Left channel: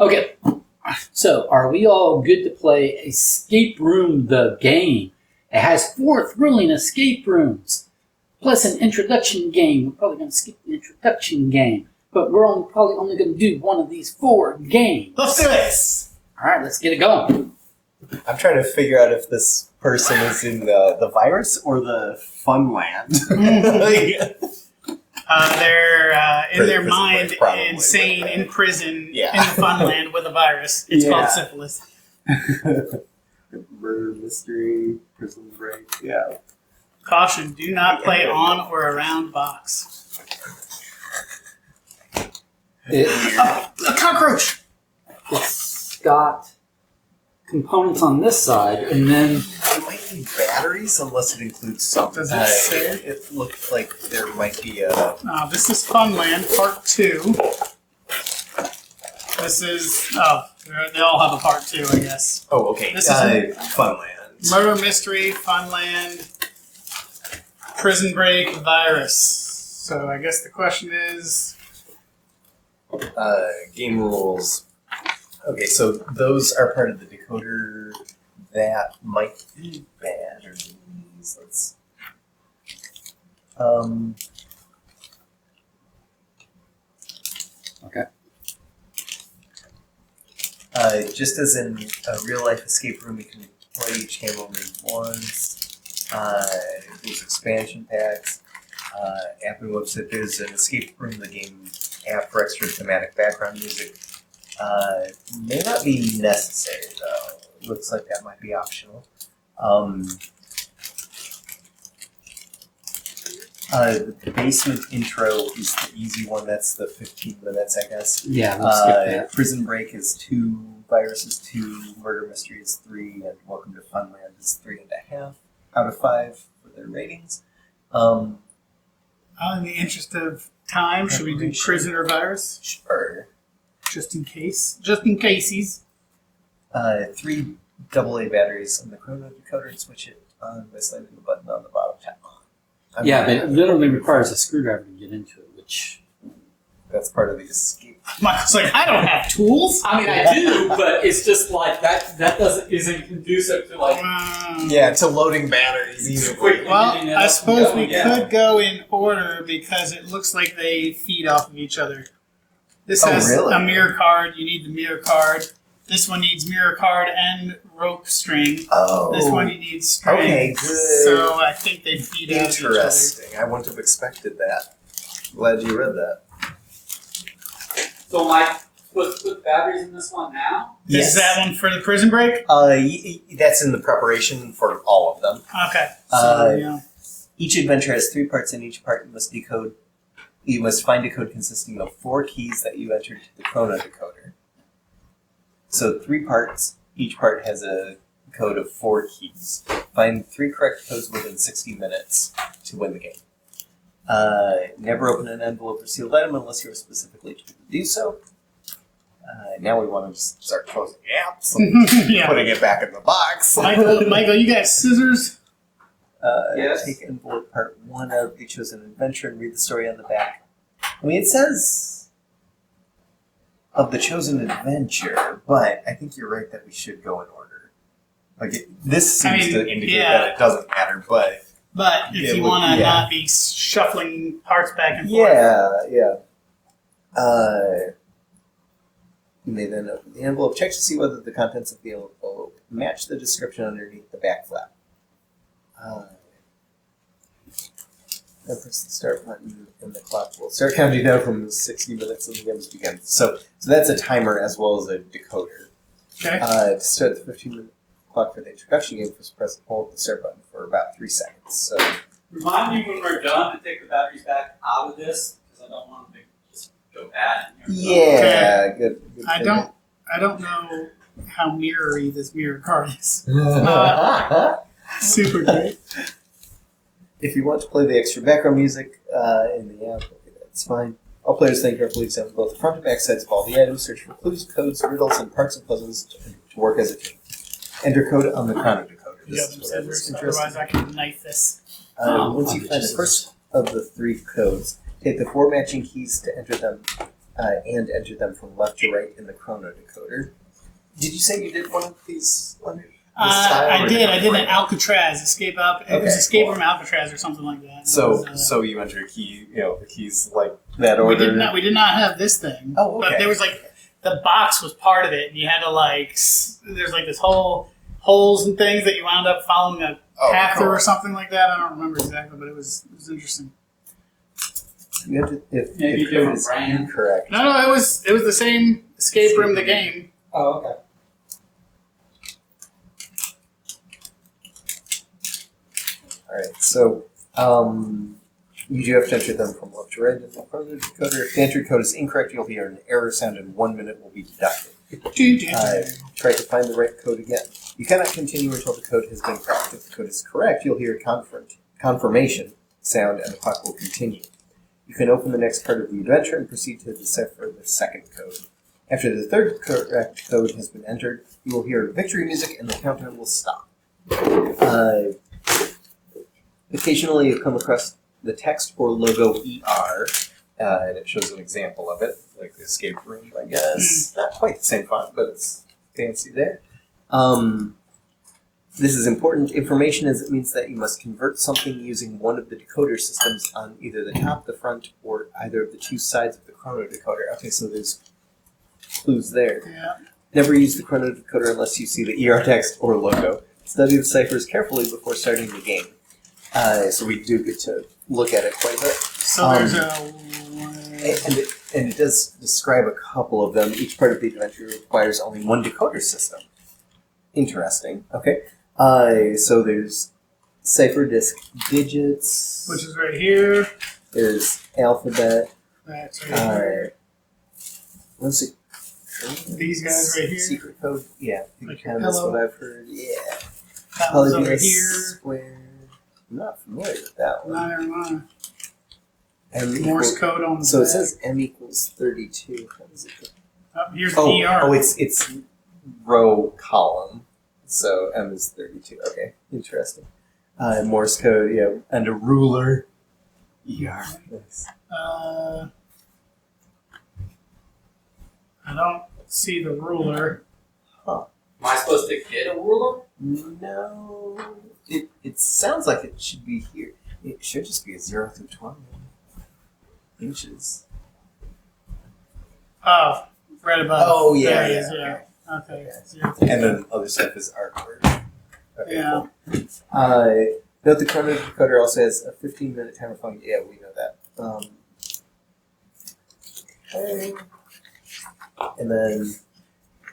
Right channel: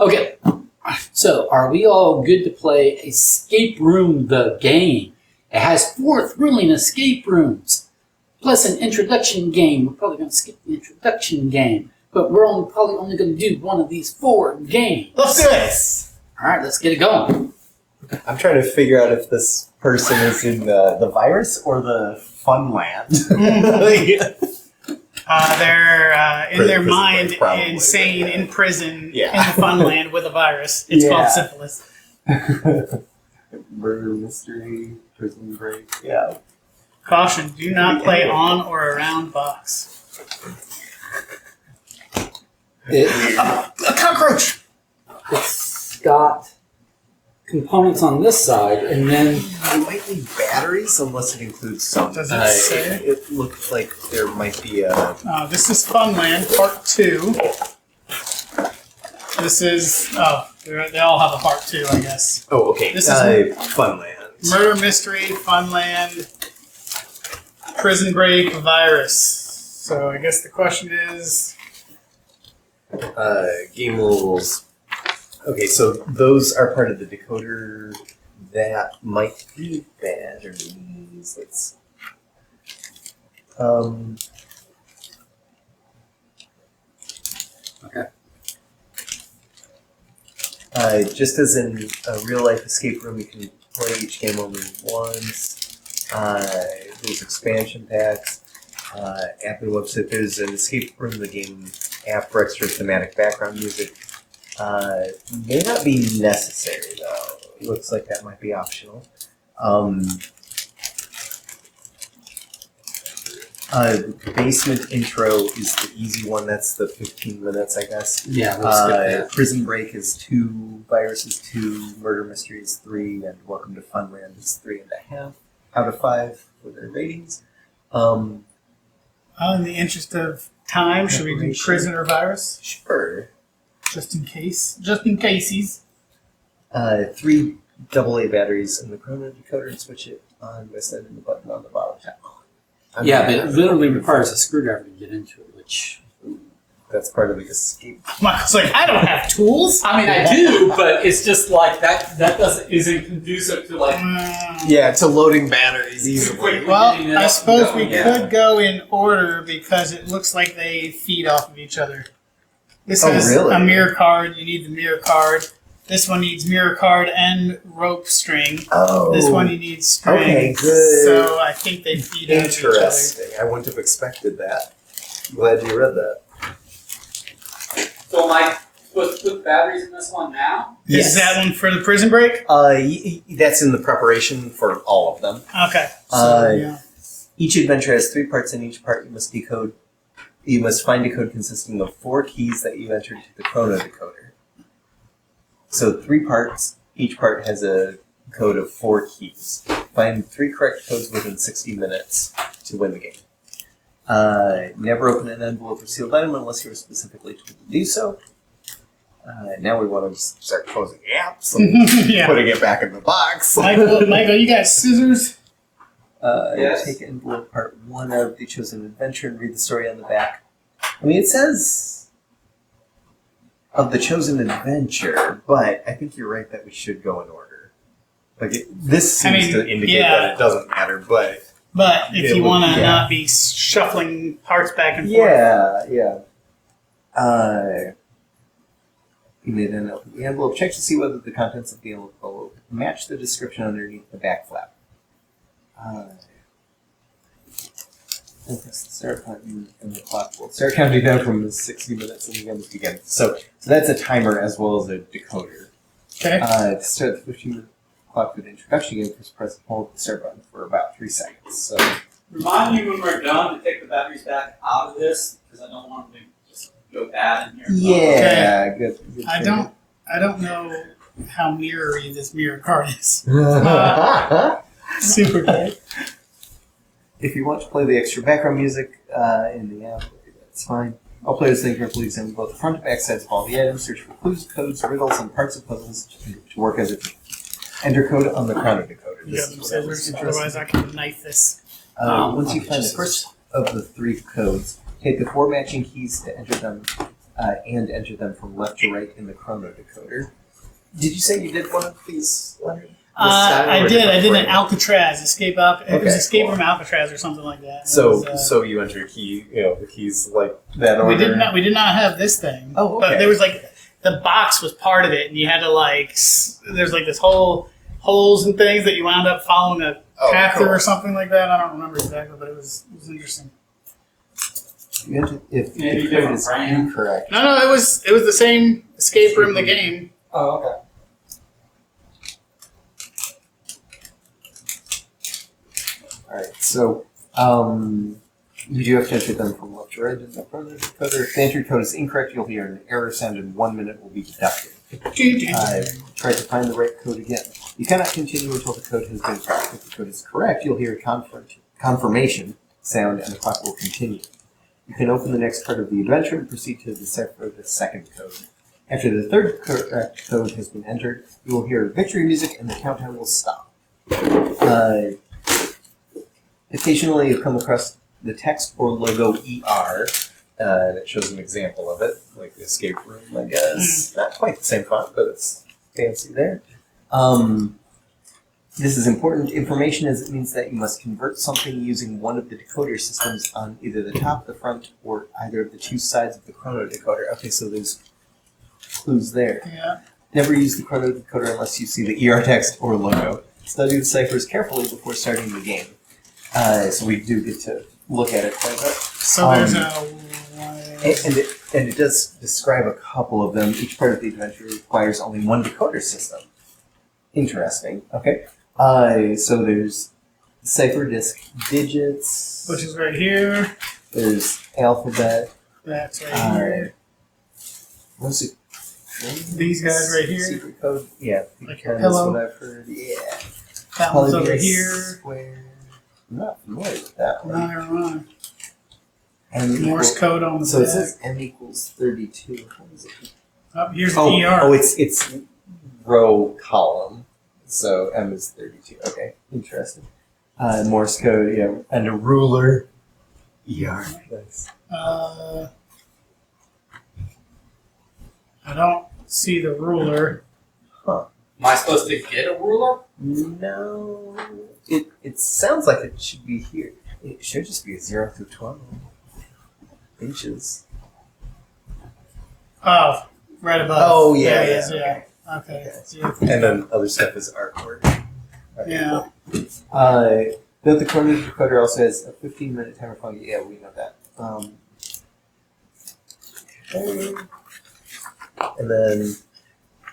Okay, so are we all good to play Escape Room the game? It has 4 thrilling escape rooms, plus an introduction game. We're probably going to skip the introduction game, but we're probably only going to do one of these 4 games. Let's do it! All right, let's get it going. I'm trying to figure out if this person is in the virus or the fun land. They're in their Prison mind break, probably, insane in prison Yeah. in the fun land with a virus. It's Yeah. called syphilis. Murder mystery, prison break. Yeah. Caution, do not play on or around box. A cockroach! It's got components on this side, and then It might need batteries unless it includes some. Does it say? It looks like there might be a. This is Funland, Part 2. This is... they all have a Part 2, I guess. Oh, okay. This is Funland. Murder Mystery, Funland, Prison Break, Virus. So I guess the question is... Game rules. Okay, so those are part of the decoder. That might be batteries. Let's. Okay. Just as in a real life escape room, you can play each game only once. There's expansion packs. App and website. There's an escape room. The game app for extra thematic background music. May not be necessary though. It looks like that might be optional. The basement intro is the easy one. That's the 15 minutes, I guess. yeah, let's skip that. Prison Break is 2, Virus is 2, Murder Mystery is 3, and Welcome to Funland is 3.5 out of 5 for their ratings. in the interest of time, should we do Preparation. Prison or Virus? Sure. Just in case. Just in caseies. 3 AA batteries in the Chrono decoder and switch it on by sliding the button on the bottom. Yeah, but it literally requires a screwdriver to get into it, which... That's part of the escape. Michael's like, I don't have tools. I mean, I do, but it's just like that isn't conducive to like... Yeah, to loading batteries easily. Quick. Well, Getting it I up suppose and we going, yeah. could go in order because it looks like they feed off of each other. This Oh, has really? a mirror card. You need the mirror card. This one needs mirror card and rope string. Oh. This one you need string. Okay, good. So I think they feed off each other. Interesting. I wouldn't have expected that. Glad you read that. So am I supposed to put batteries in this one now? Yes. Is that one for the prison break? That's in the preparation for all of them. Okay. So, yeah. Each adventure has 3 parts, and each part you must decode. You must find a code consisting of 4 keys that you entered to the Chrono decoder. So 3 parts. Each part has a code of 4 keys. Find 3 correct codes within 60 minutes to win the game. Never open an envelope or sealed item unless you're specifically told to do so. Now we want to just start closing apps and Yeah. putting it back in the box. Michael, you got scissors? Yes. Take envelope part 1 out of the chosen adventure and read the story on the back. I mean, it says of the chosen adventure, but I think you're right that we should go in order. Like, this seems to indicate that it doesn't matter, but... But if you want to yeah. not be shuffling parts back and forth. Yeah. You may then open the envelope, check to see whether the contents of the envelope match the description underneath the back flap. Then press the start button, and the clock will start counting down from the 60 minutes and the game begins. So that's a timer as well as a decoder. Okay. To start the 15-minute clock for the introduction game, just press and hold the start button for about 3 seconds. So Remind me when we're done to take the batteries back out of this, because I don't want them to just go bad in here. yeah, good I don't know how mirrory this mirror card is. Super great. If you want to play the extra background music in the app, okay, that's fine. All players think carefully examine both the front and back sides of all the items, search for clues, codes, riddles, and parts of puzzles to work as a team. Enter code on the Chrono decoder. You This have is some whatever's scissors, interesting. otherwise I can knife this. Once you find the first of the 3 codes, take the 4 matching keys to enter them and enter them from left to right in the chrono decoder. Did you say you did one of these, Leonard? I did. I did an Al. Alcatraz escape out. It was Okay, escape cool. from Alcatraz or something like that. So, It was, so you enter a key, the keys like that order. we did not have this thing. Oh, okay. But there was like the box was part of it, and you had to like there's like this whole holes and things that you wound up following a path through or something like that. I don't remember exactly, but it was interesting. You enter, if Maybe the code different is brand. incorrect. No, it was the same escape room, the game. Oh, okay. All right, so you do have to enter them from left to right in the chrono decoder. If the entered code is incorrect, you'll hear an error sound, and 1 minute will be deducted. Try to find the right code again. You cannot continue until the code has been cracked. If the code is correct, you'll hear a confirmation sound, and the clock will continue. You can open the next part of the adventure and proceed to decipher the second code. After the third correct code has been entered, you will hear victory music, and the countdown will stop. Occasionally, you come across the text or logo ER, and it shows an example of it, like the escape room, I guess. Not quite the same font, but it's fancy there. This is important information as it means that you must convert something using one of the decoder systems on either the top, the front, or either of the two sides of the chrono decoder. Okay, so there's clues there. Yeah. Never use the chrono decoder unless you see the ER text or logo. Study the ciphers carefully before starting the game. So we do get to look at it quite a bit. So there's And it does describe a couple of them. Each part of the adventure requires only one decoder system. Interesting. Okay. So there's cipher disk digits. which is right here. There's alphabet. That's right here. What's it? These guys right here. Secret code. Yeah. Like your Pen is pillow. what I've heard. Yeah. That one's over Polygonous here. Square. I'm not familiar with that one. Neither am M Morse code on the So it back. says M equals 32. How does it go? Oh, here's the ER. It's row column. So M is 32. Okay, interesting. Morse code, yeah, and a ruler. ER. Nice. I don't see the ruler. Huh. Am I supposed to get a ruler? No. It sounds like it should be here. It should just be a 0 through 12 inches. Oh, right above. Oh, yeah, There it yeah, is, yeah. Okay. Okay. Zero. And then other stuff is artwork. Okay, Yeah. cool. Note the chrono decoder also has a 15-minute timer function. Yeah, we know that. Okay. And then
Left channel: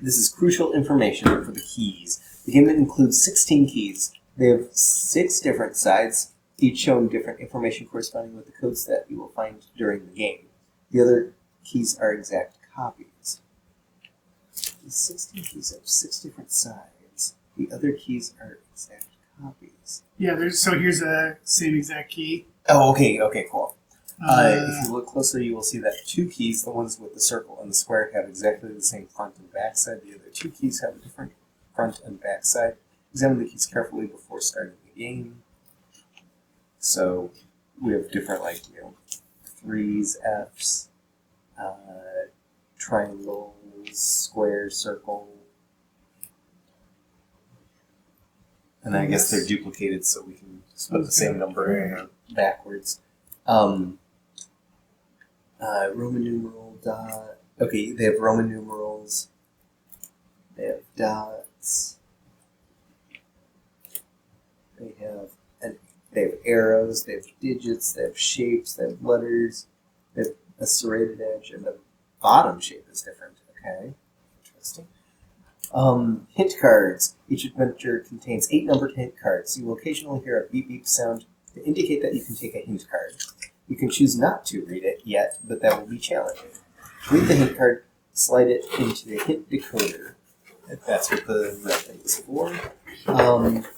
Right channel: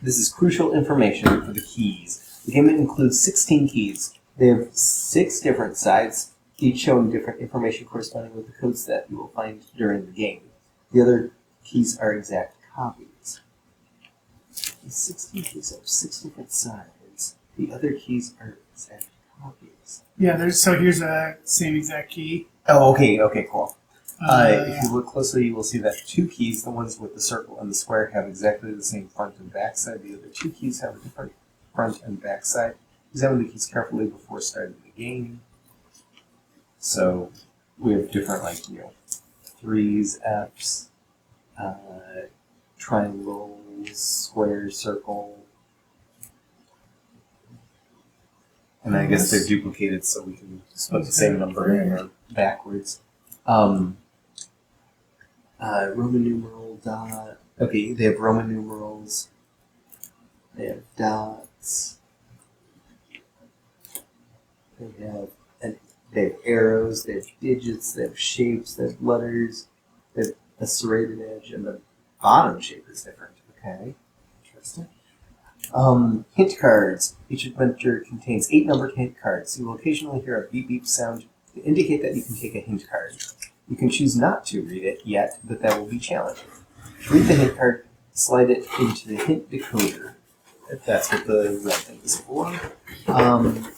this is crucial information for the keys. The game includes 16 keys. They have 6 different sides, each showing different information corresponding with the codes that you will find during the game. The other keys are exact copies. The 16 keys have 6 different sides. The other keys are exact copies. Yeah, so here's the same exact key. Oh, okay, cool. If you look closely, you will see that 2 keys, the ones with the circle and the square, have exactly the same front and back side. The other 2 keys have a different front and back side. Examine the keys carefully before starting the game. So we have different, 3s, Fs, triangles, square, circle. And I guess they're duplicated, so we can just put the same number in backwards. Roman numeral dot. Okay, they have Roman numerals. They have dots. They have arrows. They have digits. They have shapes. They have letters. They have a serrated edge, and the bottom shape is different. Okay, interesting. Hint cards. Each adventure contains 8 numbered hint cards. You will occasionally hear a beep beep sound to indicate that you can take a hint card. You can choose not to read it yet, but that will be challenging. Read the hint card, slide it into the hint decoder. If that's what the red thing is for.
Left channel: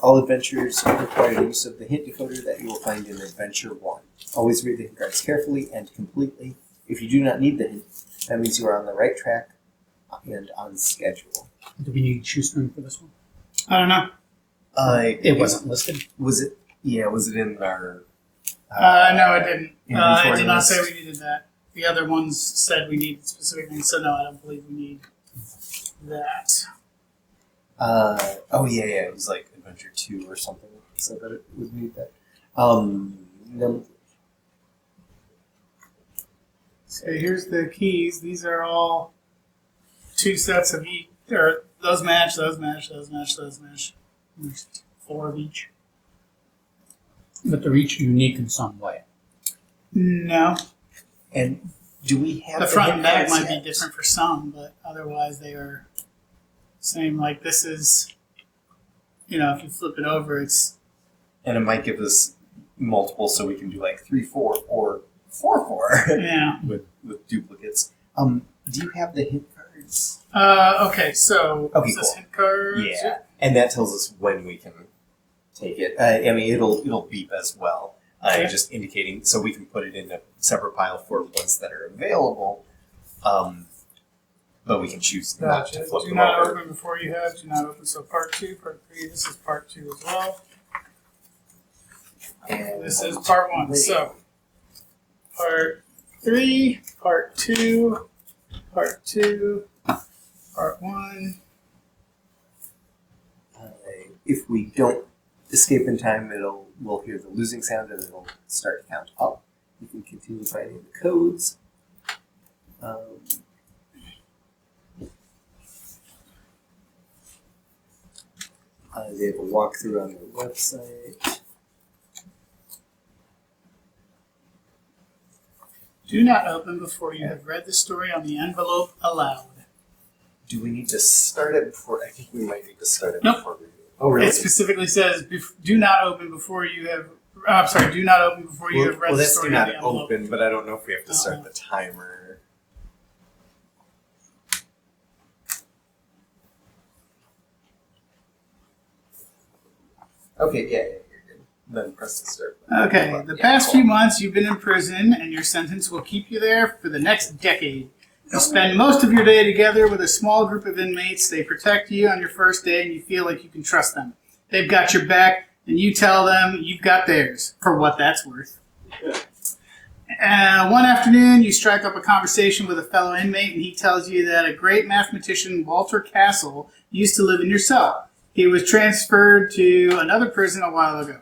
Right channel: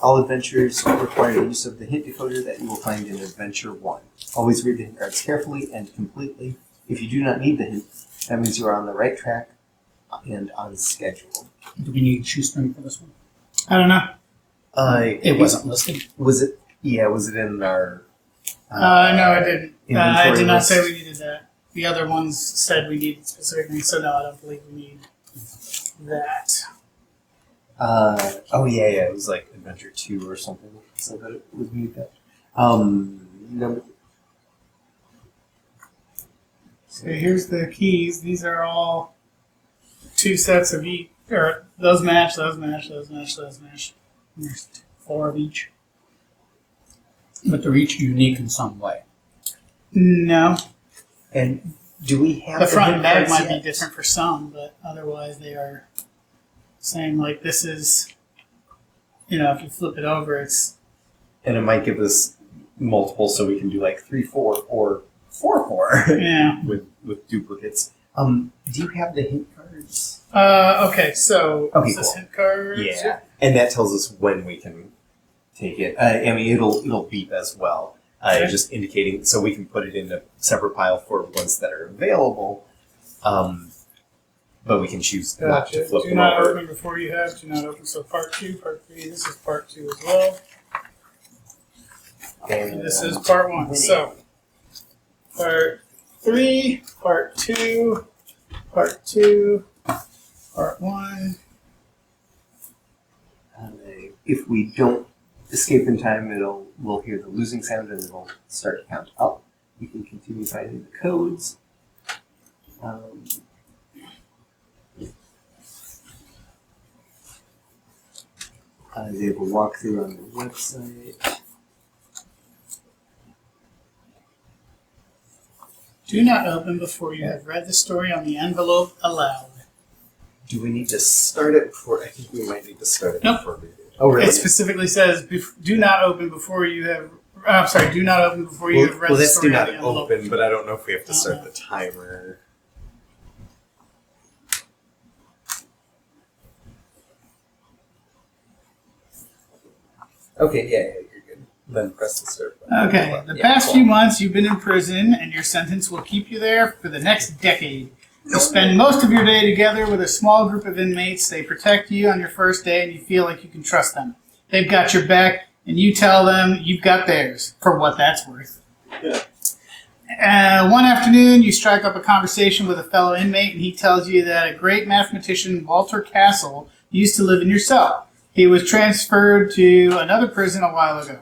All adventures require the use of the hint decoder that you will find in Adventure 1. Always read the hint cards carefully and completely. If you do not need the hint, that means you are on the right track and on schedule. Do we need shoestring for this one? I don't know. It wasn't listed. Was it? Yeah, was it in our? No, I didn't. I inventory did not list? say we needed that. the other ones said we needed specific things, so no, I don't believe we need that. Oh yeah, it was like Adventure 2 or something. So that it would need that. Number. So here's the keys. These are all 2 sets of each, or those match, those match, those match, those match. There's 4 of each. But they're each unique in some way. No, And do we have the front hint and back cards might yet? be different for some, but otherwise they are same. Like this is, if you flip it over, it's And it might give us multiple, so we can do like 3-4 or 4-4 yeah. with duplicates. Do you have the hint cards? Okay, so Okay, is this cool. hint cards? Yeah, and that tells us when we can take it. I mean, it'll beep as well, Okay. just indicating so we can put it in a separate pile for ones that are available. But we can choose not to Gotcha. flip Do them not over. open before you have. Do not open. So part 2, part 3. This is part 2 as well. And This is part 1. So part 3, part 2, part 2, part 1. If we don't escape in time, we'll hear the losing sound and it'll start to count up. We can continue finding the codes. They have a walkthrough on their website. Do not open before you have read the story on the envelope aloud. Do we need to start it before? I think we might need to start it Nope. before we do. Oh, really? It specifically says, "Do not open before you have." I'm sorry. Do not open before you have read the that's story do on not the envelope. open, but I don't know if we have to start Uh-uh. the timer. Okay, yeah, you're good. Then press the start button. Okay. The Yeah, past cool. few months, you've been in prison, and your sentence will keep you there for the next decade. You spend most of your day together with a small group of inmates. They protect you on your first day, and you feel like you can trust them. They've got your back, and you tell them you've got theirs, for what that's worth. One afternoon, you strike up a conversation with a fellow inmate, and he tells you that a great mathematician, Walter Castle, used to live in your cell. He was transferred to another prison a while ago.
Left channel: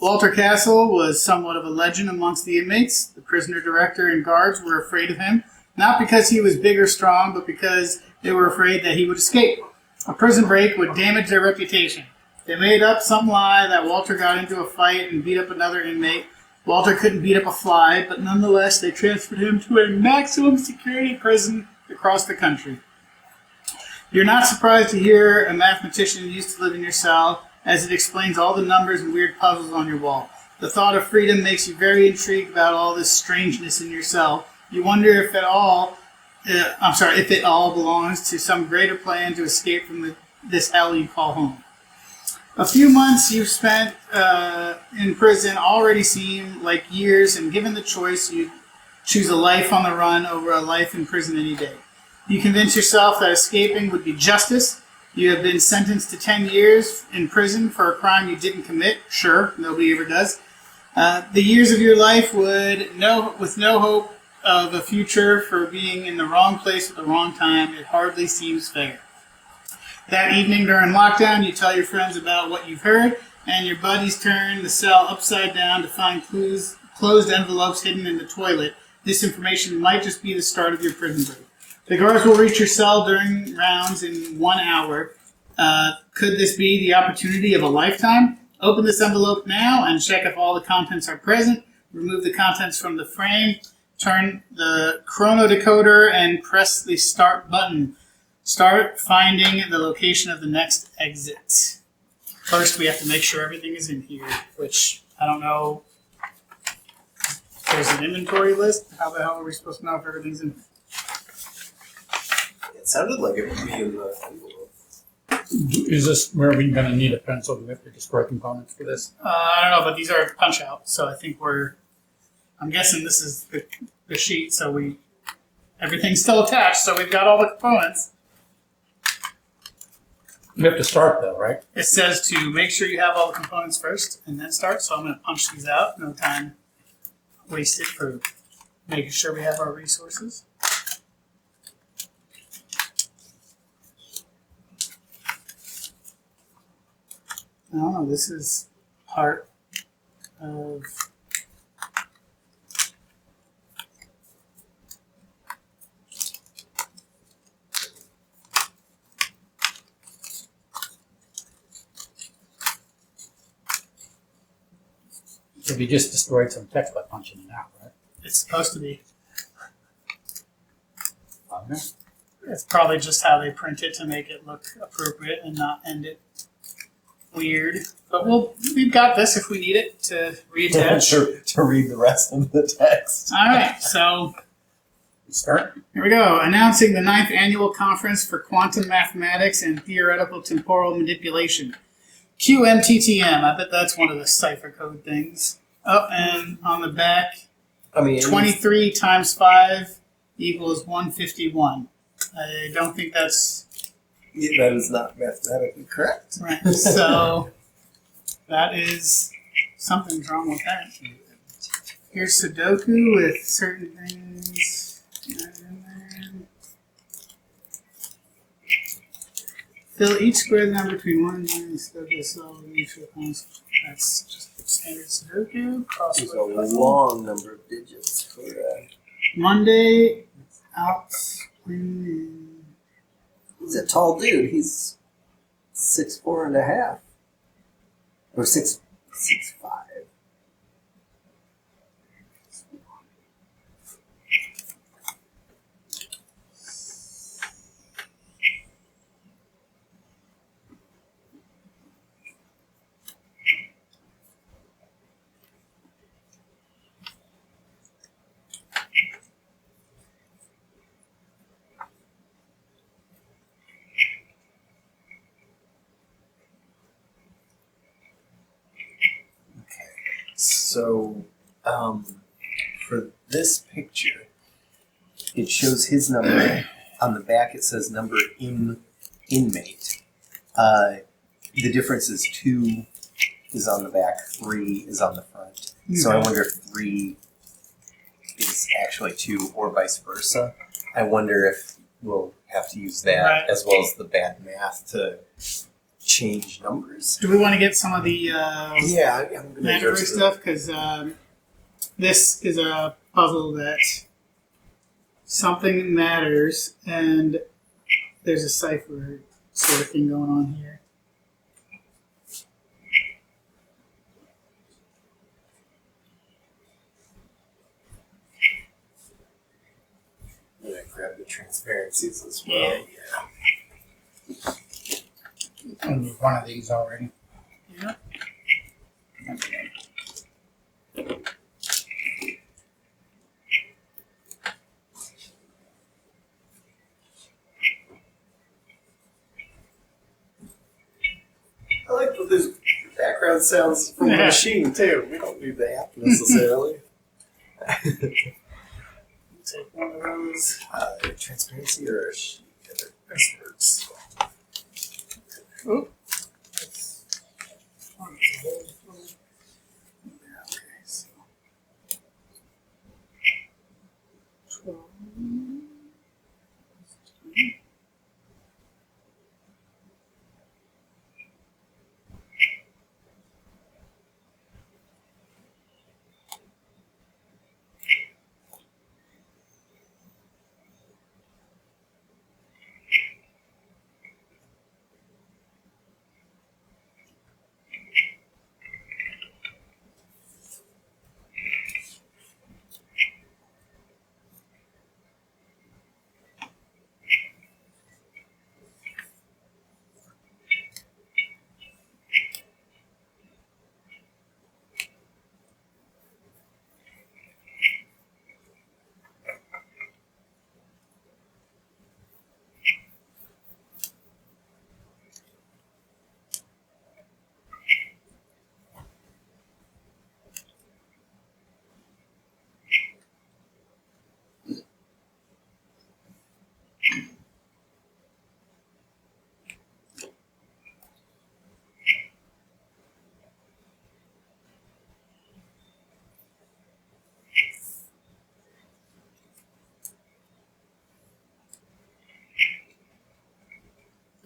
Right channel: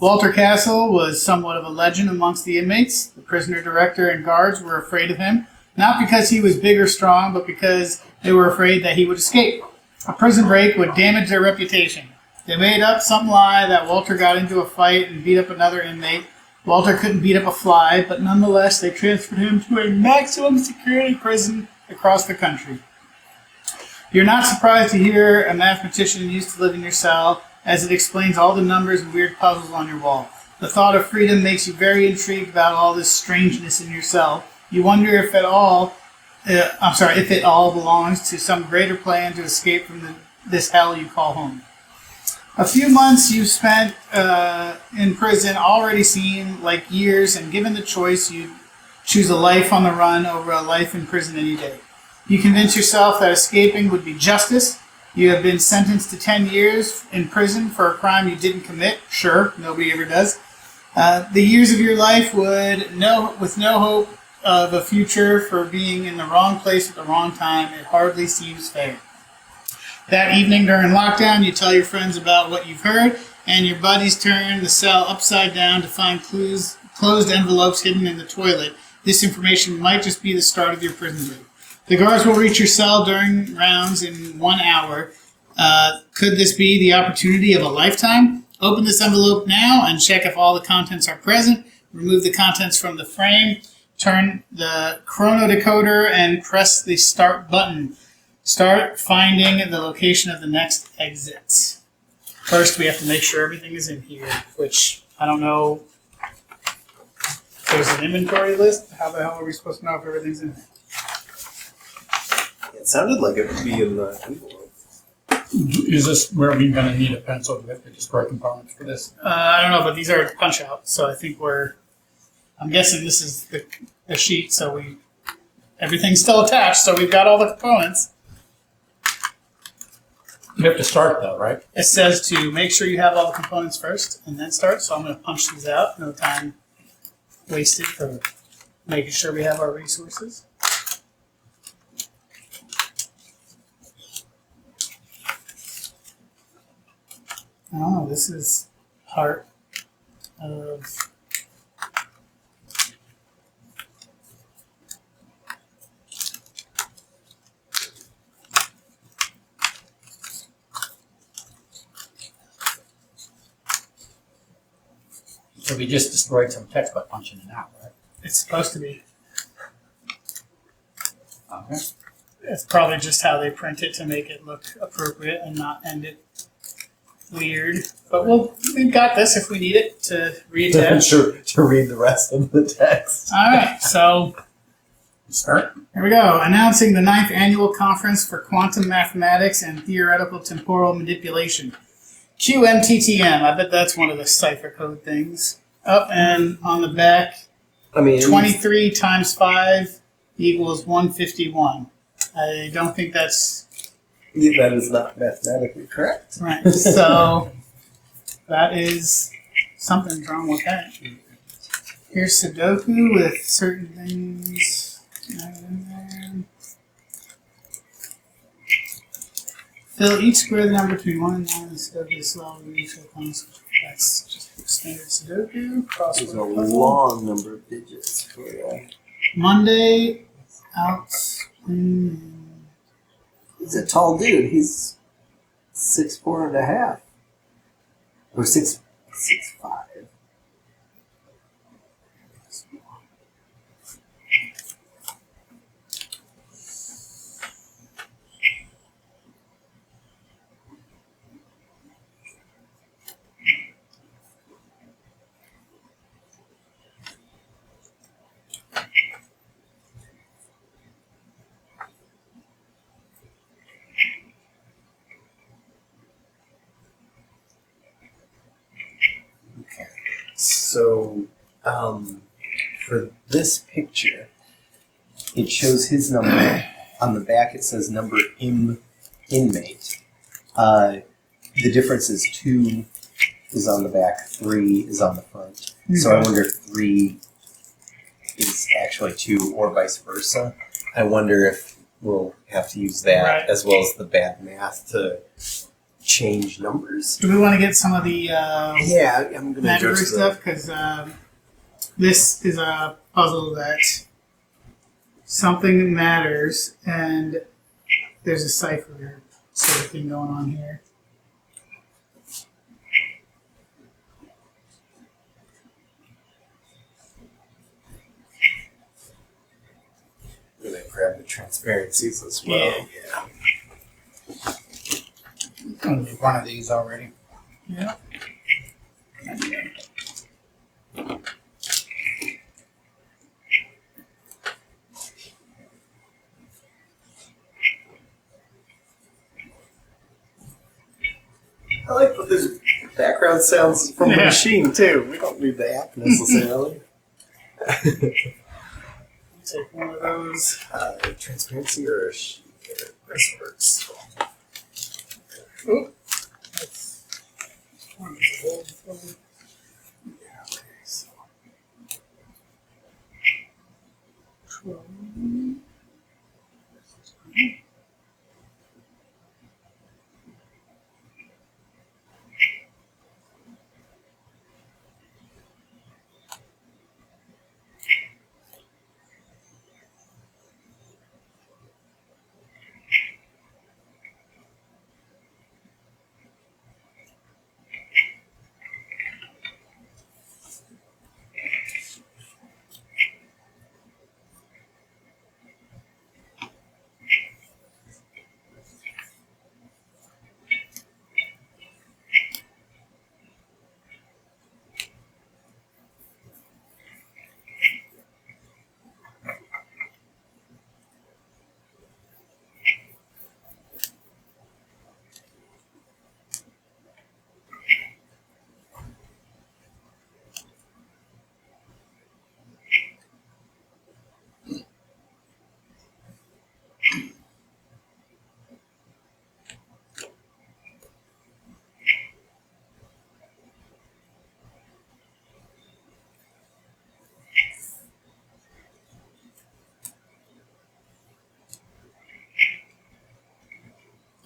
Walter Castle was somewhat of a legend amongst the inmates. The prisoner director and guards were afraid of him, not because he was big or strong, but because they were afraid that he would escape. A prison break would damage their reputation. They made up some lie that Walter got into a fight and beat up another inmate. Walter couldn't beat up a fly, but nonetheless, they transferred him to a maximum security prison across the country. You're not surprised to hear a mathematician used to live in your cell, as it explains all the numbers and weird puzzles on your wall. The thought of freedom makes you very intrigued about all this strangeness in your cell. You wonder if it all belongs to some greater plan to escape from this hell you call home. A few months you've spent in prison already seem like years, and given the choice, you'd choose a life on the run over a life in prison any day. You convince yourself that escaping would be justice. You have been sentenced to 10 years in prison for a crime you didn't commit. Sure, nobody ever does. The years of your life with no hope of a future for being in the wrong place at the wrong time, it hardly seems fair. That evening during lockdown, you tell your friends about what you've heard, and your buddies turn the cell upside down to find closed envelopes hidden in the toilet. This information might just be the start of your prison break. The guards will reach your cell during rounds in 1 hour. Could this be the opportunity of a lifetime? Open this envelope now and check if all the contents are present. Remove the contents from the frame. Turn the chrono decoder and press the start button. Start finding the location of the next exit. First, we have to make sure everything is in here, which I don't know. There's an inventory list. How the hell are we supposed to know if everything's in there? It sounded like it would be in the envelope. Is this where we're going to need a pencil to destroy components for this? I don't know, but these are punch outs, so I think I'm guessing this is the sheet, so everything's still attached, so we've got all the components. You have to start though, right? It says to make sure you have all the components first and then start, so I'm going to punch these out. No time wasted for making sure we have our resources. Oh, this is part of. So we just destroyed some text by punching it out, right? It's supposed to be. Okay. It's probably just how they print it to make it look appropriate and not end it weird. But we've got this if we need it to read that. to read the rest of the text. All right, so Start. here we go. Announcing the 9th Annual Conference for Quantum Mathematics and Theoretical Temporal Manipulation. QMTTM. I bet that's one of the cipher code things. Up and on the back, I mean, 23 times 5 equals 151. I don't think that's that is not mathematically correct. right. So that is something's wrong with that. Here's Sudoku with certain things in there. Fill each square number between 1 and 9 and Sudoku is solved with each constant. That's just standard Sudoku. There's a Crossword puzzle. long number of digits for that. Monday, outspring. He's a tall dude. He's 6'4.5", or 6'5". So, for this picture, it shows his number. On the back, it says number inmate. The difference is 2 is on the back, 3 is on the front. So I wonder if 3 is actually 2 or vice versa. I wonder if we'll have to use that Right. as well as the bad math to change numbers. Do we want to get some of the Yeah, I'm going to Magic adjust stuff? Because this is a puzzle that something matters, and there's a cipher sort of thing going on here. I'm going to grab the transparencies as well. Yeah. One of these already. Yeah. I like that there's background sounds from the Yeah. machine too. We don't need the app necessarily. Take one of those. Transparency or a sheet? This works. Oh, that's one is a whole thing. Yeah, okay, so 12.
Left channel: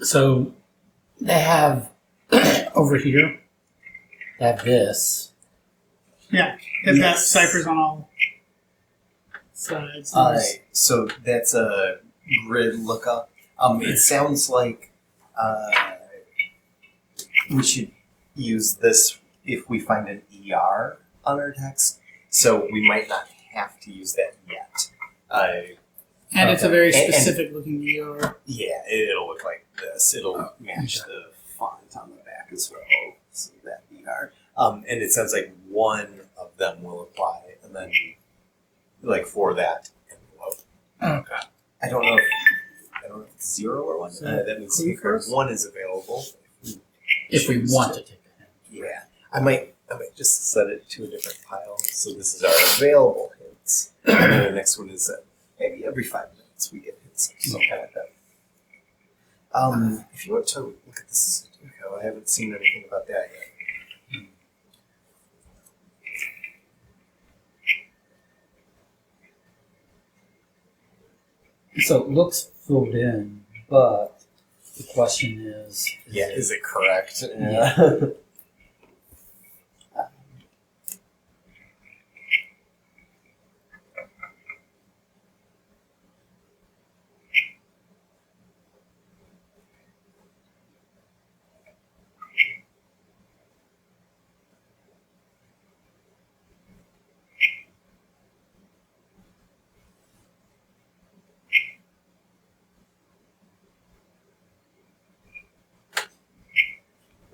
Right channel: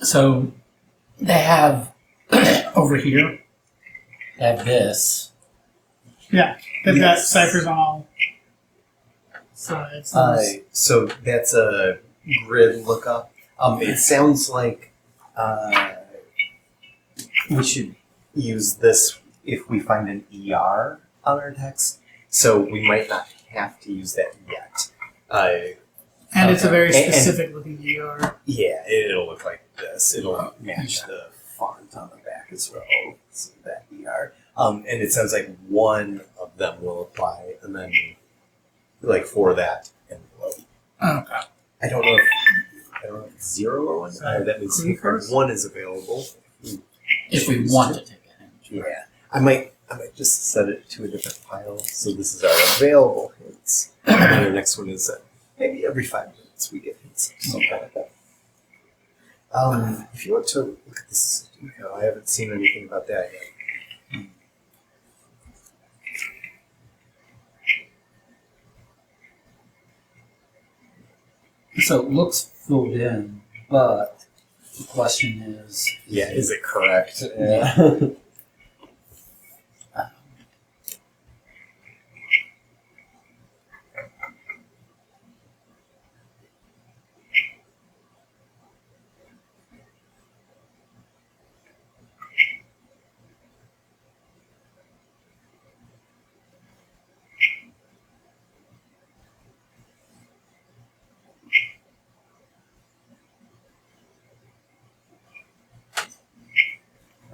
So they have over here. They have this. Yeah, they've got Yes. ciphers on all sides. So that's a grid lookup. It sounds like we should use this if we find an ER on our text. So we might not have to use that yet. And it's a very And- specific looking ER. Yeah, it'll look like this. It'll match the font on the back as well. So that ER. And it sounds like one of them will apply, and then like for that envelope. Okay. I don't know if it's 0 or 1. So That means clue first? 1 is available. If we want to take a hint. Yeah, I might just set it to a different pile. So this is our available hints. And then the next one is maybe every 5 minutes we get hints, something like that. If you want to look at this, I haven't seen anything about that yet. So it looks filled in, but the question is Is it correct? Yeah.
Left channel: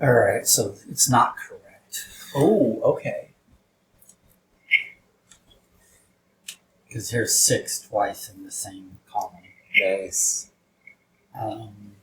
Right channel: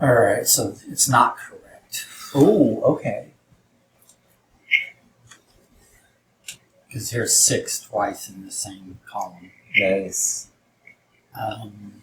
All right, so it's not correct Oh, okay. because here's 6 twice in the same column. Nice. Um,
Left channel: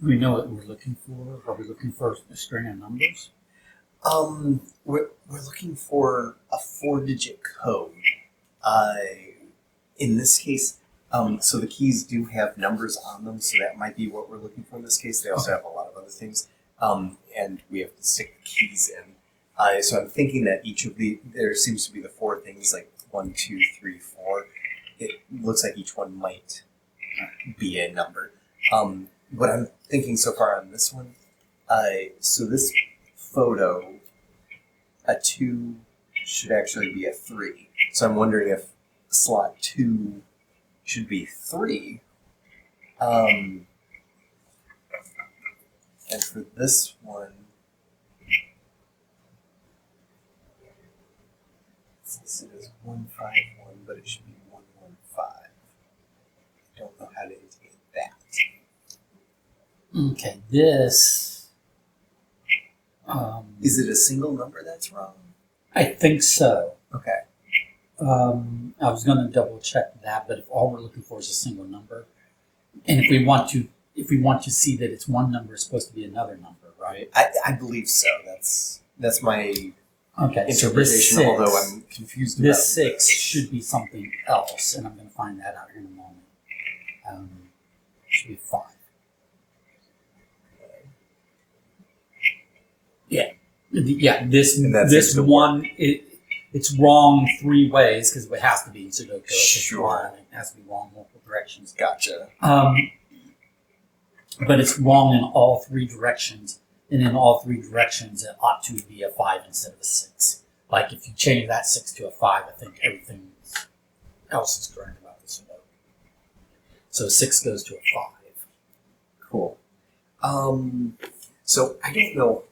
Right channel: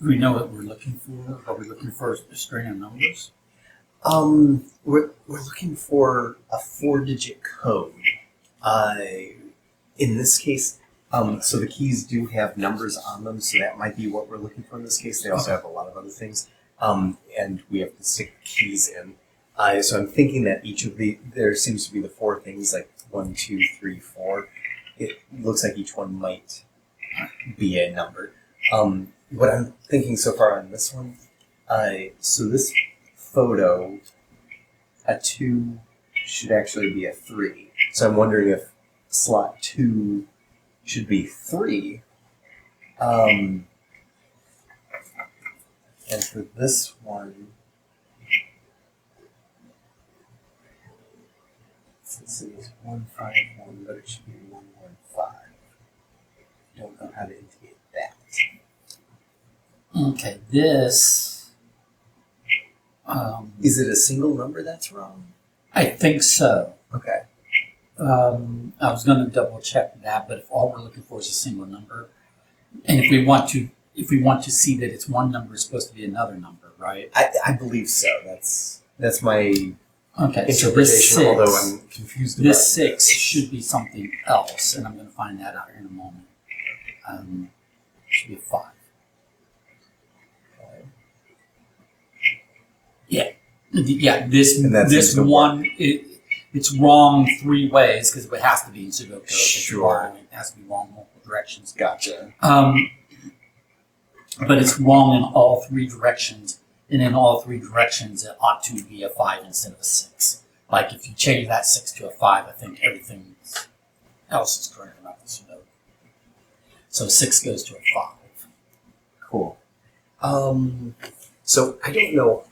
do we know what we're looking for? Are we looking for a string of numbers? We're looking for a 4-digit code. In this case, so the keys do have numbers on them, so that might be what we're looking for in this case. They also have a lot of other things, and we have to stick the keys in. So I'm thinking that there seems to be the 4 things, like 1, 2, 3, 4. It looks like each one might be a number. What I'm thinking so far on this one, so this photo, a 2 should actually be a 3. So I'm wondering if slot 2 should be 3. And for this one, this is 151, but it should be 115. I don't know how to indicate that. Okay, this. Is it a single number that's wrong? I think so. Okay. I was going to double check that, but if all we're looking for is a single number, and if we want to see that it's one number, it's supposed to be another number, right? I believe so. That's my Okay, so interpretation, this 6, although I'm confused about this 6 should be something else, and I'm going to find that out here in a moment. Should be a 5. Yeah, this And that this seems to one it's wrong 3 ways because it has to be in Sudoku. Sure. It has to be wrong multiple directions. Gotcha. But it's wrong in all 3 directions, and in all 3 directions it ought to be a 5 instead of a 6. Like if you change that 6 to a 5, I think everything else is correct about the Sudoku. So 6 goes to a 5. Cool. So I don't know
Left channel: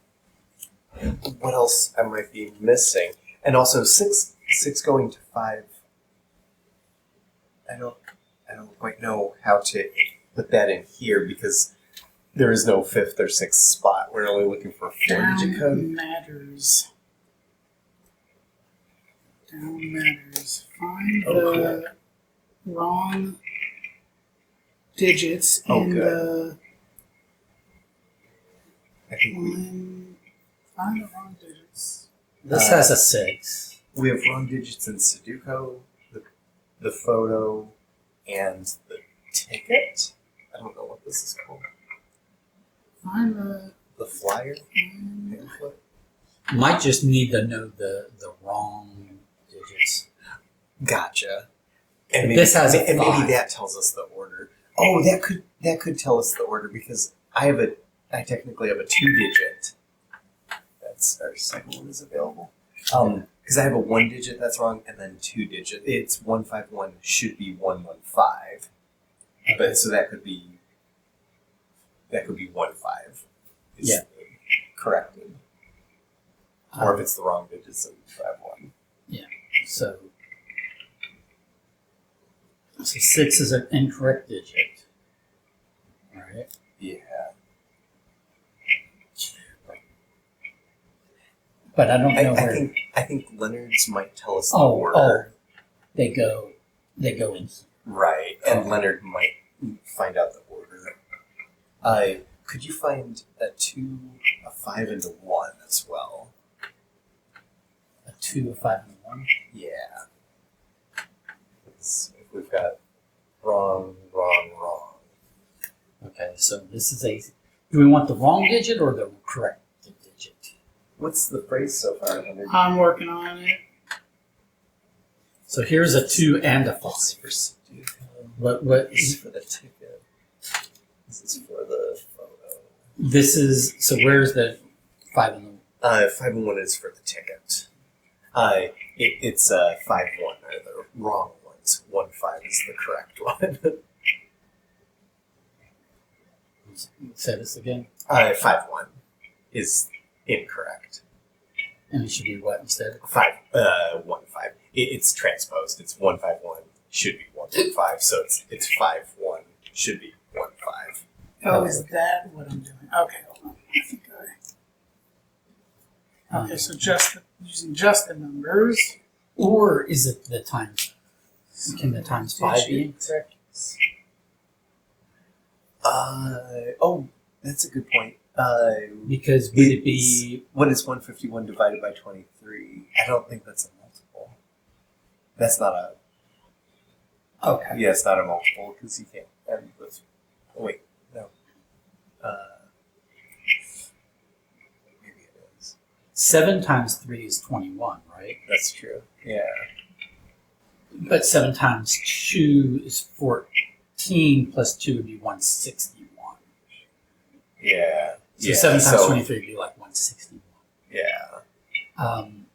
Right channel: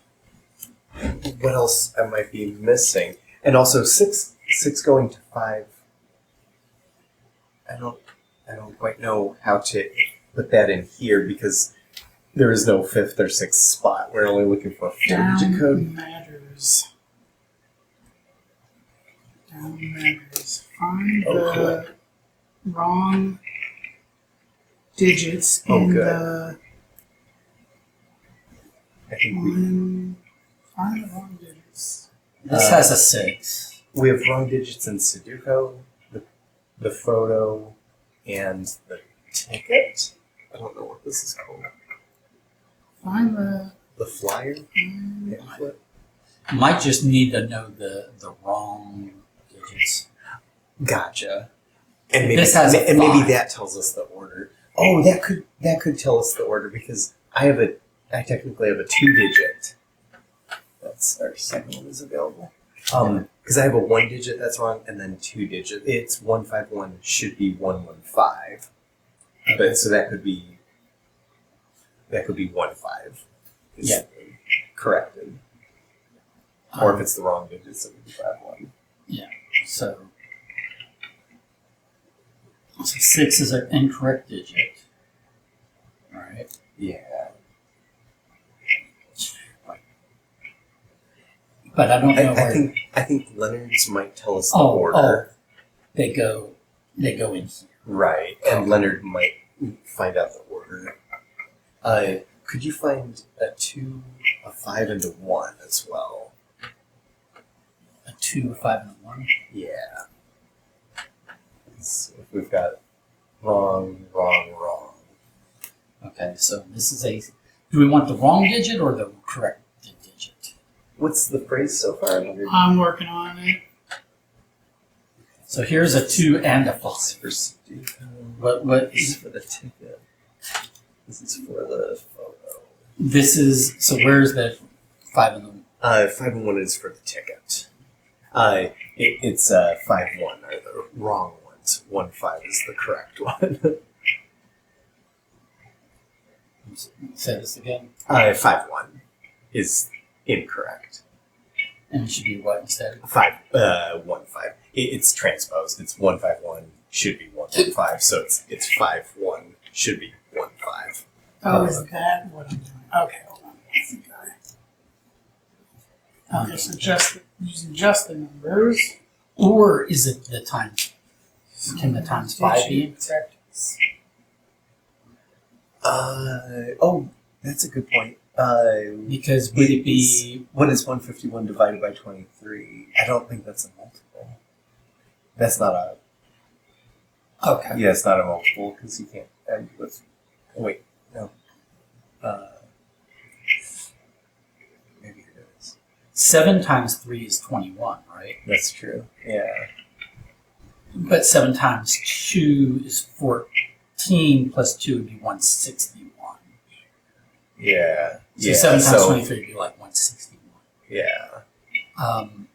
what else I might be missing, and also six going to 5. I don't quite know how to put that in here because there is no 5th or 6th spot. We're only looking for a 4-digit code. Matters. Down matters. Find Oh, the wrong digits Oh, in good. the I think we find the wrong digits. This has a 6. we have wrong digits in Sudoku, the photo, and the ticket. I don't know what this is called. Find the The flyer. Pamphlet? Might just need to know the wrong digits. Gotcha. And maybe, This has a and maybe 5. that tells us the order. Oh, that could tell us the order because I technically have a 2-digit. That's our second one is available. Because I have a 1-digit that's wrong and then 2-digit. It's 151 should be 115. But so that could be 15. Is Yeah. corrected. Or if it's the wrong digits, it would be 51. So 6 is an incorrect digit. All right. Yeah. But I don't know where I think Leonard's might tell us the Oh, order. they go in here. Right. And Leonard might find out the order. Could you find a 2, a 5, and a 1 as well? A 2, a 5, and a 1. Yeah. So if we've got wrong. Okay, so this is a. Do we want the wrong digit or the correct digit? What's the phrase so far, Leonard? I'm working on it. So here's a 2 and a 5. This is for Sudoku. What This is for the ticket. This is for the photo. this is so where's the 5 and the 5 and 1 is for the ticket. It's 5-1 are the wrong ones. 1-5 is the correct one. say this again? 5-1 is incorrect. And it should be what instead? 1-5. It's transposed. It's 151 should be 115. So it's 5-1 should be 1-5. Oh, is that what I'm doing? Okay, hold on. I think Okay, so using just the numbers. Or is it the times? Can the times 5 be incorrect? That's a good point. Because would it be What is 151 divided by 23? I don't think that's a multiple. That's not a. okay? Yeah, it's not a multiple because you can't end with. Oh, wait, no. Maybe it is. 7 times 3 is 21, right? That's true. Yeah. But 7 times 2 is 14 plus 2 would be 161. Yeah. So yeah. 7 times 23 would be like 161. Yeah. Um,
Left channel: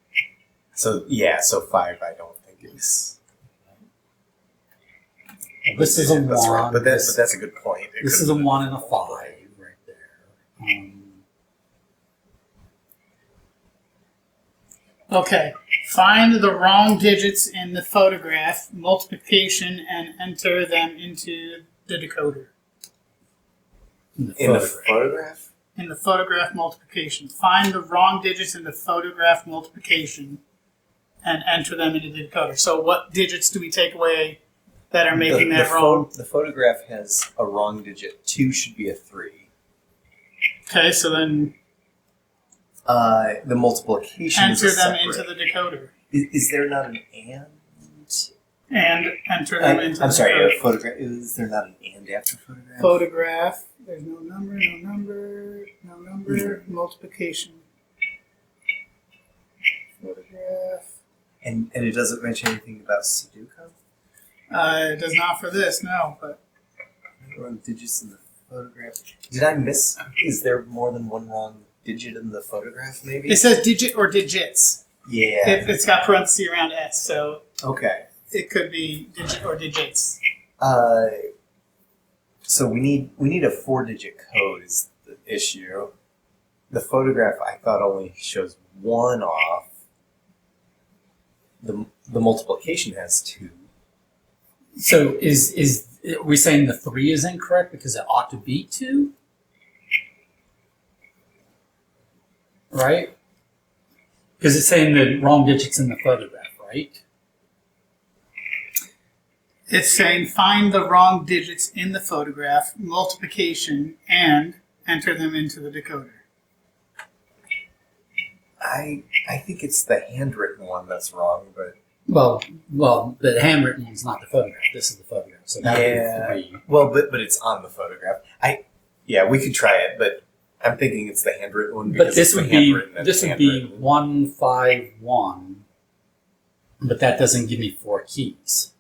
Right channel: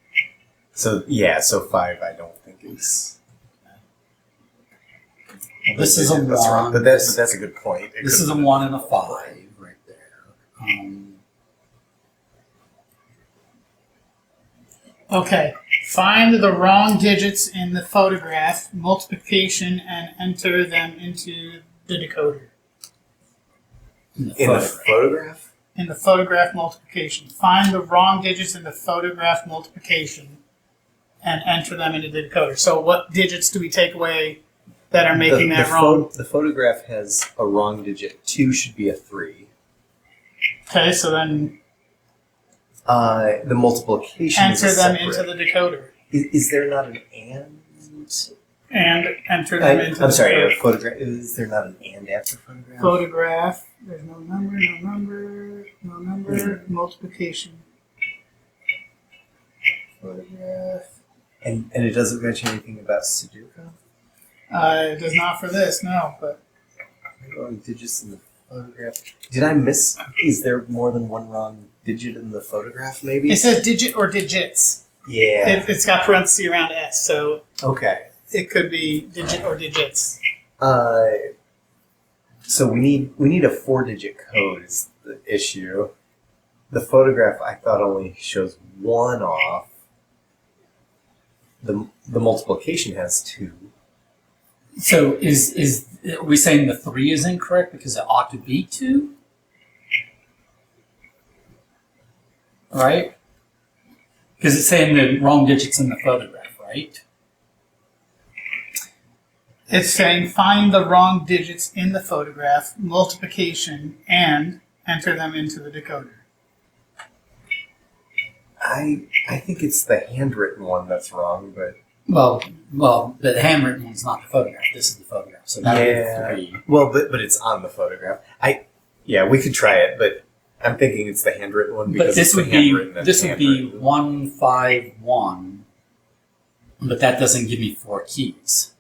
So 5 I don't think is. this is a That's 1. right. But that's a good point. It This could- is a 1 and a 5 right there. Okay, find the wrong digits in the photograph, multiplication, and enter them into the decoder. in the photograph? In the photograph multiplication. Find the wrong digits in the photograph multiplication and enter them into the decoder. So what digits do we take away that are making that wrong? The photograph has a wrong digit. 2 should be a 3. Okay, so then The multiplication is enter a them separate. into the decoder. Is there not an and? And enter them into I'm the sorry, decoder. a photograph. Is there not an and after photograph? Photograph. There's no number, multiplication. Photograph. And it doesn't mention anything about Sudoku? It does not for this, no, but Wrong digits in the photograph. Did I miss? Is there more than one wrong digit in the photograph, maybe? it says digit or digits. Yeah. It's got parentheses around S, so Okay. it could be digit or digits. So we need a 4-digit code is the issue. The photograph I thought only shows 1 off. The multiplication has 2. So are we saying the 3 is incorrect because it ought to be 2? Right? Because it's saying the wrong digits in the photograph, right? It's saying find the wrong digits in the photograph, multiplication, and enter them into the decoder. I think it's the handwritten one that's wrong, but Well, the handwritten one's not the photograph. This is the photograph, so that would be 3. Well, but it's on the photograph. We could try it, but I'm thinking it's the handwritten one because But this it's would the be handwritten and this would be 151, but that doesn't give me 4 keys.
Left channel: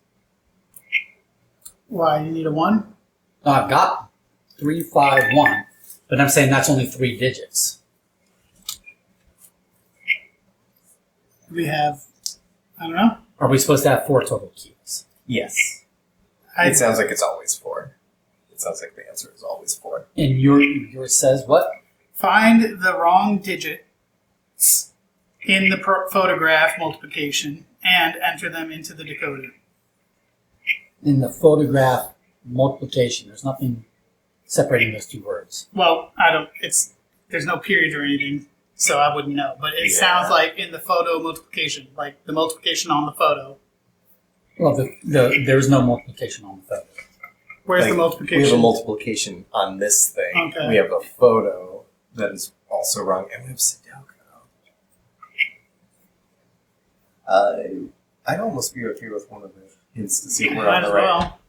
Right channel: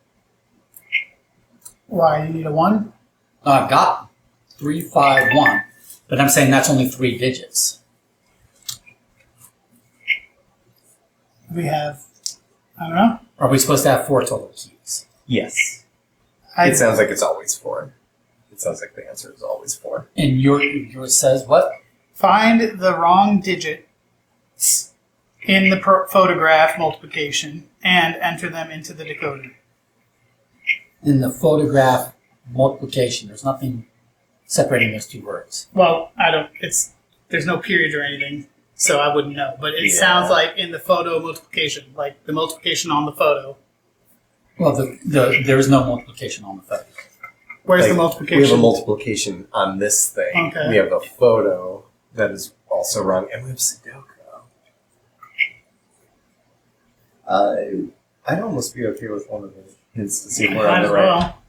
Why? You need a 1? No, I've got 351, but I'm saying that's only 3 digits. We have, I don't know. Are we supposed to have 4 total keys? Yes. I, It sounds like it's always 4. It sounds like the answer is always 4. And yours says what? find the wrong digits in the photograph, multiplication, and enter them into the decoder. In the photograph multiplication, there's nothing separating those 2 words. Well, there's no period or anything, so I wouldn't know. But it sounds like in the photo multiplication, like the multiplication on the photo. Well, there's no multiplication on the photo. Where's the We multiplication? have a multiplication on this thing. Okay. We have a photo that is also wrong, and we have Sudoku. I'd almost be okay with one of the hints to see where Might I'm as right. well.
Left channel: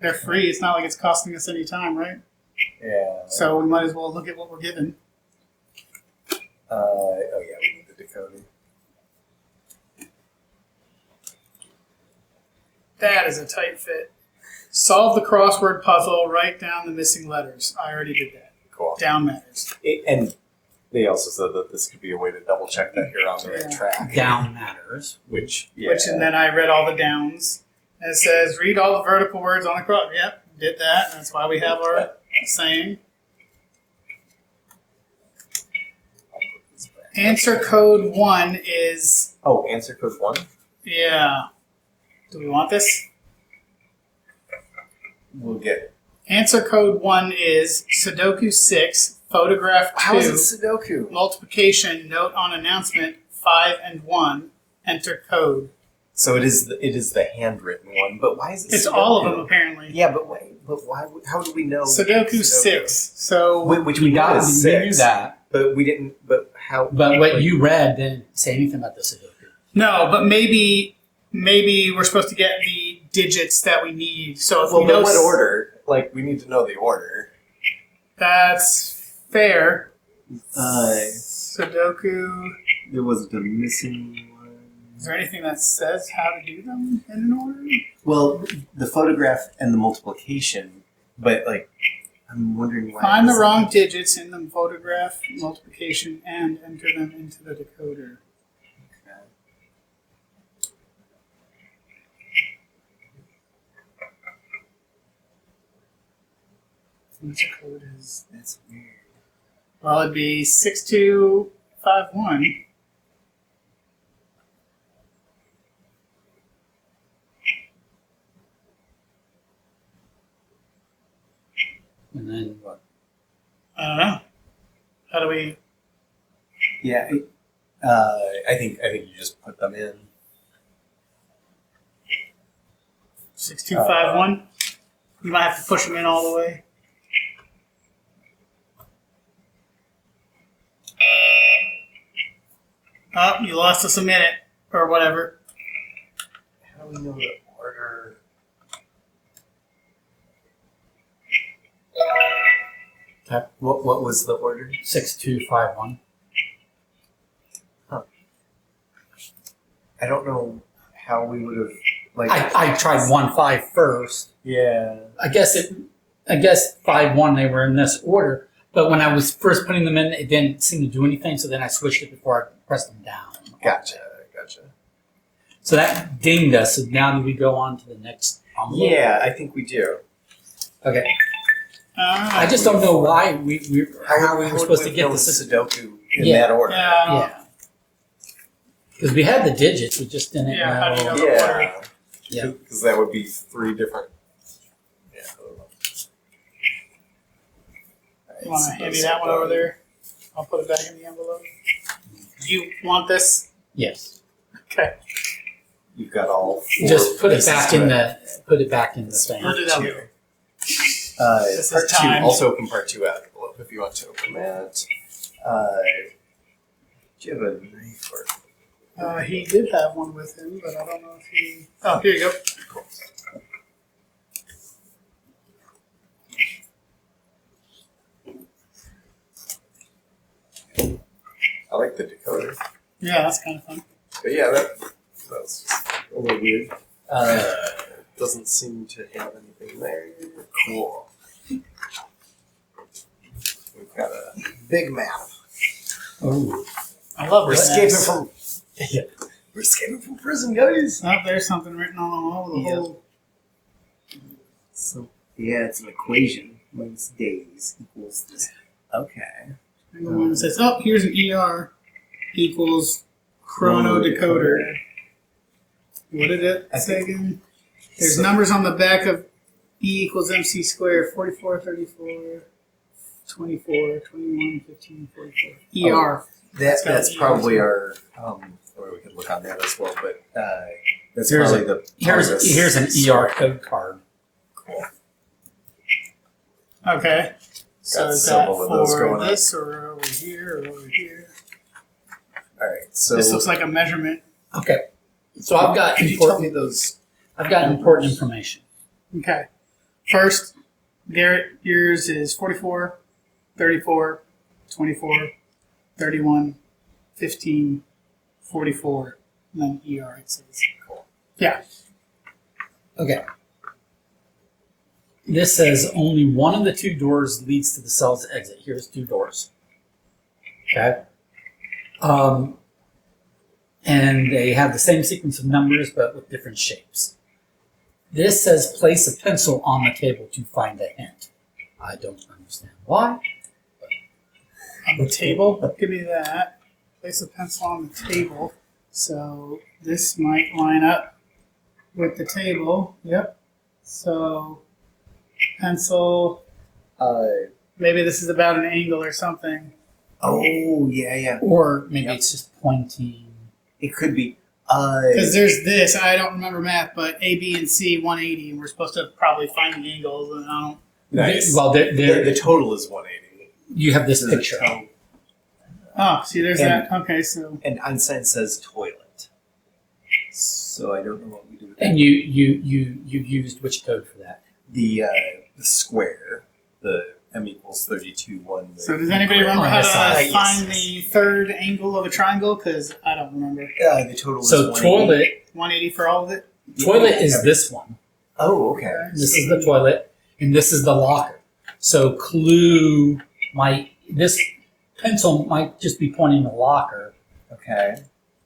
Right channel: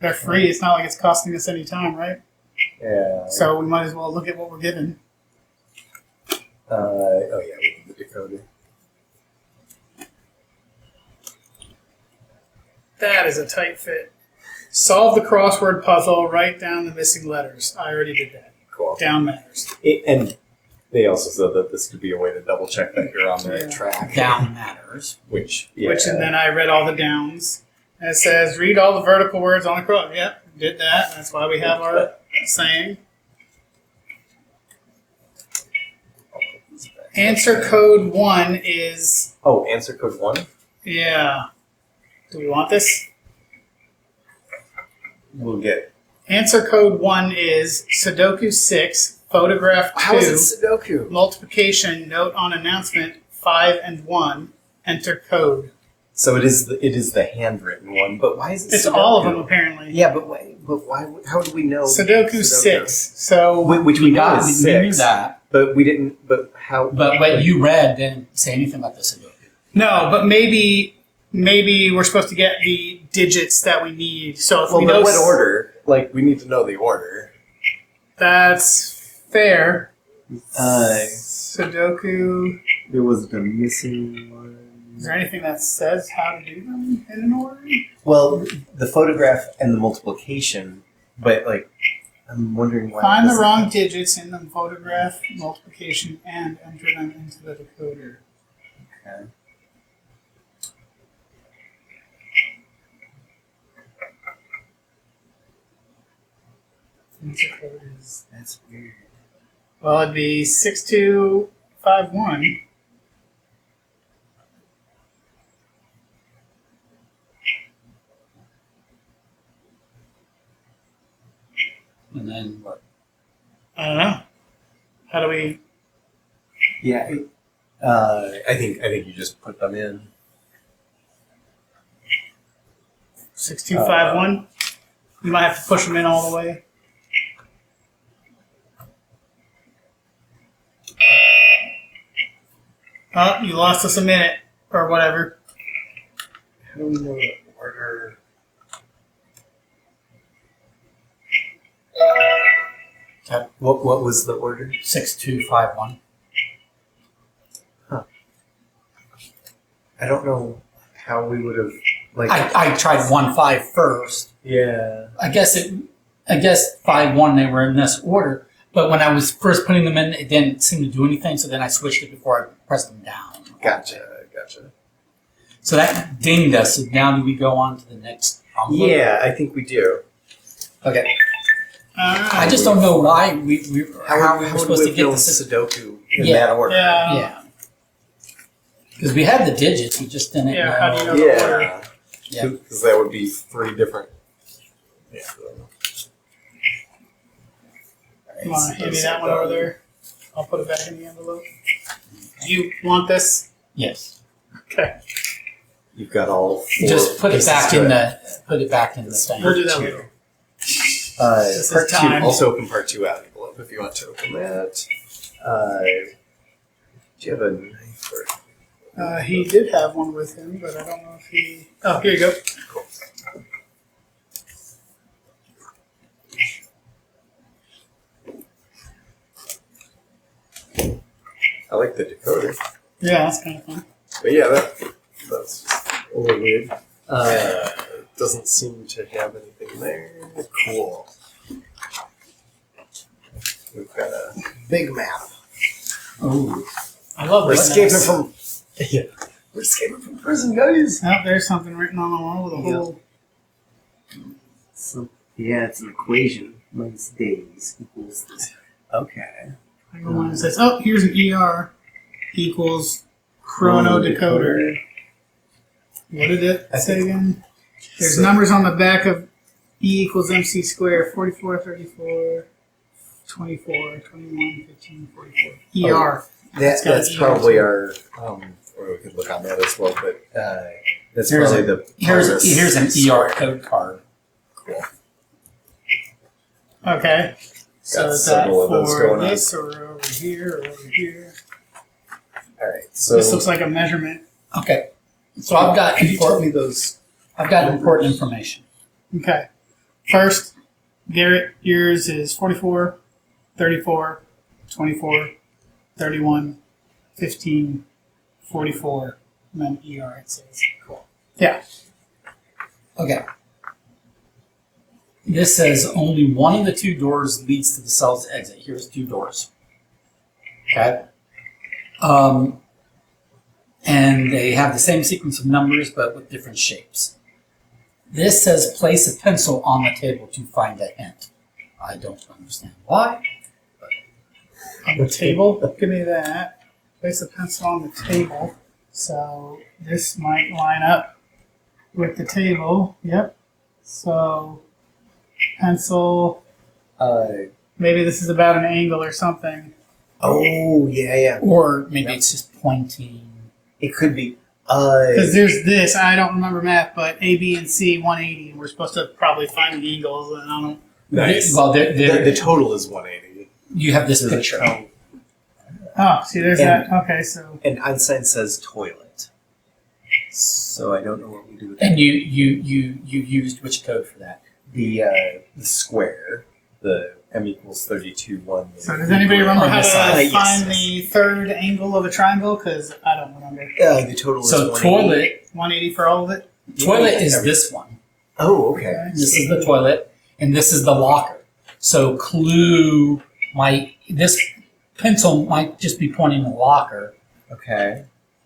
They're free. It's not like it's costing us any time, right? Yeah. So we might as well look at what we're given. We need the decoder. That is a tight fit. Solve the crossword puzzle. Write down the missing letters. I already did that. Cool. Down matters. And they also said that this could be a way to double check that you're on the right track. Down matters. Which, And then I read all the downs. And it says, read all the vertical words on the cross. Yep, did that. That's why we have our saying. Answer code 1 is, Oh, answer code 1? yeah. Do we want this? We'll get. Answer code 1 is Sudoku 6, photograph 2, How is it Sudoku? multiplication, note on announcement 5 and 1, enter code. So it is the handwritten one, but why is it It's Sudoku? all of them apparently. Yeah, but why? How do we know? Sudoku 6. So Which we know is we 6. knew that. But we didn't. But how? But what you read didn't say anything about the Sudoku. no, but maybe we're supposed to get the digits that we need. So if Well, we but know what order? Like, we need to know the order. that's fair. Sudoku. There was the missing one. Is there anything that says how to do them in an order? Well, the photograph and the multiplication, but like, I'm wondering why. Find the wrong digits in the photograph, multiplication, and enter them into the decoder. Okay. Answer code is, That's weird. well, it'd be 6251. And then what? I don't know. How do we? Yeah, I think you just put them in. 6251. You might have to push them in all the way. Oh, you lost us a minute or whatever. How do we know the order? What was the order? 6251. I don't know how we would have like. I tried 1-5 first. Yeah. I guess 5-1 they were in this order, but when I was first putting them in, it didn't seem to do anything. So then I switched it before I pressed them down. Gotcha. So that dinged us. So now do we go on to the next envelope? Yeah, I think we do. Okay. I just don't know why how we're would supposed we to get know the Sudoku in Yeah. that order? Yeah. Yeah. Because we had the digits, we just didn't Yeah, know. how do you know? Yeah. Yeah. Because that would be 3 different. Yeah. I don't know. You want to hand me that one over there? I'll put it back in the envelope. Do you want this? Yes. Okay. You've got all four. Just put it pieces back to in it. the thing. We'll do that Two. later. This Part is 2. time. Also open part 2 out envelope if you want to open that. Do you have a knife or? He did have one with him, but I don't know if he. Oh, here you go. I like the decoder. Yeah, that's kind of fun. But yeah, that's a little weird. Doesn't seem to have anything there. Cool. We've got a big map. Oh, I love We're this. escaping from we're escaping from prison, guys. Oh, there's something written on the wall with a Yeah. whole. So, yeah, it's an equation. Minus days equals this. Okay. I go on and says, "Oh, here's an ER equals chrono decoder." What did it say again? There's numbers on the back of E equals MC squared, 44, 34, 24, 21, 15, 44. ER. It's got That's ER probably too. our or we could look on that as well, but That's Here's probably the. here's an ER code card. cool. Okay. So Got is that several of those for going on. this or over here or over here? Alright, so This looks like a measurement. Okay, so I've got could you tell important, me those I've got important information. Okay. First, Garrett, yours is 44, 34, 24, 31, 15, 44, and then ER it says. Cool. Yeah. Okay. This says only one of the two doors leads to the cell's exit. Here's two doors. Okay. And they have the same sequence of numbers, but with different shapes. This says place a pencil on the table to find a hint. I don't understand why. On the table, give me that. Place a pencil on the table. So this might line up with the table. Yep. So pencil. Maybe this is about an angle or something. Oh yeah. Or maybe it's just pointing. It could be. Because there's this, I don't remember math, but A, B, and C 180, and we're supposed to probably find the angles, and I don't. nice. Well, The total is 180. you have this There's a picture. tone. Oh, see, there's And- that. Okay, so And Einstein says toilet. So I don't know what we do with that. And you used which code for that? The square, the m equals 32 one. so does anybody remember on how the to side, find the third angle of a triangle? Because I don't remember. The total is So 180. toilet 180 for all of it. toilet is Every- this one. Oh, okay. This is the toilet, and this is the locker. So clue might this pencil might just be pointing the locker, Okay.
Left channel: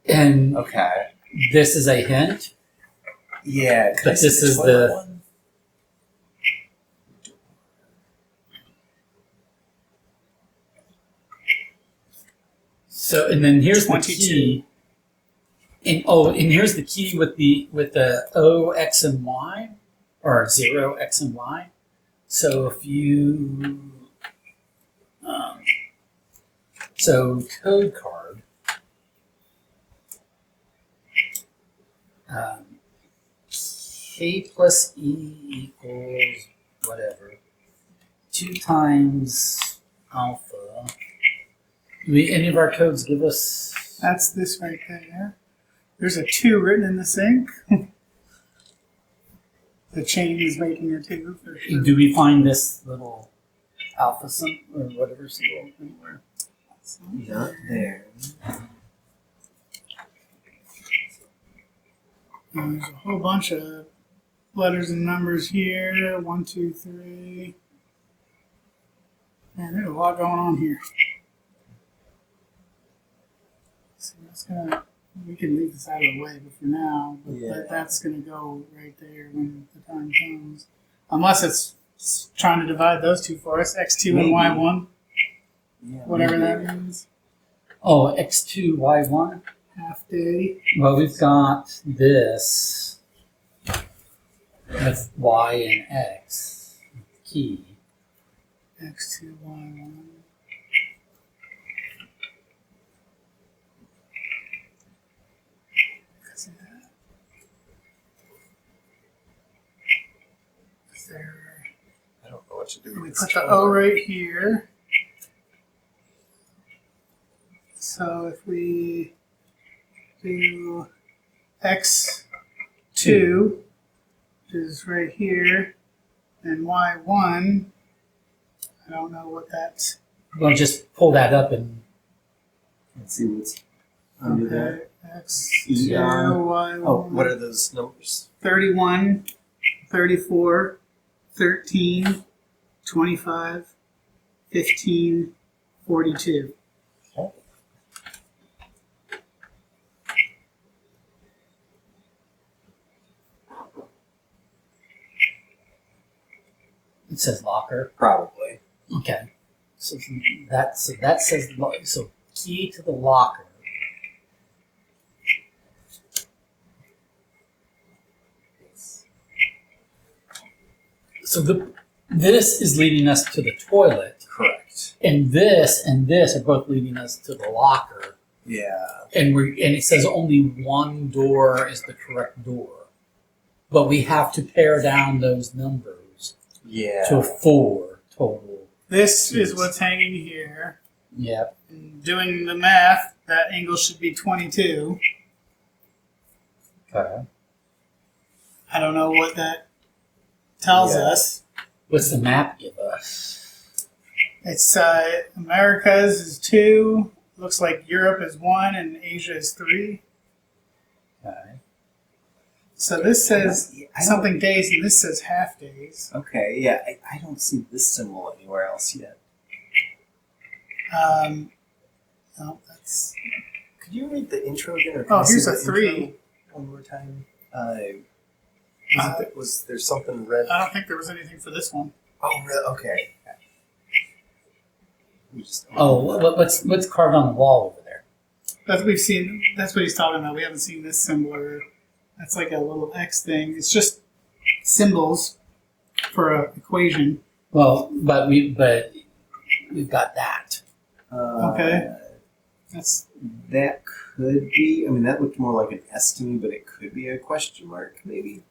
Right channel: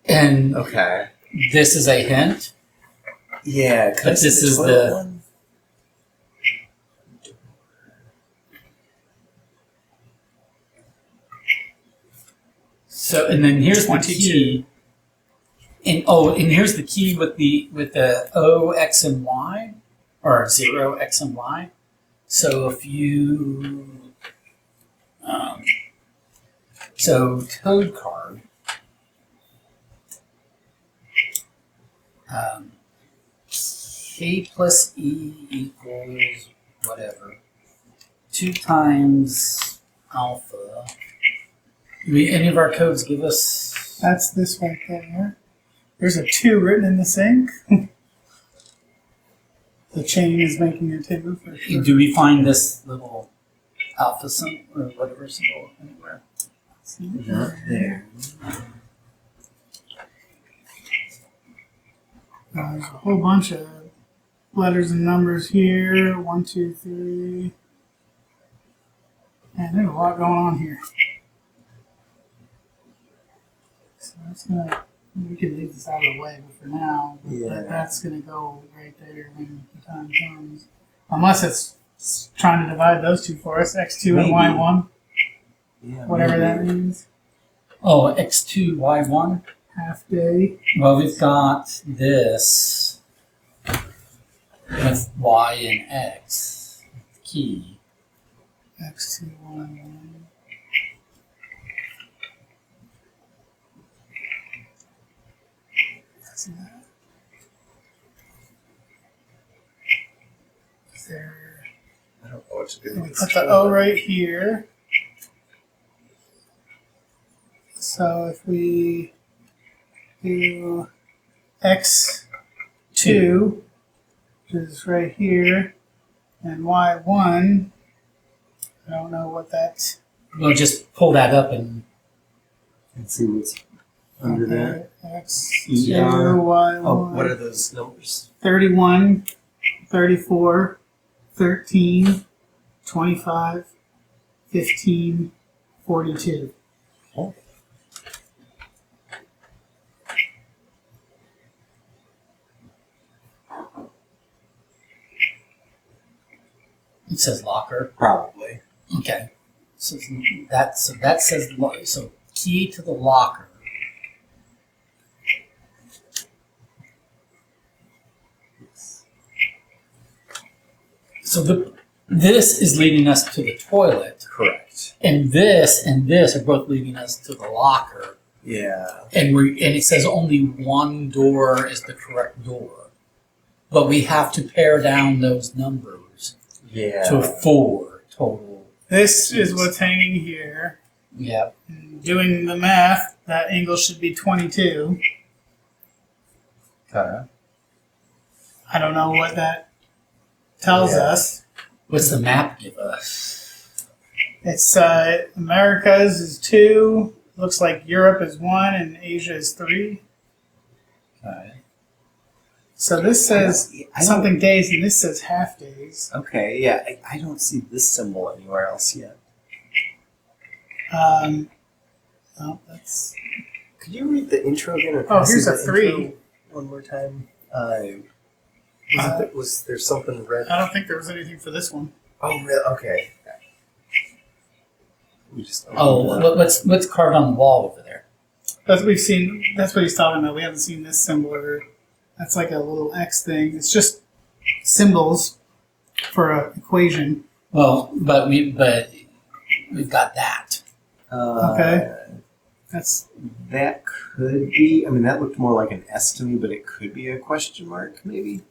and Okay. this is a hint. Yeah. But this is the- one? So and then here's the 22. key. And here's the key with the O, X, and Y, or 0, X, and Y. So if you so code card K plus E equals whatever 2 times alpha. Do any of our codes give us? That's this right there. There's a 2 written in the sink. The chain is making a 2 for sure. Do we find this little alpha symbol or whatever symbol anywhere? Not there. There's a whole bunch of letters and numbers here. 1, 2, 3. Man, there's a lot going on here. So that's gonna. We can leave this out of the way, but for now, Yeah. that's gonna go right there when the time comes. Unless it's trying to divide those two for us, x2 and Maybe. y1, Yeah. whatever maybe. that means. Oh, x2, y1. Half day. Well, we've got this with y and x key. x2, y1. See that? There. I don't know what to do. We with put this the O right here. So if we do x2, which is right here, and y1, I don't know what that's. Well, just pull that up and Let's see what's under that. X2, ER. y1. Oh, what are those numbers? 31, 34, 13, 25, 15, 42. it says locker. Probably. Okay. So that says so key to the locker. So this is leading us to the toilet, Correct. and this are both leading us to the locker. Yeah. And it says only one door is the correct door, but we have to pare down those numbers Yeah. to 4 total. This is what's hanging here. Yep. And doing the math, that angle should be 22. Okay. I don't know what that tells Yeah. us. What's the map give us? It's Americas is 2. Looks like Europe is 1 and Asia is 3. Okay. So this says I don't- something days and this says half days. Okay, yeah. I don't see this symbol anywhere else yet. No, that's Could you read the intro again? Or Oh, pass here's me a the 3. intro one more time. Was there something red? I don't think there was anything for this one. Oh, really? Okay. We just Oh, what's carved on the wall over there? That's what we've seen. That's what he's talking about. We haven't seen this symbol. That's like a little X thing. It's just symbols for an equation. Well, but we've got that. Okay. That's That could be. I mean, that looked more like an S to me, but it could be a question mark, maybe.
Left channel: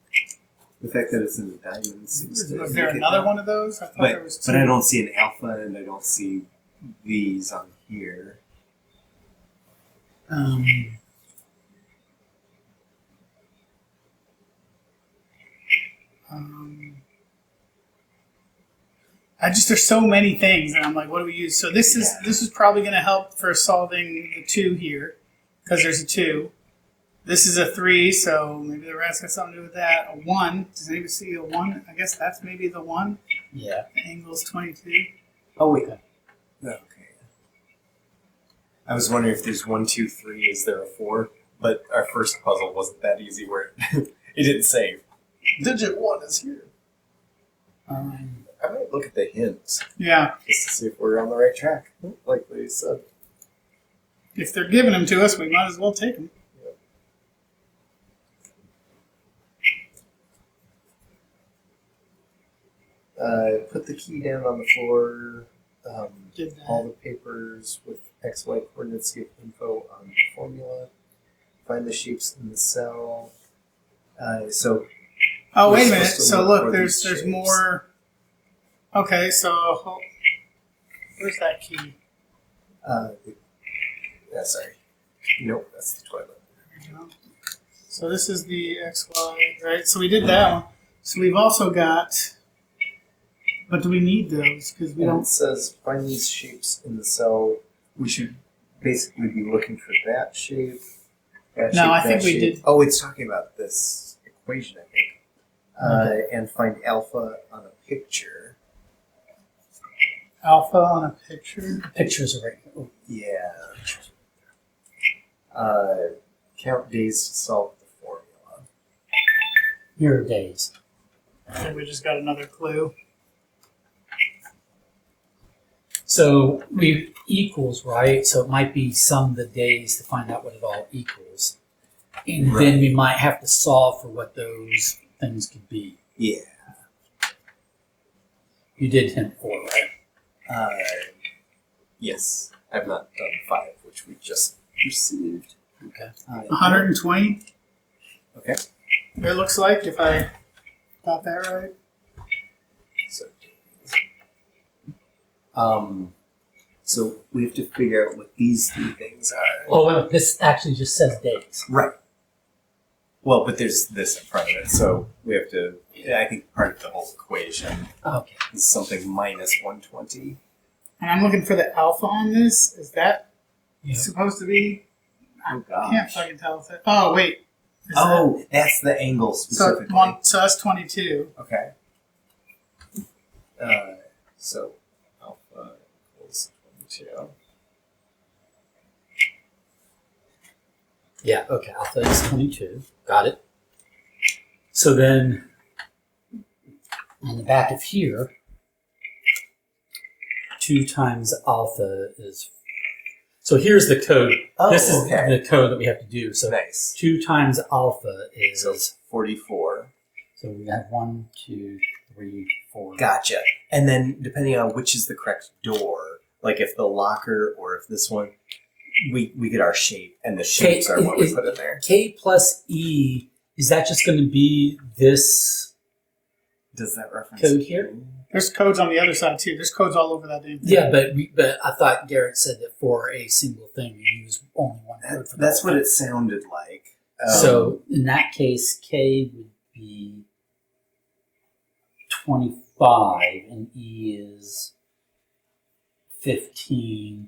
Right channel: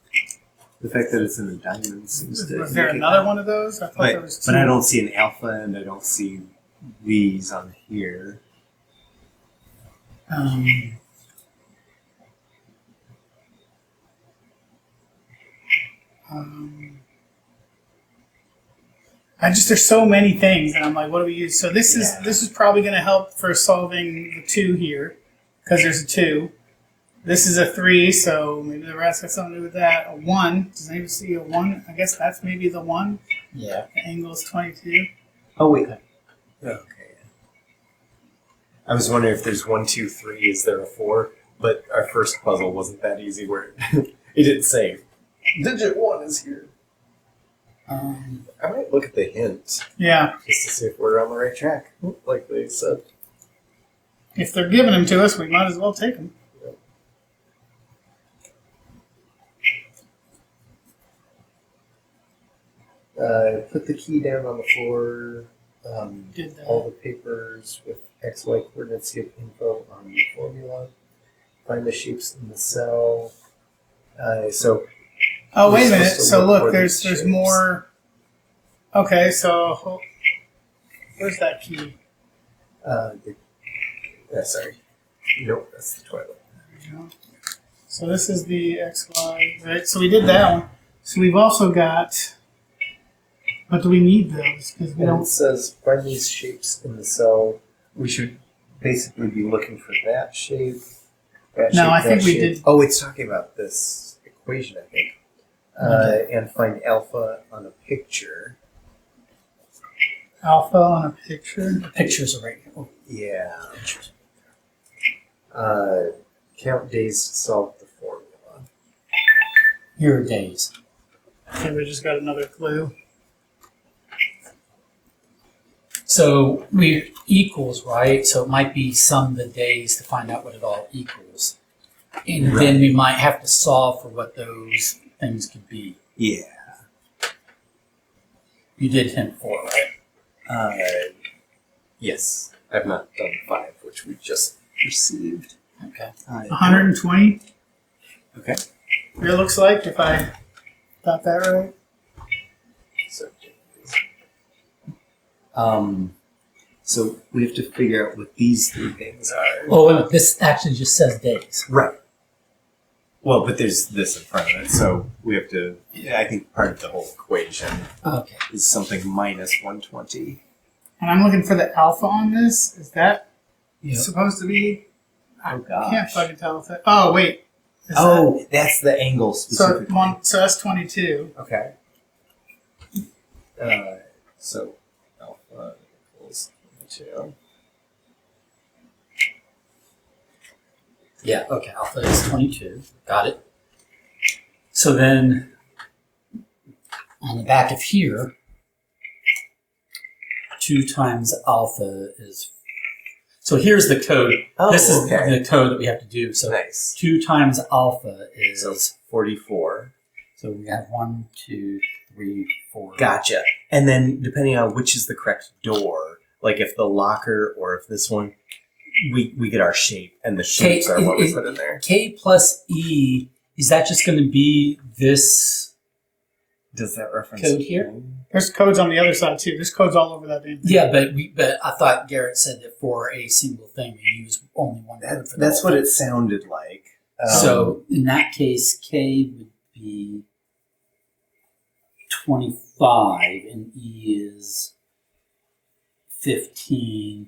The fact that it's in a diamond seems to. was there indicate another that. one of those? I thought there was two. But I don't see an alpha and I don't see V's on here. There's so many things, and I'm like, what do we use? So this is probably going to help for solving the 2 here, because there's a 2. This is a 3, so maybe the rest got something to do with that. A 1. Does anybody see a 1? I guess that's maybe the 1. Yeah. The angle is 22. Oh wait. Okay. Okay. I was wondering if there's 1, 2, 3. Is there a 4? But our first puzzle wasn't that easy, where it didn't say digit 1 is here. I might look at the hint Yeah. just to see if we're on the right track, like they said. If they're giving them to us, we might as well take them. Put the key down on the floor. Did that. All the papers with XY coordinates give info on the formula. Find the shapes in the cell. So Oh, wait a We're minute. supposed to So look look, for there's these shapes. more. Okay, so where's that key? sorry. Nope, that's the toilet. There we go. So this is the XY, right? So we did that one. So we've also got. But do we need those? Because we And don't. it says find these shapes in the cell. We should basically be looking for that shape. No, I think we shape. did. Oh, it's talking about this equation, I think. And find alpha on a picture. Alpha on a picture. The pictures are right here. Oh, Yeah. Count days to solve the formula. here are days. Okay, we just got another clue. So we equals, right? So it might be sum of the days to find out what it all equals. And then we might have to solve for what those things could be. Yeah. You did hint 4, right? Yes. I've not done 5, which we just received. Okay. 120. Okay. It looks like, if I got that right. So we have to figure out what these three things are. Oh, wait a minute. This actually just says days. Right. Well, but there's this in front of it, so we have to. I think part of the whole equation Okay. is something minus 120. And I'm looking for the alpha on this. Is that Yep. supposed to be? Oh I gosh. can't fucking tell if that. Oh wait. Is Oh, that's the angle that, specifically. so that's 22. Okay. So alpha equals 22. Yeah, okay. Alpha is 22. Got it. So then on the back of here, 2 times alpha is. So here's the code. Oh, this is okay. the code that we have to do. So Nice. 2 times alpha is. So 44. So we have 1, 2, 3, 4. Gotcha. And then depending on which is the correct door, like if the locker or if this one, we get our shape, and the shapes are what we put in there. K plus E, is that just going to be this Does that reference code here? There's codes on the other side too. There's codes all over that damn thing. Yeah, but I thought Garrett said that for a single thing we use only one code for that. That's what it sounded like. So in that case, K would be 25 and E is 15.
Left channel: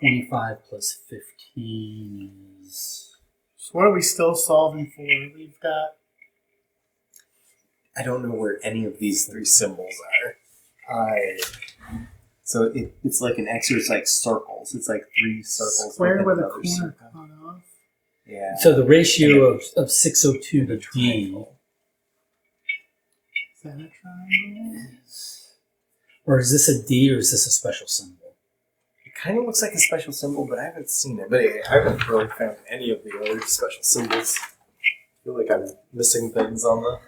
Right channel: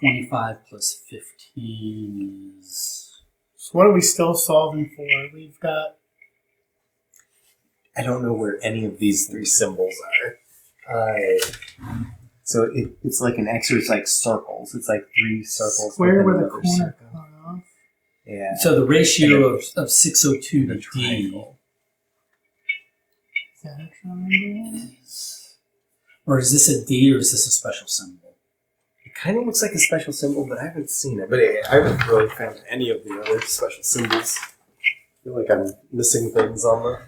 25 plus 15 is. So what are we still solving for? We've got. I don't know where any of these three symbols are. So it's like an X, or it's like circles. It's like 3 circles. Square within with a another corner circle. cut off. Yeah. So the ratio of 602 The to D triangle. Is that a triangle? is. Or is this a D or is this a special symbol? It kind of looks like a special symbol, but I haven't seen it. But I haven't really found any of the other special symbols. I feel like I'm missing things on the.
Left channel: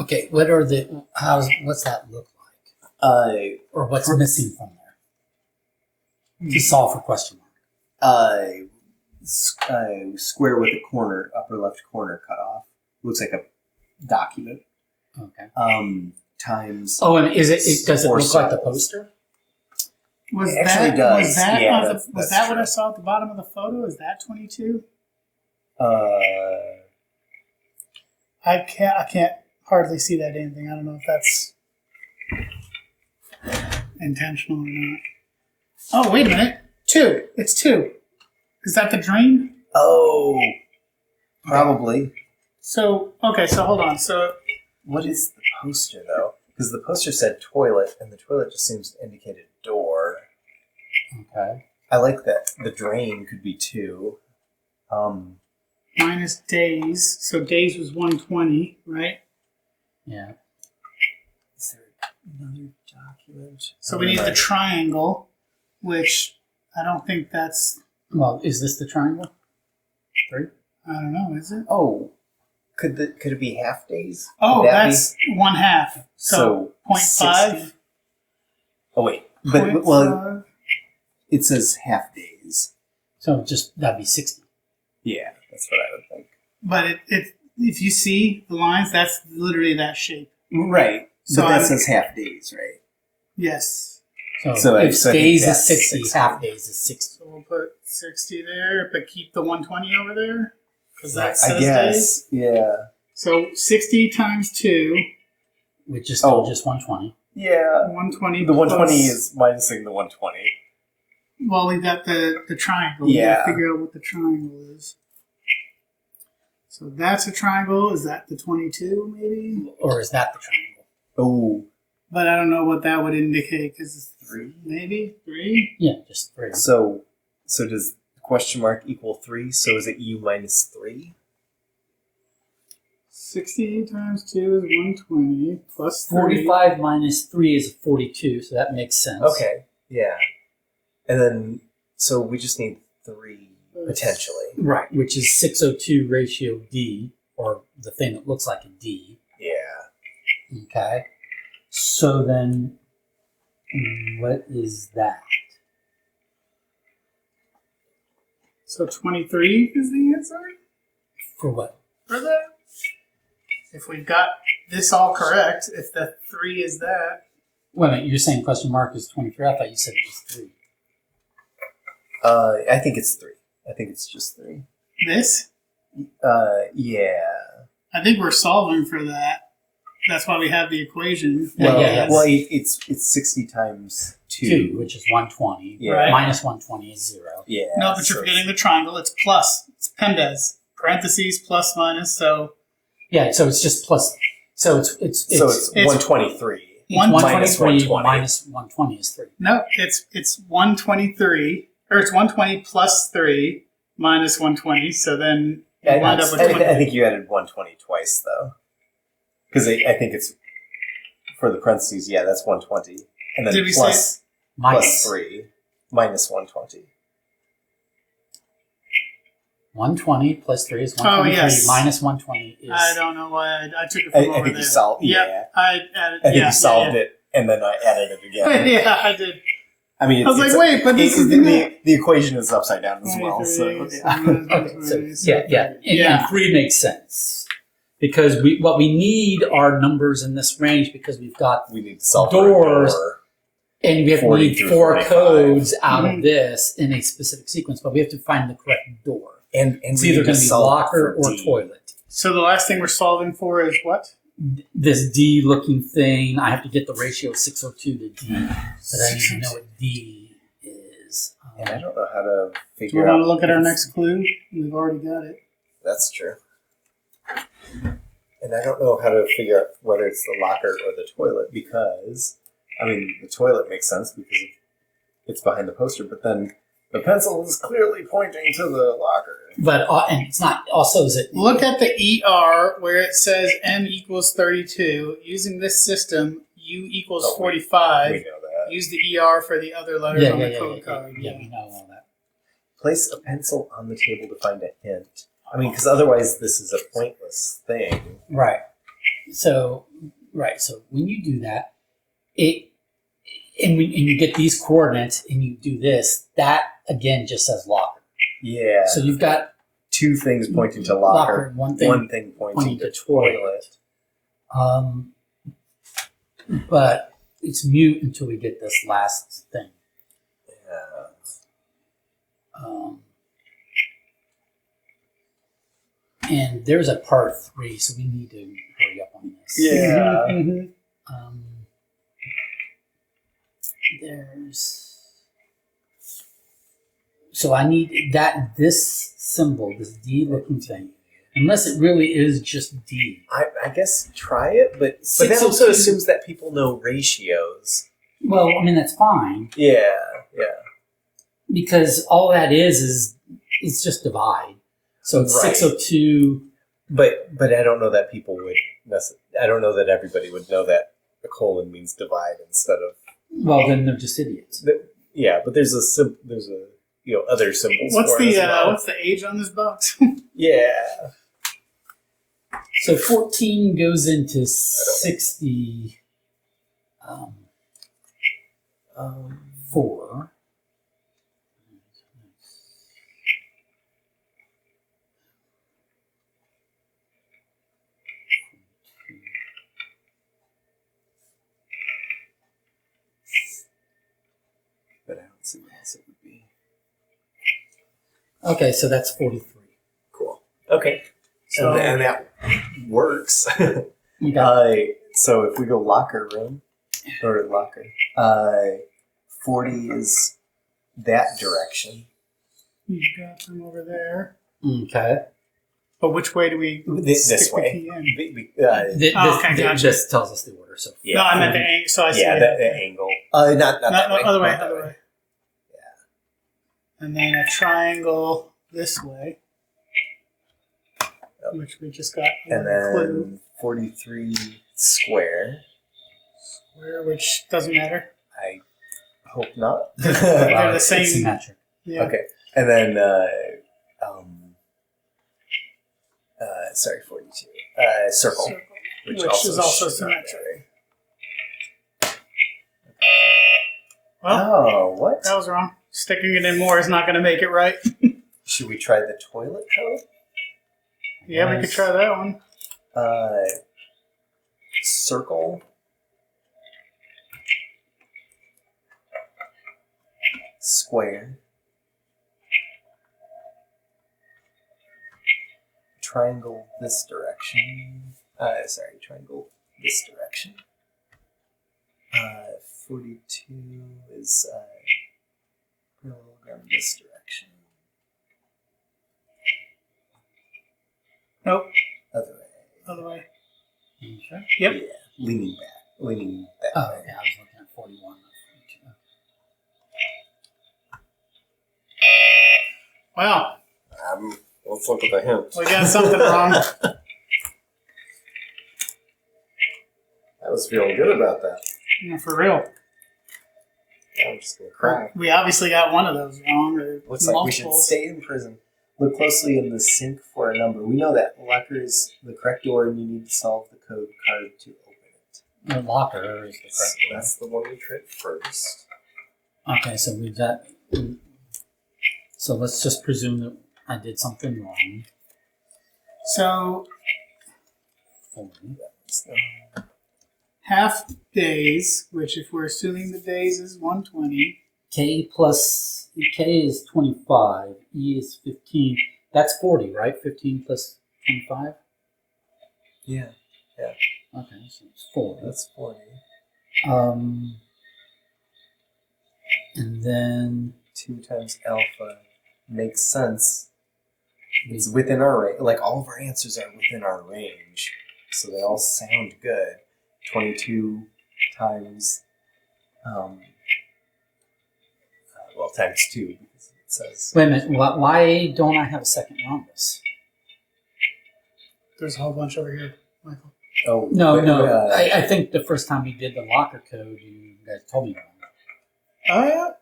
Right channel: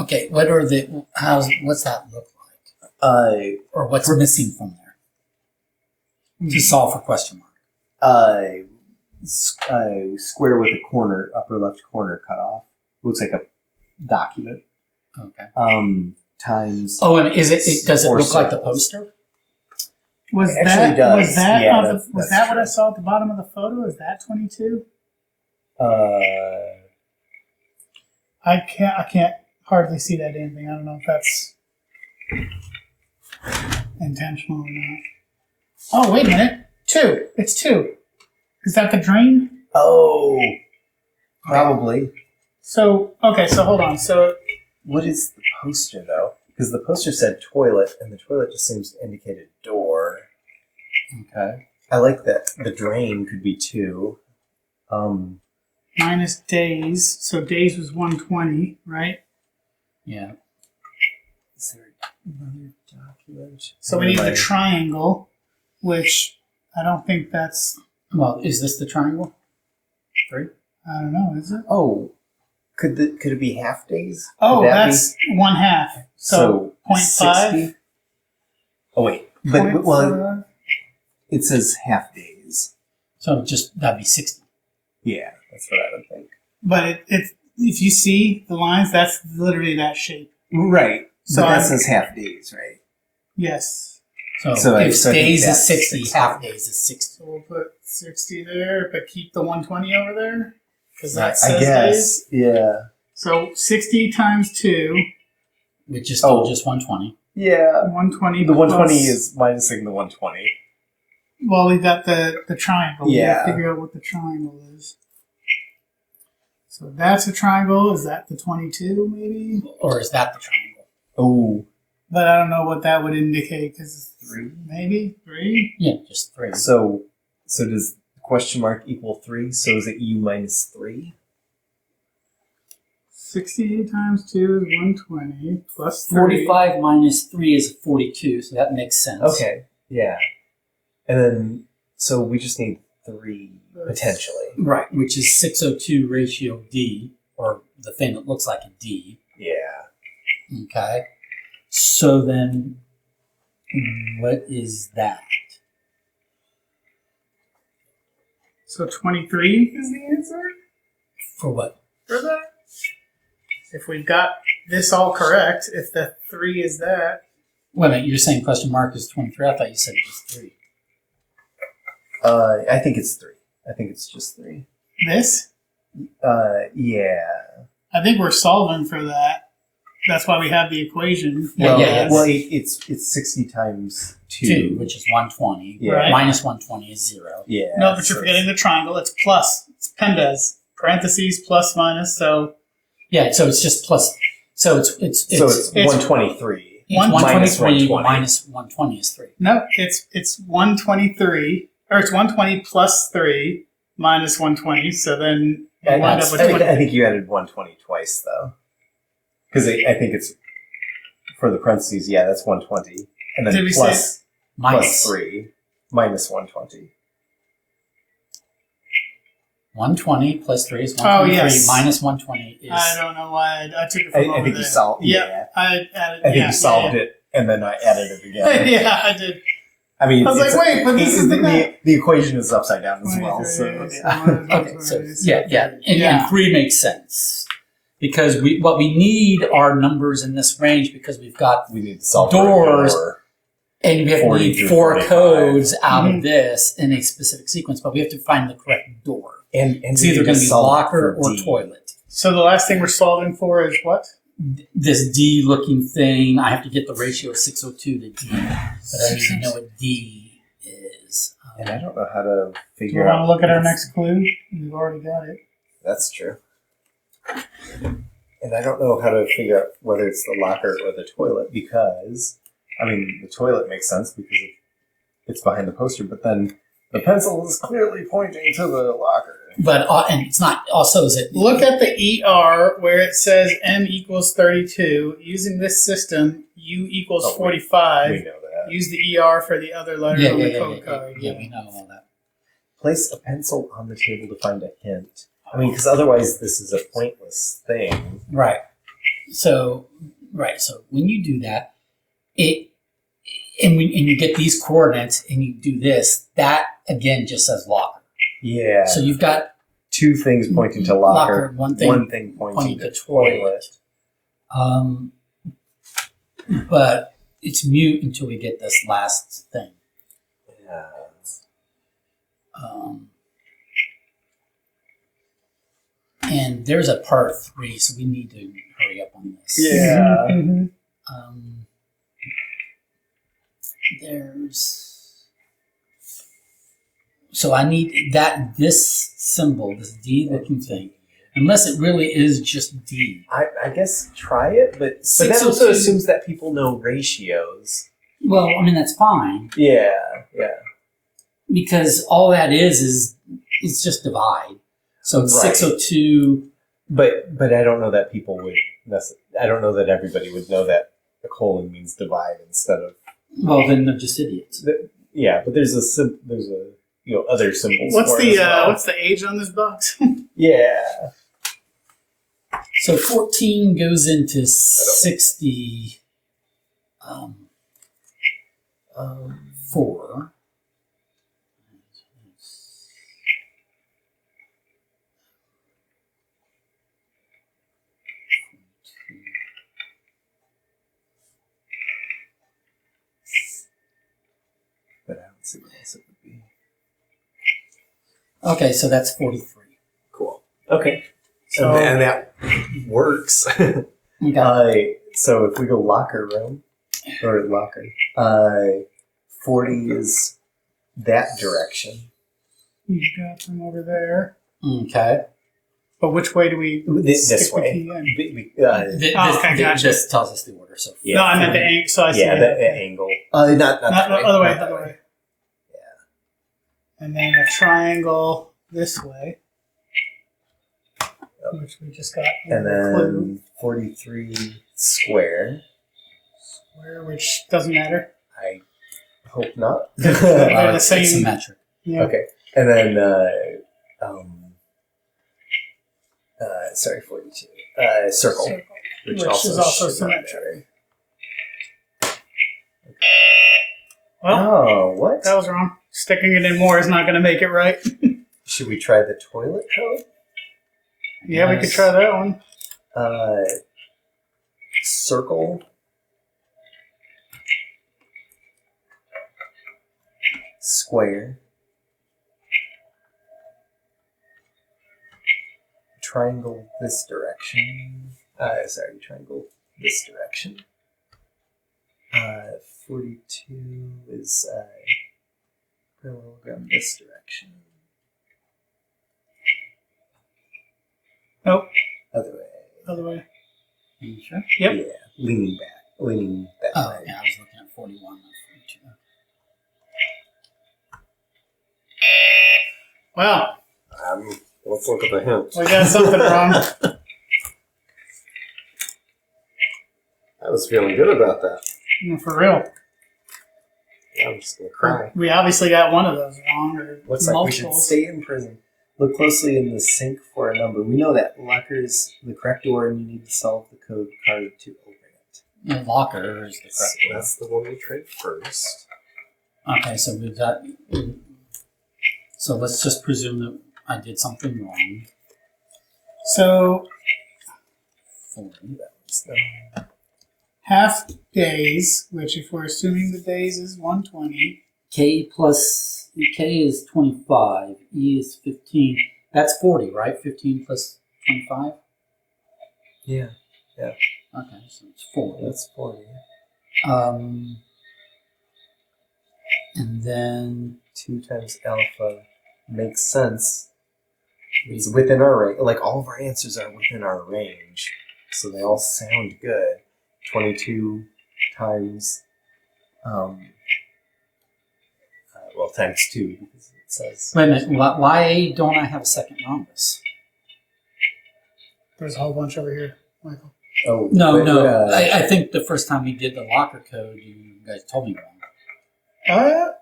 Okay, what's that look like? Or what's missing from there? To solve for question mark. Square with a corner, upper left corner cut off. Looks like a document. Okay. Times. Oh, and does it Four look like the circles. poster? Was It actually that does. was that Yeah, on that's was that what true. I saw at the bottom of the photo? Is that 22? I can't hardly see that damn thing. I don't know if that's intentional or not. Oh, wait a minute. 2. It's 2. Is that the drain? Oh, probably. So okay, so hold on. So What is the poster though? Because the poster said toilet, and the toilet just seems to indicate a door. Okay. I like that the drain could be 2. minus days. So days was 120, right? Yeah. Is there another document? So we need the triangle, which I don't think that's. Well, is this the triangle? 3? I don't know. Is it? Oh, could it be half days? Oh, Could that that's 1/2. So 0.5. 60? Oh wait, but well, it says half days. So that'd be 60. Yeah, that's what I would think. But if you see the lines, that's literally that shape. Right, So but that I'm- says half days, right? Yes. So I if think days is that's 60, 60. half days is 60. So we'll put 60 there, but keep the 120 over there because that Right. says I guess. days. Yeah. So 60 times 2, Which is still Oh. just 120. Yeah. 120. The 120 plus- is minusing the 120. Well, we got the triangle. We Yeah. gotta figure out what the triangle is. So that's a triangle. Is that the 22 maybe? Or is that the triangle? Oh. But I don't know what that would indicate because 3. maybe 3. Yeah, just 3. So does question mark equal 3? So is it U minus 3? 60 times 2 is 120 plus 3. 45 minus 3 is 42, so that makes sense. Okay. Yeah. And then, so we just need 3 potentially. Right, which is 602 ratio D, or the thing that looks like a D. Yeah. Okay. So then, what is that? So 23 is the answer For what? for that? If we've got this all correct, if the 3 is that, Wait a minute, you're saying question mark is 23? I thought you said it was 3. I think it's 3. I think it's just 3. This? Yeah. I think we're solving for that. That's why we have the equation. Yeah, yeah. Well, it's 60 times 2, which is 120. Yeah. Right. Minus 120 is 0. Yeah. No, but you're forgetting the triangle. It's plus. It's pendes. Parentheses, plus, minus. So Yeah, so it's just plus. So it's 123. 123 120. minus 120 is 3. no, it's 123, or it's 120 plus 3 minus 120. So then you wind up with 20. I think you added 120 twice, though. Because I think it's, for the parentheses, yeah, that's 120. And then Did we plus Minus 3, minus 120. 120 plus 3 is 123. yes. Minus 120 is. I don't know why I took it from I over think there. you solved Yeah, I added. I think you solved it, and then I added it again. Yeah, I did. I mean, I was like, wait, but this is the equation is upside down as well. 23, So, Okay, so yeah. And 3 makes sense. Because what we need are numbers in this range because we've got we need to solve Doors. for a door. and we have 40 need through 4 45. codes out Mhm. of this in a specific sequence, but we have to find the correct door. And It's we either need going to be solve locker for or D. toilet. So the last thing we're solving for is what? This D looking thing, I have to get the ratio of 602 to D, but I need to know what D is. And I don't know how to Do figure we out. want to look at our if next clue? We've already got it. That's true. And I don't know how to figure out whether it's the locker or the toilet because, I mean, the toilet makes sense because it's behind the poster, but then the pencil is clearly pointing to the locker. But and it's not also is it Look at the ER where it says M equals 32. Using this system, U equals Oh, we 45. We know that. Use the ER for the other letters on the code card. yeah, we know all that. Place a pencil on the table to find a hint. I mean, because otherwise this is a pointless thing. Right. So when you do that, and you get these coordinates and you do this, that again just says locker. Yeah. So you've got 2 things pointing to locker, one one thing thing pointing to toilet. toilet. But it's mute until we get this last thing. Yeah. And there's a part 3, so we need to hurry up on this. Yeah. Mhm. So I need this symbol, this D looking thing, unless it really is just D. I guess try it, but that 602 also assumes that people know ratios. Well, I mean that's fine Yeah. because all that is it's just divide. So it's Right. 602. But I don't know that people would. I don't know that everybody would know that a colon means divide instead of. Well, then they're just idiots. Yeah, but there's other symbols. What's for it the as well. what's the age on this box? Yeah. So 14 goes into 60. 4. But I don't see what else it would be. Okay, so that's 43. Cool. Okay. So- And that works. Okay. So if we go locker room or locker, 40 is that direction. You got them over there. Okay. But which way do we This stick way. the key in? This gotcha. tells us the order. So Yeah. No, I meant the angle. So I see Yeah, it. the angle. Not Not that the way. other way. Not that Other way. And then a triangle this way, Yep. which we just got. And a clue. then 43 square. Square, which doesn't matter. I hope not. They're the it's same. symmetric. Yeah. Okay. And then, sorry, 42. Circle. Circle, Which which is also should not symmetric. vary. Well, Oh, what? that was wrong. Sticking it in more is not going to make it right. Should we try the toilet code? Yeah, we could Yes. try that one. Circle. square, triangle this direction. Triangle this direction. 42 is parallelogram this direction. Nope. Other way. Other way. You sure? Yep. Yeah, leaning that Oh, way. yeah, I was looking at 41, not 42. Well, Let's look at the hint. we got something wrong. I was feeling good about that. No, for real. Yeah, I'm just gonna cry. We obviously got one of those wrong, or Looks like we should multiples. stay in prison. Look closely in the sink for a number. We know that locker is the correct door, and you need to solve the code card to open it. The locker is the So correct one. that's the one we tried first. Okay, so we've got. So let's just presume that I did something wrong. So 40. half days, which if we're assuming the days is 120. K is 25. E is 15. That's 40, right? 15 plus 25? Yeah, Okay, so it's 40. that's 40. And then 2 times alpha makes sense. It's within our range. Like, all of our answers are within our range, so they all sound good. 22 times, times 2, because it says... wait a minute. Why don't I have a second rhombus? There's a whole bunch over here, Michael. Oh, No, wait, no. I think the first time we did the locker code, you guys told me wrong.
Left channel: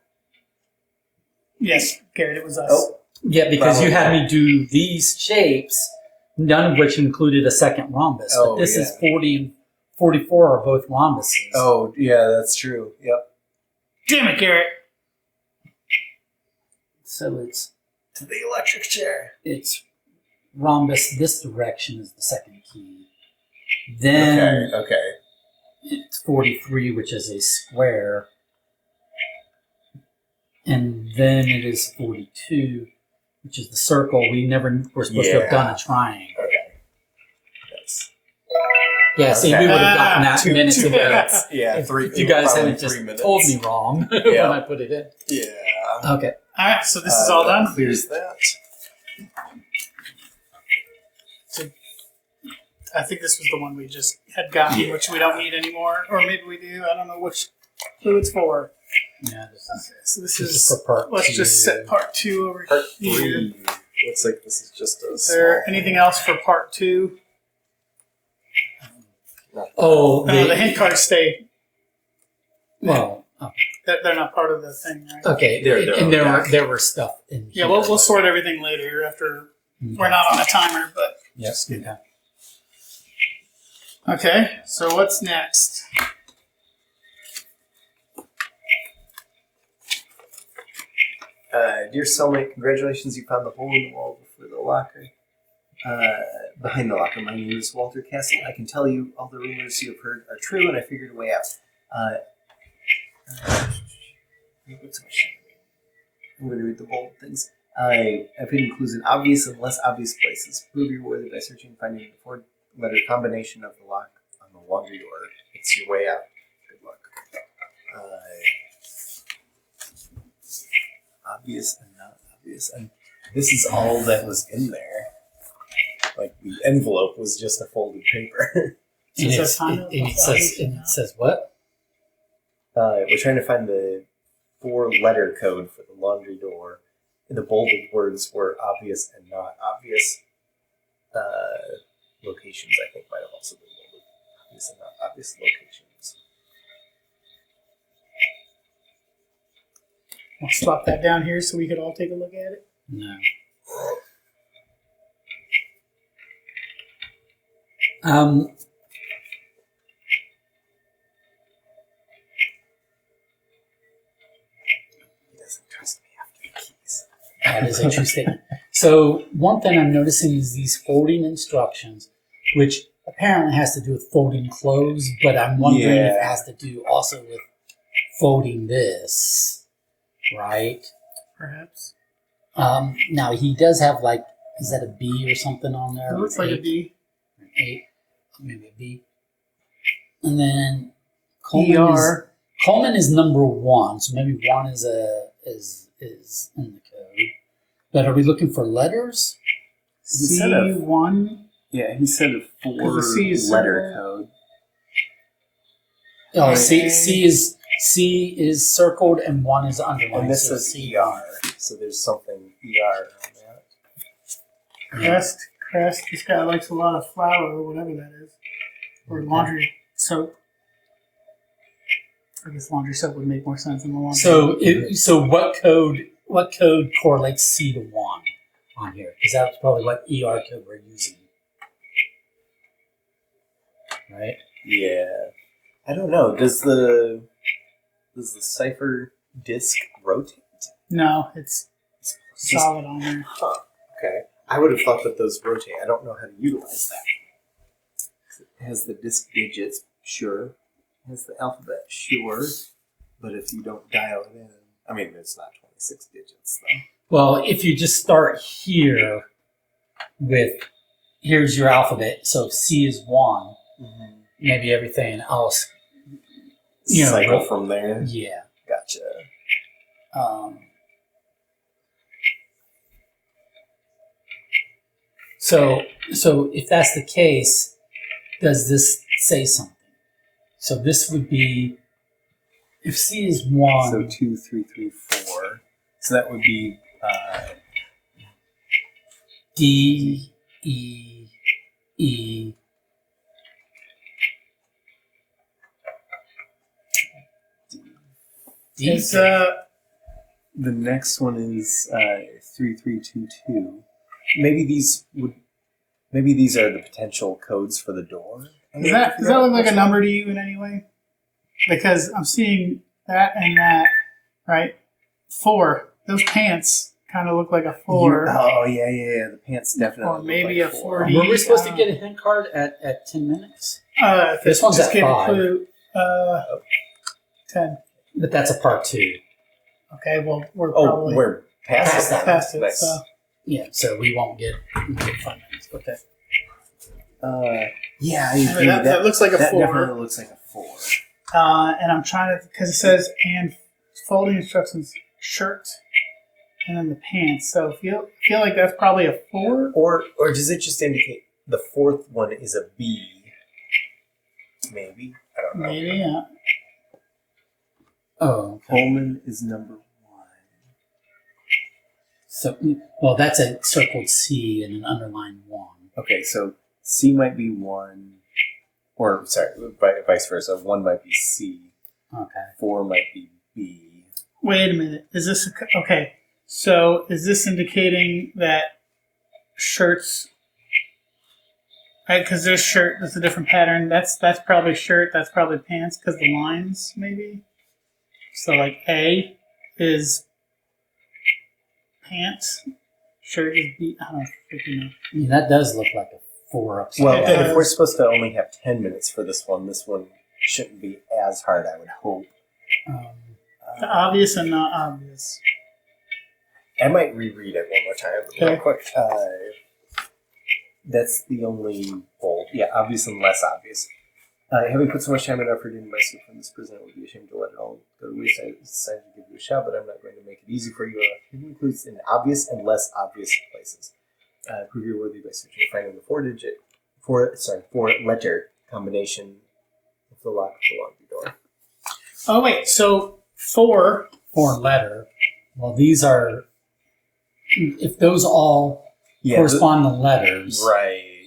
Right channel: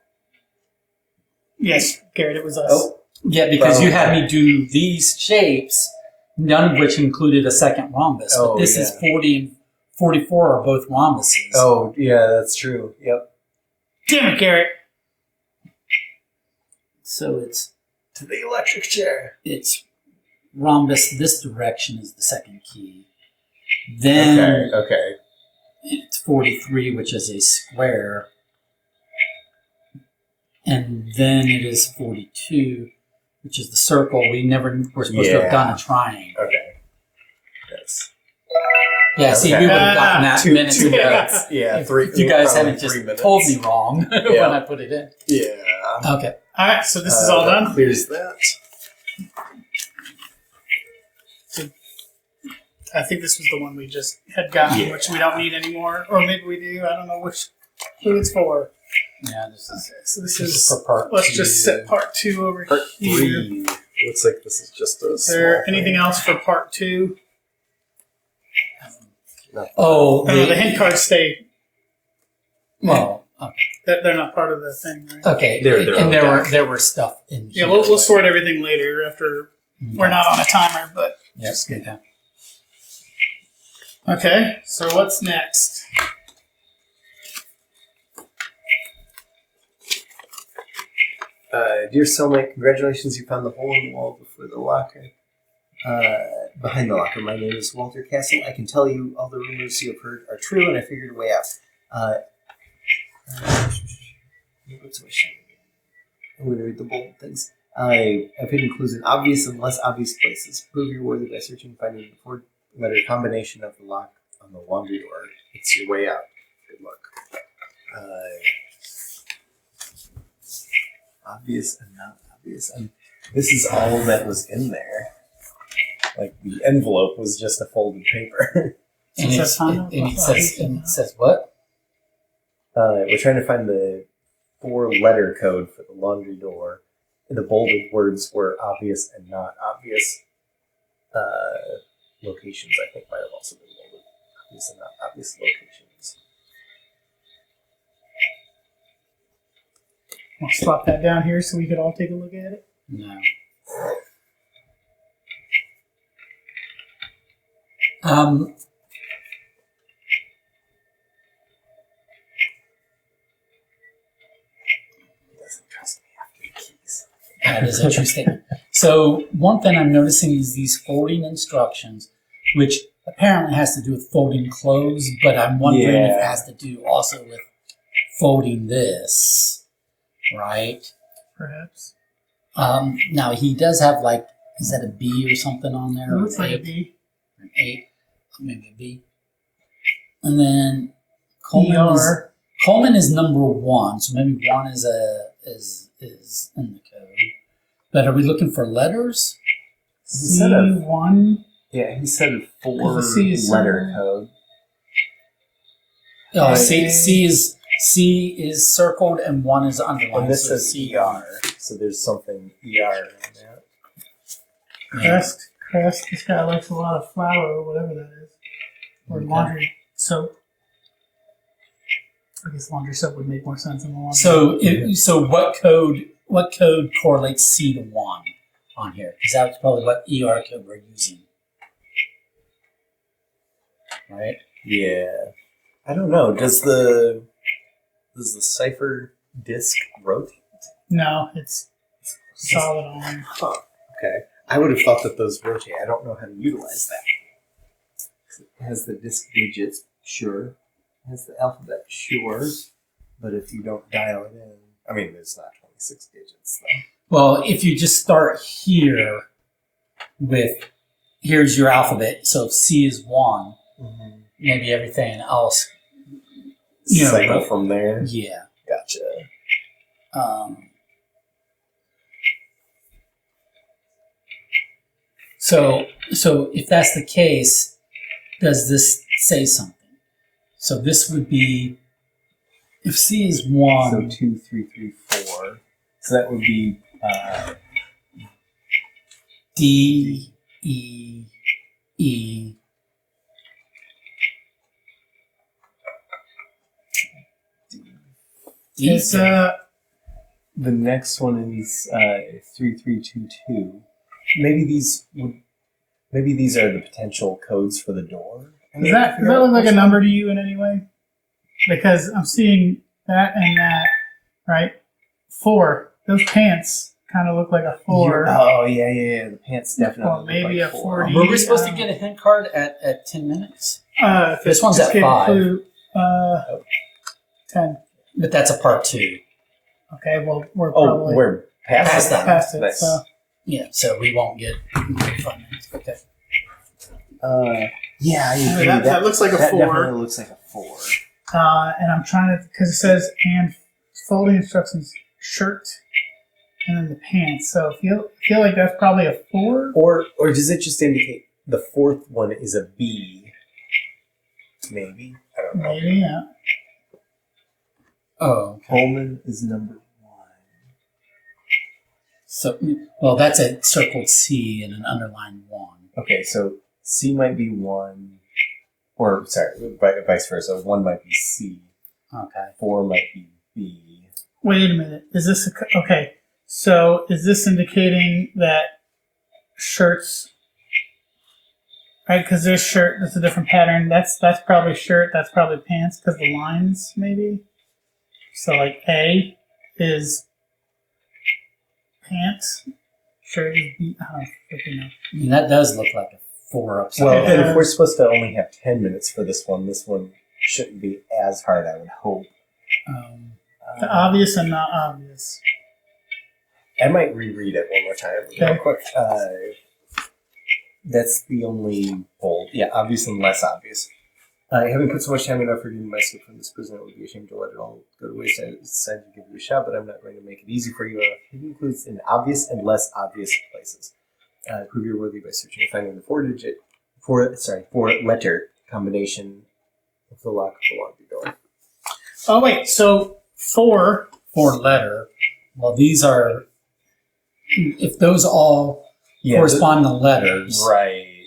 Yes, Garrett, it was us. Oh, Yeah, because you had me do these shapes, none of which included a second rhombus. But Oh, this is 40 and 44 are both rhombuses. oh, yeah, that's true. Yep. Damn it, Garrett. So it's To the electric chair. rhombus this direction is the second key. Then Okay. it's 43, which is a square. And then it is 42, which is the circle. We never were supposed to have done a triangle. Okay. Yes. Yeah, see, we would have gotten that Two minutes ago. minutes. Yeah, If you guys probably hadn't just 3 minutes. told me wrong when Yeah. I put it in. Yeah. Okay. All right, so this is all that done. Clears that. I think this was the one we just had gotten, Yeah. which we don't need anymore. Or maybe we do. I don't know who it's for. Yeah, this is, Okay, so this this is is. for part Let's 2. just set part 2 over Part here. 3. Looks like this is just a Is there small anything thing. else for part 2? Not Oh, No, the hint cards stay. well, okay. They're not part of the thing, right? Okay, They're and their own there were stuff in Yeah, here. we'll sort everything later after we're not on a timer, but Yes, okay. okay. So what's next? Dear cellmate, congratulations, you found the hole in the wall before the locker. Behind the locker, my name is Walter Castle. I can tell you all the rumors you have heard are true, and I figured a way out. What's my shit? I'm going to read the bold things. I've hidden clues in obvious and less obvious places. Prove you're worthy by searching and finding the four-letter combination of the lock on the laundry door. It's your way out. Good luck. Obvious and not obvious. And this is all that was in there. Like, the envelope was just a folded paper. And, So it's, is that and it says what? We're trying to find the 4-letter code for the laundry door. The bolded words were obvious and not obvious. Locations, I think, might have also been bolded. Obvious and not obvious locations. I'll swap that down here so we could all take a look at it. No. He doesn't trust me after the keys. That is a true statement. So one thing I'm noticing is these folding instructions, which apparently has to do with folding clothes, but I'm wondering if it Yeah. has to do also with folding this, right? perhaps. Now he does have like, is that a B or something on there? It looks like a Eight? B. An 8, maybe a B. And then Coleman is number 1, so maybe 1 is in the code. But are we looking for letters? C1. Yeah, he said a 4 'Cause the C is letter circled. code. Oh, Okay. C is circled and 1 is underlined. And this so says ER, so there's something ER on that. Yeah. Crest. This guy likes a lot of flour or whatever that is. Or laundry soap. I guess laundry soap would make more sense than the laundry. So what code correlates C to 1 on here? Because that's probably what ER code we're using, right? Yeah. I don't know. Does the cipher disk rotate? No, it's solid on there. Huh. Okay. I would have thought that those rotate. I don't know how to utilize that. It has the disk digits, sure. It has the alphabet, sure. But if you don't dial it in, I mean, it's not 26 digits, though. Well, if you just start here with, here's your alphabet. So if C is 1, maybe everything else, Cycle from there. yeah. Gotcha. So if that's the case, does this say something? So this would be, if C is 1. So 2, 3, 3, 4. So that would be D, E, E. D. It's the next one is 3, 3, 2, 2. Maybe these are the potential codes for the door. does that look like a number to you in any way? Because I'm seeing that and that, right? 4. Those pants kind of look like a 4. Oh yeah. The pants definitely. Or look maybe like a 4. 40. Were we supposed to get a hint card at 10 minutes? This one's just at gave a 5. clue. 10. But that's a part 2. Okay, well, we're Oh, probably we're past that. past it. Nice. So Yeah, so we won't get 5 minutes. Okay. Yeah, I agree. that looks like a that 4. definitely looks like a 4. And I'm trying to, because it says, and folding instructions, shirt, and then the pants. So I feel like that's probably a 4. Or does it just indicate the 4th one is a B? Maybe. I don't know. Maybe, yeah. Oh, okay. Coleman is number 1. So, well, that's a circled C and an underlined 1. Okay, so C might be 1, or sorry, vice versa. 1 might be C. Okay. 4 might be B. Wait a minute. Is this okay? So is this indicating that shirts? Right, because this shirt, that's a different pattern. That's probably shirt. That's probably pants because the lines maybe. So like A is pants. Shirt is B. I don't freaking know. I mean, that does look like a 4 upside Well, It down. and if does. we're supposed to only have 10 minutes for this one shouldn't be as hard, I would hope. The obvious and not obvious. I might reread it one more time real quick. That's the only bold. Yeah, obvious and less obvious. Having put so much time and effort into my escape from this prison, I would be ashamed to let it all go to waste. I decided to give it a shot, but I'm not going to make it easy for you. It includes in obvious and less obvious places. Prove you're worthy by searching and finding the four-letter combination of the lock of the laundry door. Oh wait, so 4. 4-letter. Well, these are, if those all correspond to letters, Right.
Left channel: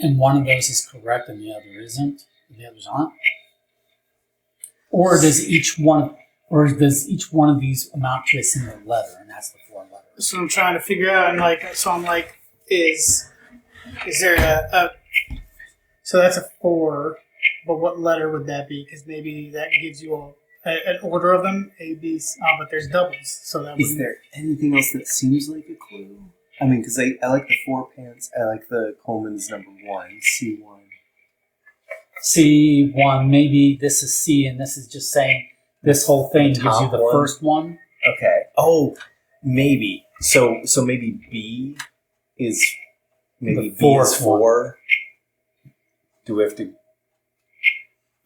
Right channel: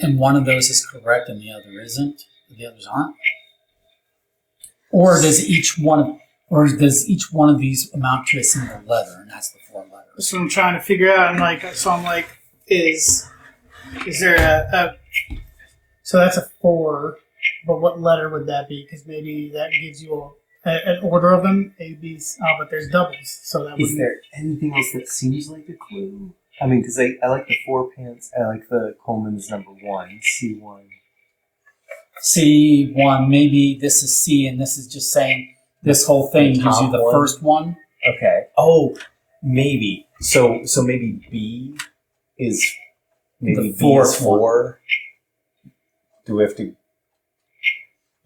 and one of those is correct and the other isn't, the others aren't, or does each one of these amount to a single letter, and that's the 4 letters? So I'm trying to figure out, and I'm like, is there a so that's a 4, but what letter would that be? Because maybe that gives you an order of them, A, B, C. Oh, but there's doubles, so that Is would. there anything else that seems like a clue? I mean, because I like the 4 pants. I like the Coleman's number 1, C1. C1, maybe this is C, and this is just saying this whole thing The gives you top the one? first one. Okay. Oh, maybe. So maybe B is maybe The B is fourth one. 4. Do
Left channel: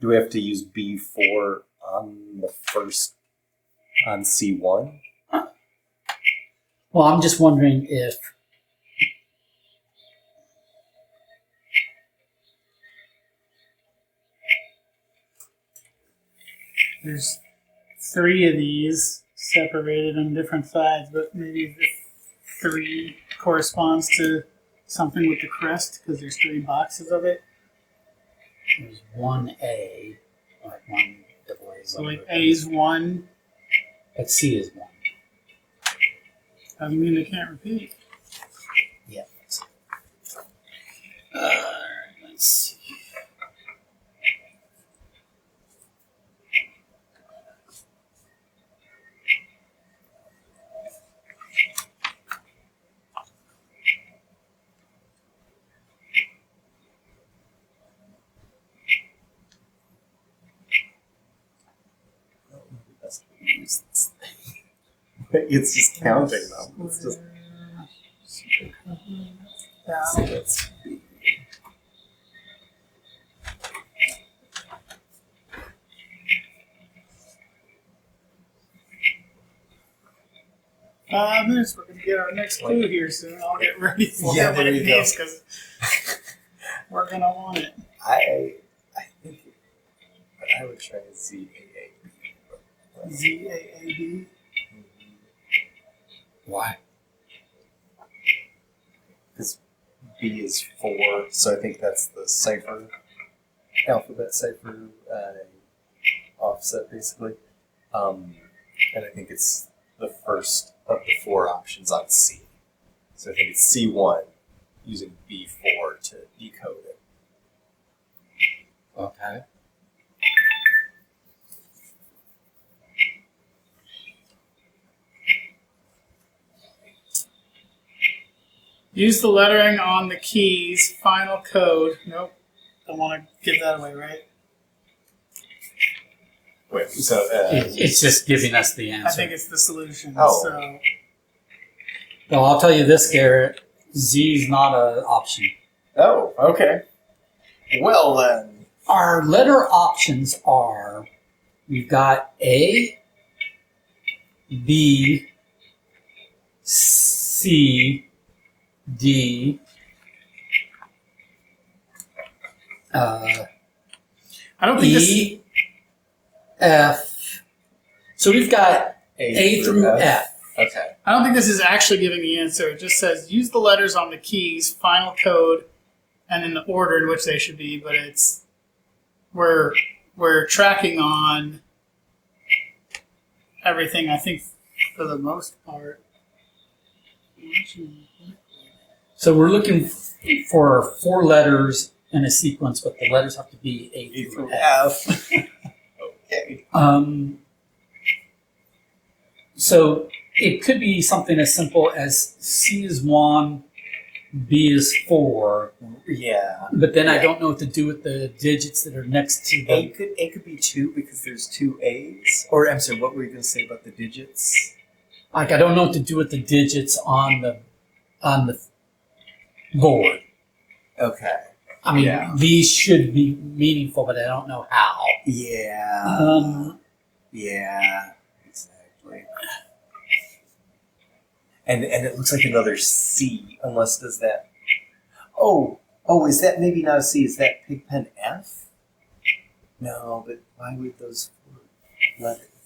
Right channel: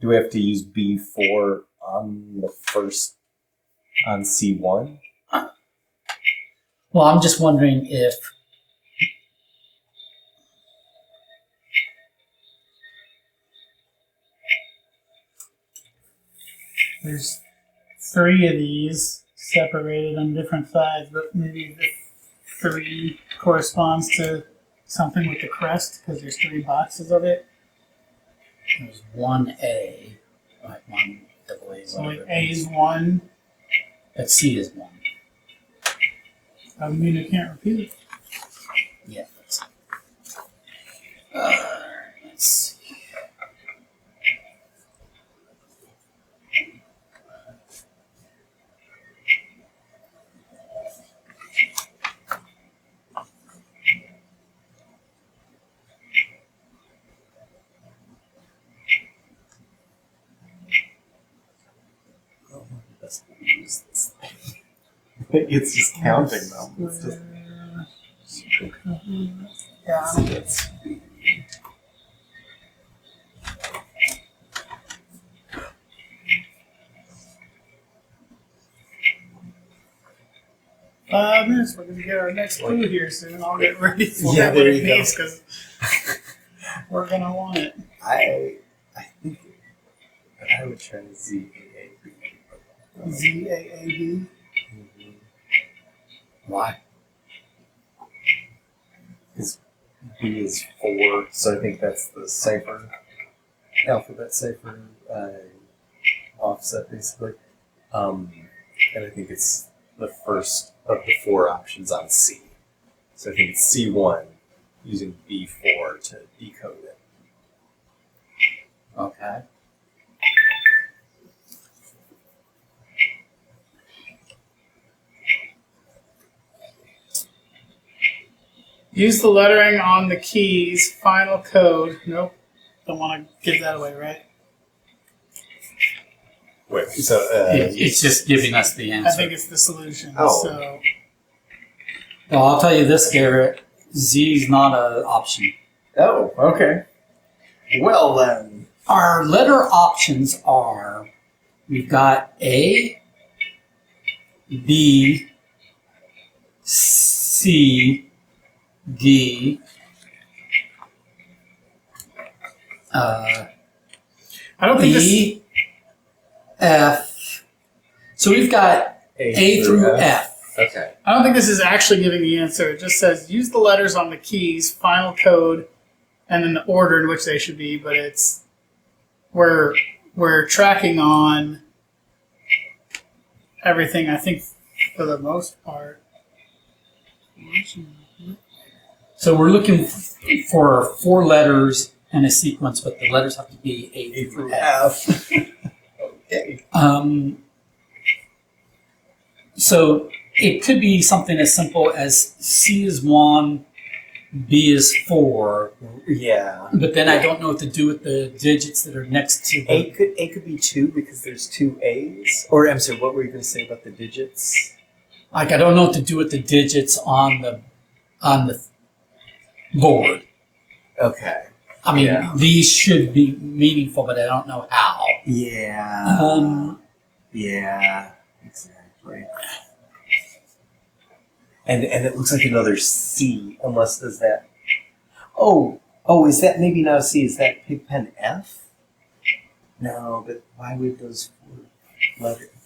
we have to use B4 on the first on C1? Well, I'm just wondering if There's 3 of these separated on different sides, but maybe the 3 corresponds to something with the crest because there's 3 boxes of it. there's one A, like one double A. So like A is 1. But C is 1. I mean, I can't repeat. Yeah. Alright, let's see. It's just counting them. It's just Yeah. that's Minutes. We're going to get our next clue here soon. I'll get ready for Yeah, it there when you it go. needs because we're going to want it. I think I would try ZAAB. ZAAB. Why? Because B is 4, so I think that's the cipher, alphabet cipher offset, basically. And I think it's the first of the 4 options on C. So I think it's C1 using B4 to decode it. Okay. Use the lettering on the keys. Final code. Nope. Don't want to give that away, right? Wait, so It's just giving us the answer. I think it's the solution. Oh. So Well, I'll tell you this, Garrett. Z is not an option. oh, okay. Well then, Our letter options are we've got A, B, C, D, I don't think this. E, F. So we've got A through F. Okay. I don't think this is actually giving the answer. It just says use the letters on the keys, final code, and then the order in which they should be. But it's we're tracking on everything. I think for the most part. So we're looking for 4 letters in a sequence, but the letters have to be A through F. F. Okay. So it could be something as simple as C is 1, B is 4, Yeah. but then I don't know what to do with the digits that are next to A the. could be 2 because there's 2 A's. Or I'm sorry, what were you going to say about the digits? Like I don't know what to do with the digits on the board. Okay. I mean, Yeah. these should be meaningful, but I don't know how. Yeah. Yeah. Exactly. And it looks like another C, unless does that. Oh, is that maybe not a C? Is that Pigpen F? No, but why would those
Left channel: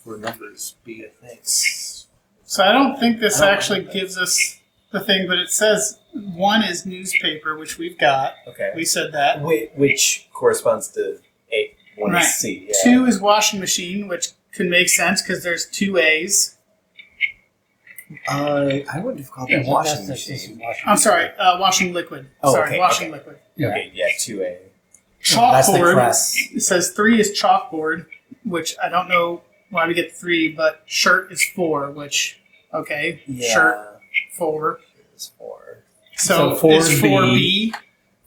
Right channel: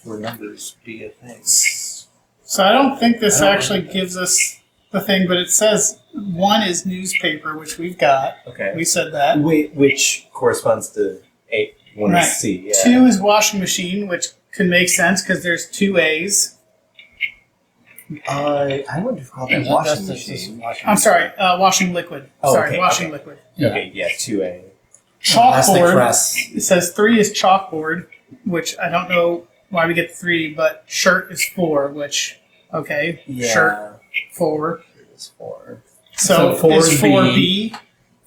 4 numbers be a thing? So I don't think this actually gives us the thing, but it says 1 is newspaper, which we've got. Okay. We said that. Which corresponds to A. 1 Right. is C. Yeah. 2 is washing machine, which could make sense because there's 2 A's. I wouldn't have called that Yeah, washing that's machine. I'm sorry, washing liquid. Oh, Sorry, okay, washing okay. liquid. Yeah. Okay, yeah, 2A. That's the Chalkboard. crest. It says 3 is chalkboard, which I don't know why we get 3, but shirt is 4, which, okay, Yeah. shirt 4. It's 4. So, So 4 is is 4B.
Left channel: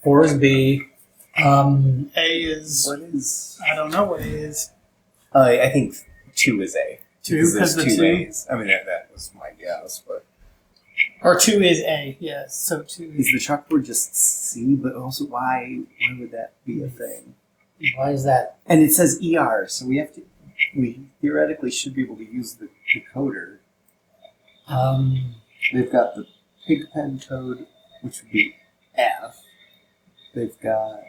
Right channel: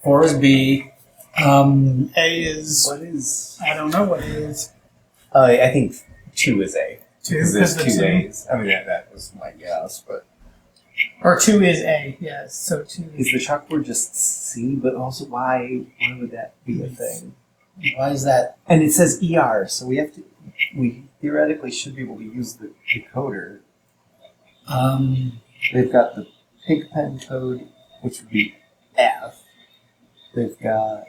4 is B. A is, What is? I don't know what it is. I think 2 is A. 2 2 Because because there's the two 2. A's. I mean, that was my guess, but Or 2 is A, yes. So 2 is the chalkboard just C? But also, why would that be a thing? Why is that? And it says ER, so we theoretically should be able to use the decoder. They've got the Pigpen code, which would be F. They've got,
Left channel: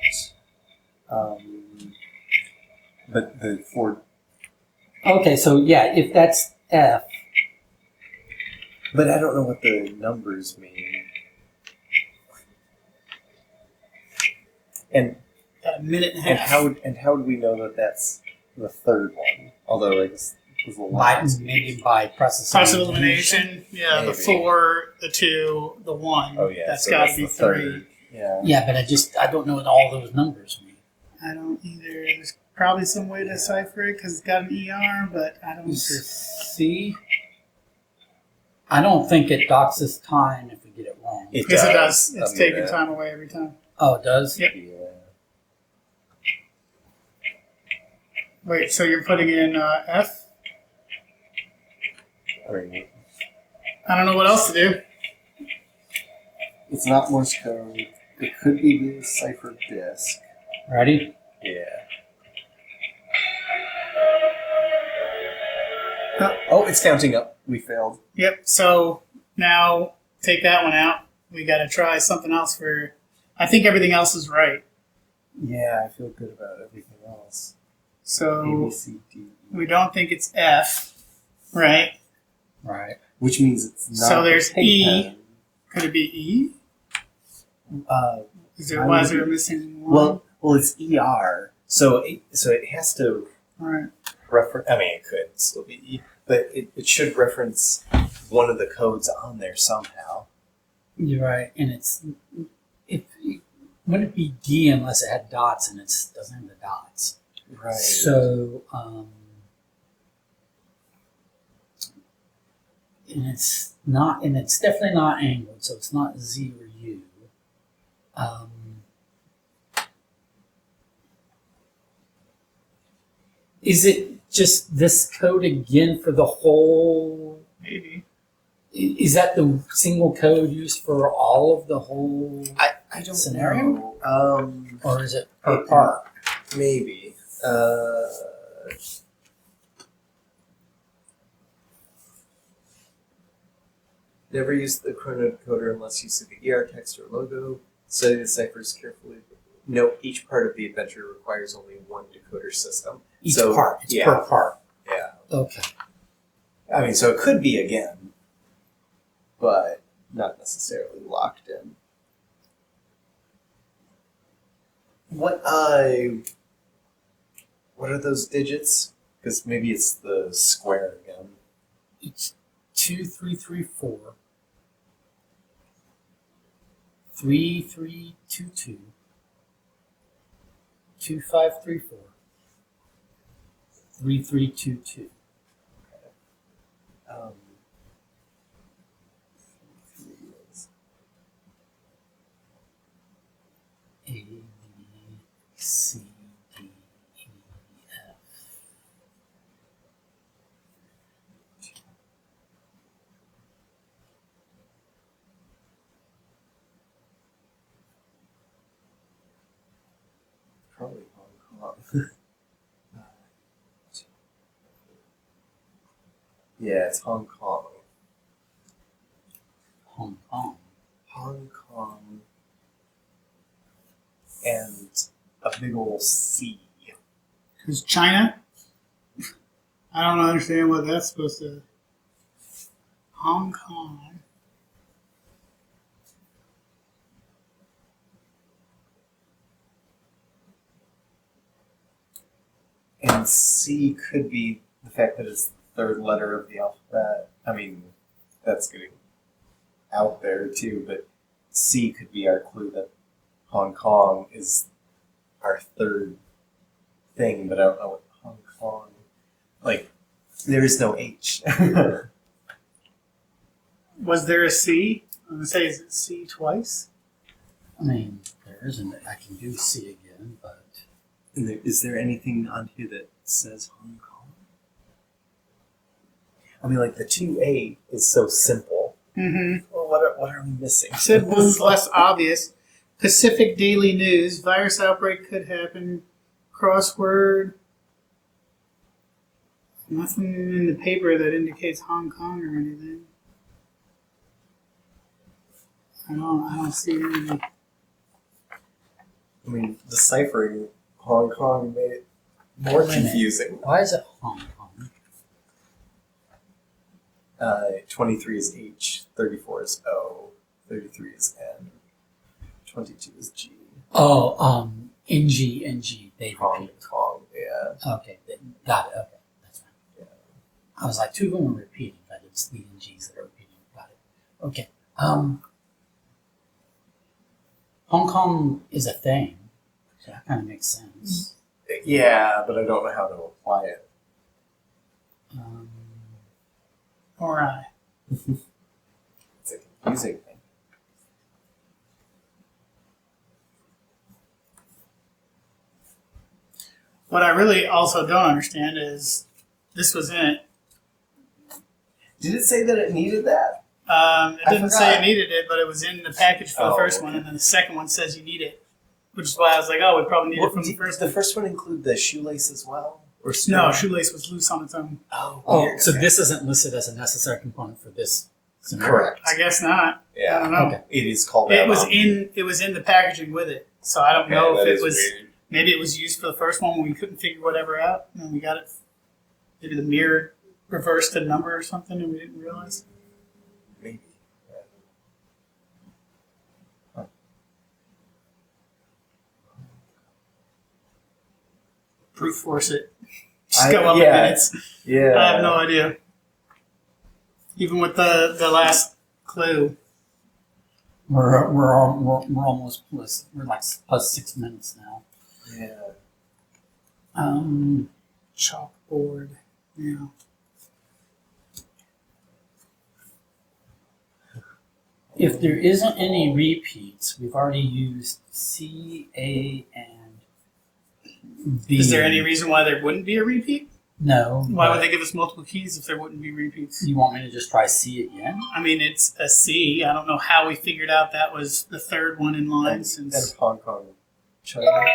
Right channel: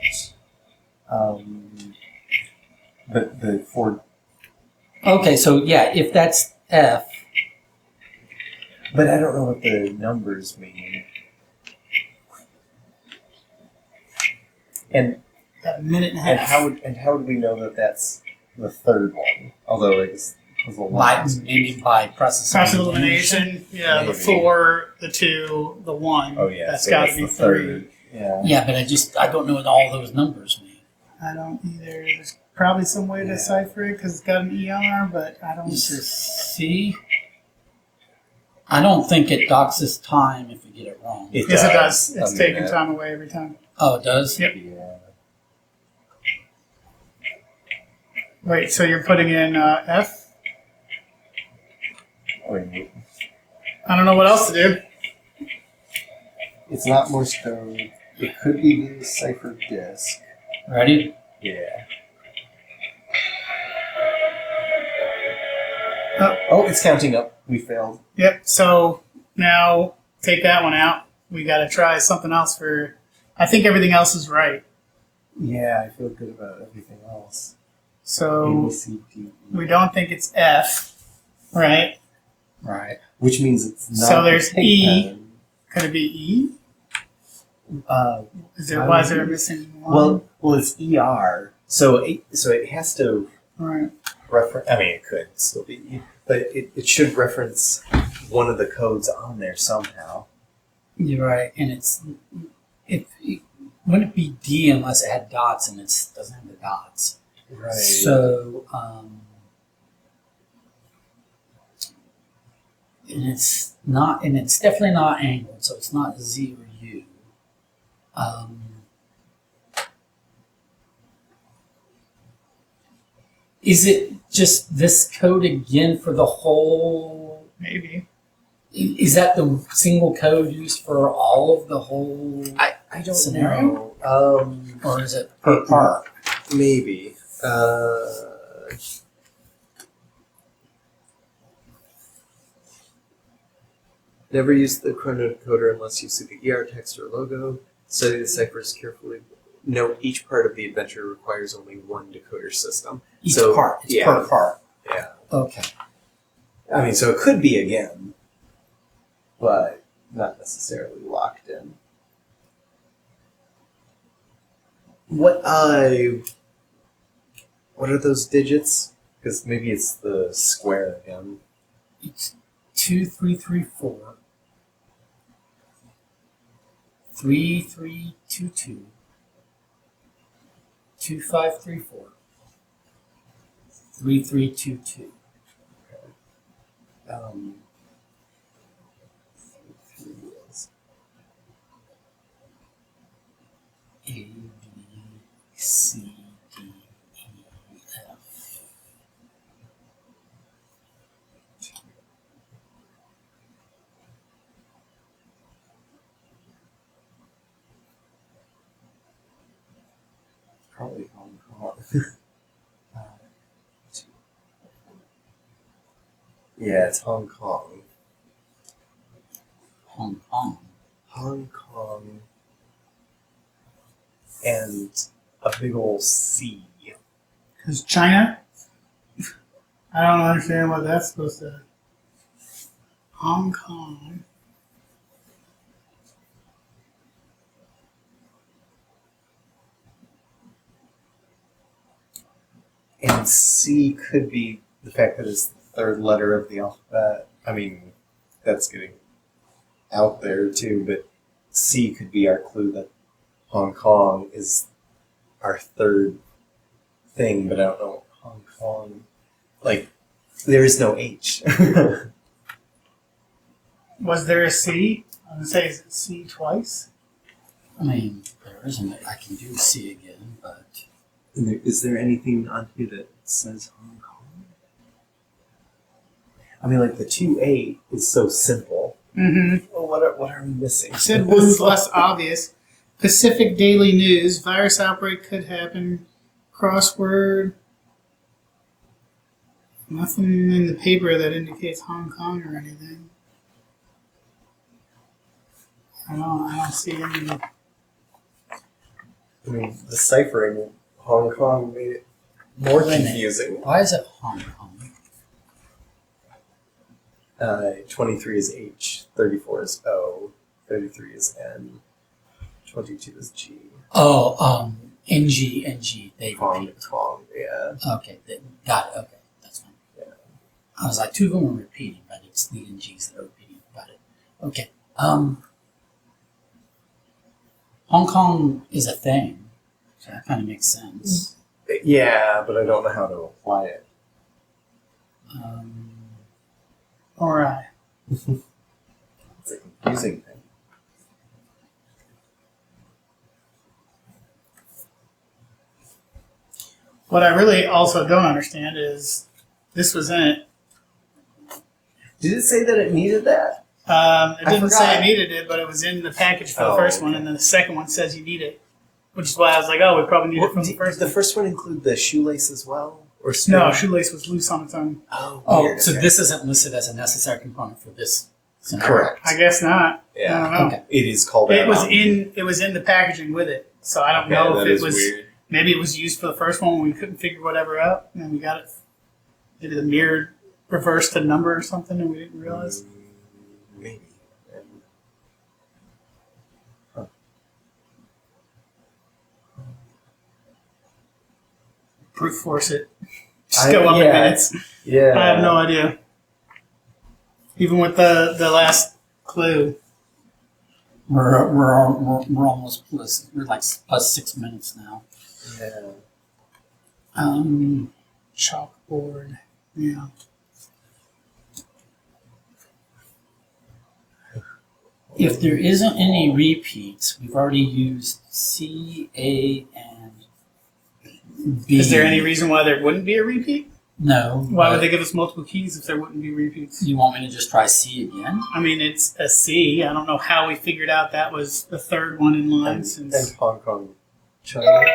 but the four. Okay, so yeah, if that's F, But I don't know what the numbers mean. And got a minute and a half. how would we know that that's the third one? Although I guess it was a by lot. maybe by process Process of elimination. Yeah, the Maybe. 4, the 2, the 1. Oh yeah, That's so got that's to be the 3. third. Yeah. Yeah, but I don't know what all those numbers mean. I don't either. There's probably some way to decipher it because it's got an ER, but I don't. This is C. I don't think it docks us time if we get it wrong. It Yes, it does. does. It's A taking minute. time away every time. Oh, it does? Yep. Yeah. Wait, so you're putting in F? I mean, I don't know what else to do. it's not Morse code. It could be the cipher disk. Ready? Yeah. Oh, it's counting up. We failed. Yep, so now take that one out. We got to try something else for. I think everything else is right. Yeah, I feel good about everything else. A, So B, C, D, E. we don't think it's F, right? Right. Which means it's not. So the there's pig E. pen. Could it be E? Is there, Why why would is there it be? missing one? Well, it's ER. So it has to Right. reference. I mean, it could still be E, but it should reference one of the codes on there somehow. You're right. And wouldn't it be D unless it had dots and it doesn't have the dots. Right. So, and it's definitely not angled, so it's not Z or U. Is it just this code again for the whole? Maybe. Is that the single code used for all of the whole I don't scenario? know. Or is it per part? Maybe. Never use the chrono decoder unless you see the ER text or logo. Study the ciphers carefully. Note each part of the adventure requires only one decoder system. Each So, part. It's yeah. per part. Yeah. Okay. I mean, so it could be again, but not necessarily locked in. What are those digits? Because maybe it's the square again. It's 2334 3322 2534 3322. A B C D E F. Probably Hong Kong. Yeah, it's Hong Kong. Hong Kong. Hong Kong and a big ol' C. Because China? I don't understand what that's supposed to. Hong Kong. And C could be the fact that it's the third letter of the alphabet. I mean, that's getting out there too, but C could be our clue that Hong Kong is our third thing, but I don't know what Hong Kong. Like, there is no H. Was there a C? I'm going to say, is it C twice? I mean, there isn't. I can do C again, but Is there anything on here that says Hong Kong? I mean, like the 2A is so simple. Mm-hmm. Well, what are we missing? Said one's less obvious. Pacific Daily News. Virus outbreak could happen. Crossword. Nothing in the paper that indicates Hong Kong or anything. I don't see any. I mean, deciphering Hong Kong made it more confusing. Why is it Hong Kong? 23 is H, 34 is O, 33 is N, 22 is G. Oh, NG, they Kong, repeat. Kong, yeah. Okay, got it. Okay, that's fine. Yeah. I was like, two of them are repeating, but it's the NGs that are repeating. Got it. Okay. Hong Kong is a thing, so that kind of makes sense. Yeah, but I don't know how to apply it. Or I. It's a confusing thing. What I really also don't understand is this was in it. Did it say that it needed that? It I didn't say forgot. it needed it, but it was in the package for the Oh, first one, okay. and then the second one says you need it, which is why I was like, oh, we probably need it from the Did first the one. first one include the shoelace as well? Or No, shoelace was loose on its own. Oh, Oh, weird, so okay. this isn't listed as a necessary component for this scenario. Correct. I guess not. I Yeah. don't know. Okay. It is called It out. was in the packaging with it, so I don't Okay, know that if it is was weird. maybe it was used for the first one when we couldn't figure whatever out, and then we got it. Maybe the mirror reversed a number or something, and we didn't realize. Maybe. Brute force it. Just go on the yeah. minutes. Yeah. I have no idea. Even with the last clue. We're almost plus, we're like plus 6 minutes now. Yeah. Chalkboard. Yeah. If there isn't any repeats, we've already used C, A, and B. Is there any reason why there wouldn't be a repeat? No. Why but would they give us multiple keys if there wouldn't be repeats? You want me to just try C again? I mean, it's a C. I don't know how we figured out that was the third one in line And since. Hong Kong, China.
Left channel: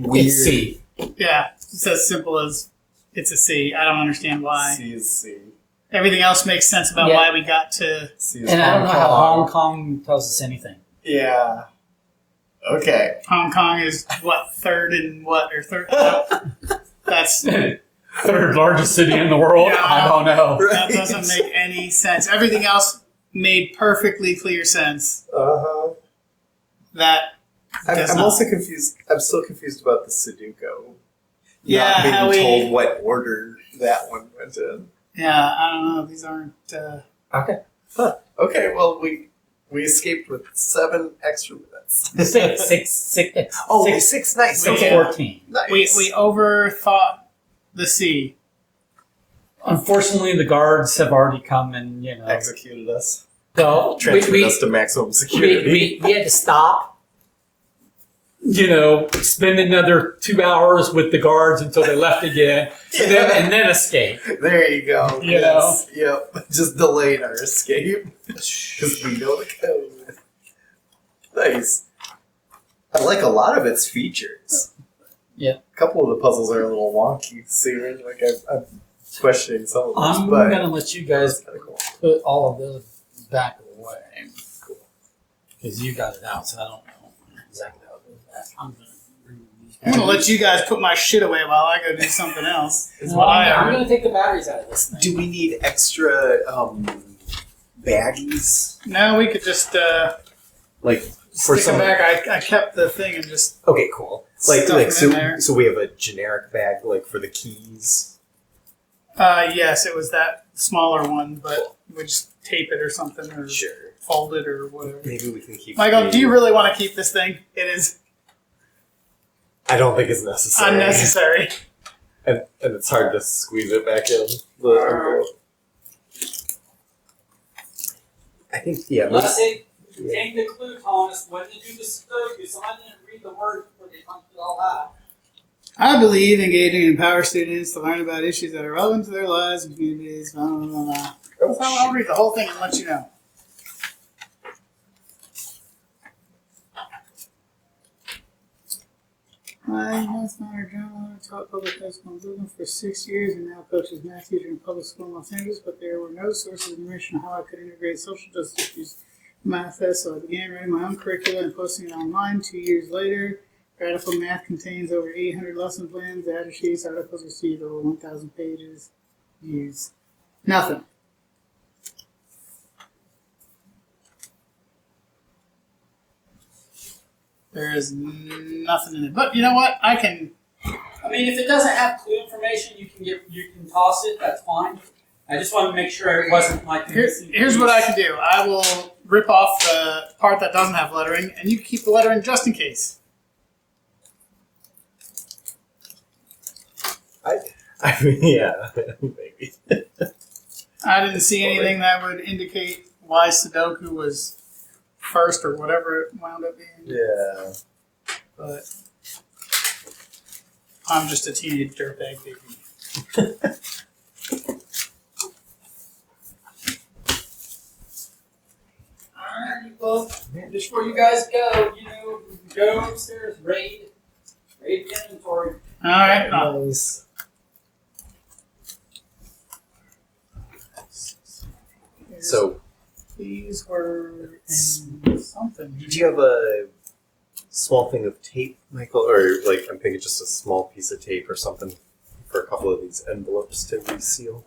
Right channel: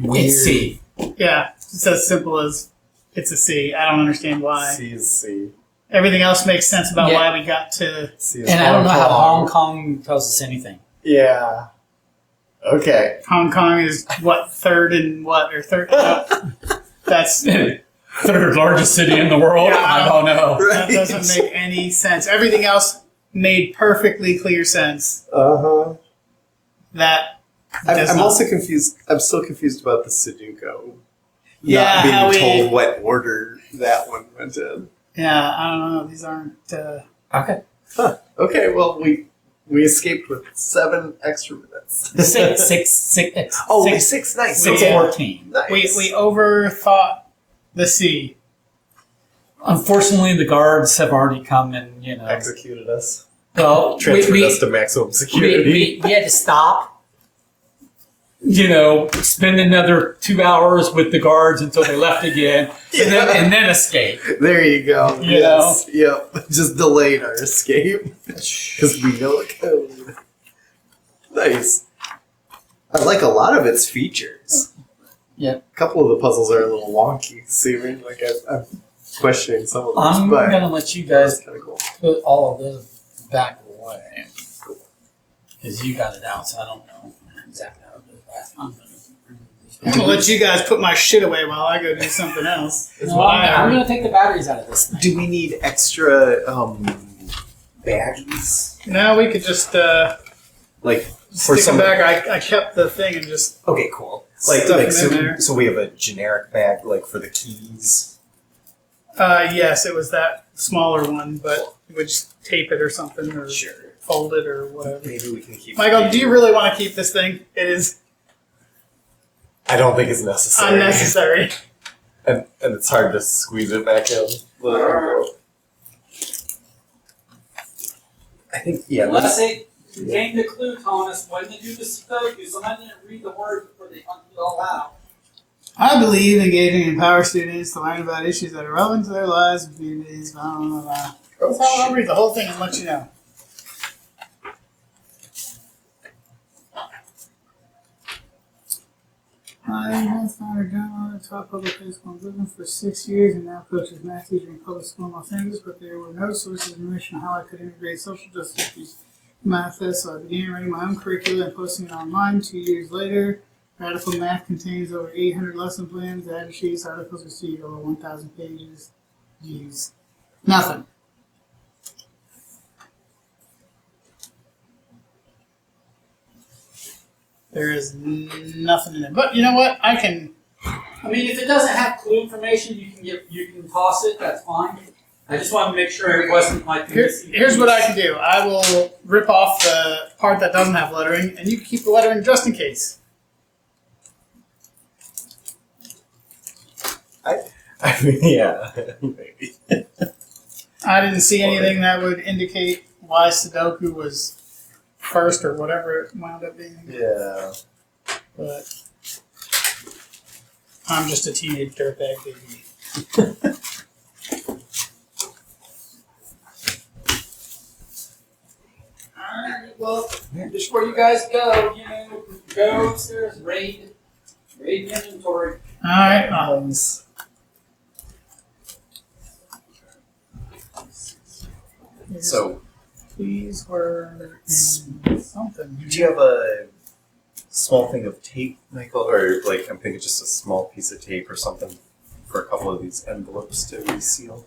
It's C. Yeah, it's as simple as it's a C. I don't understand why. C is C. Everything else makes sense about Yeah. why we got to. C is And I don't know how Kong. Hong Kong tells us anything. Yeah. Okay. Hong Kong is what, third and what? Or third? Nope. That's. Third largest city in the world? Yeah. I don't know. That doesn't make any sense. Everything else made perfectly clear sense. Uh-huh. That does I'm not. also confused. I'm still confused about the Sudoku. Yeah, how Not we- being told what order that one went in. Yeah, I don't know. These aren't. Okay. Huh. Okay, well, we escaped with 7 extra minutes. Six. Oh, six, 6. Nice. 6:14. Nice. We overthought the C. Unfortunately, the guards have already come and, executed us. well, Transferred us to maximum security. we had to stop, spend another 2 hours with the guards until they left again, and then escape. There you go. You Yes. Yep. Just delayed our escape because we know the code. Nice. I like a lot of its features. Yep. A couple of the puzzles are a little wonky. See, like I'm questioning some of those, I'm but going to let you that's guys kind of cool. put all of this back away. Because you got it out, so I don't know exactly how it goes back. I'm going to remove these. I'm gonna let you guys put my shit away while I go do something else. Is No, what I'm I going to take the batteries out of this thing. Do we need extra baggies? No, we could just Like stick them back. I kept the thing and just. Okay, cool. Like Stuff them so, in there. so we have a generic bag like for the keys. Yes, it was that smaller one, but we would just tape it or something, or Sure. fold it or whatever. Maybe we can keep. Michael, do you really want to keep this thing? It is I don't think it's necessary. unnecessary. And it's hard to squeeze it back in. The envelope. I think Unless they contained the clue telling us when to do the Sudoku, so I didn't read the words before they punched it all out. I believe engaging in empower students to learn about issues that are relevant to their lives and communities. Blah, blah, blah, blah. That's how I'll read the whole thing and let you know. My grandfather John taught public high school in Brooklyn for 6 years and now coaches math teacher in public school in Los Angeles, but there were no sources of information on how I could integrate social justice issues in math, so I began writing my own curricula and posting it online. 2 years later, Radical Math contains over 800 lesson plans, data sheets, articles received over 1,000 pages. Views. Nothing. There is nothing in it. But you know what? I mean, if it doesn't have clue information, you can toss it. That's fine. I just wanted to make sure it wasn't like here's what I can do. I will rip off the part that doesn't have lettering, and you can keep the lettering just in case. I mean, yeah, maybe. I didn't see anything that would indicate why Sudoku was first or whatever it wound up being. Yeah. But I'm just a teenage dirtbag baby. Alright, well, before you guys go, go upstairs, raid the inventory. Alright. Nice. So, these were in something. do you have a small thing of tape, Michael? Or, like, I'm thinking just a small piece of tape or something for a couple of these envelopes to reseal?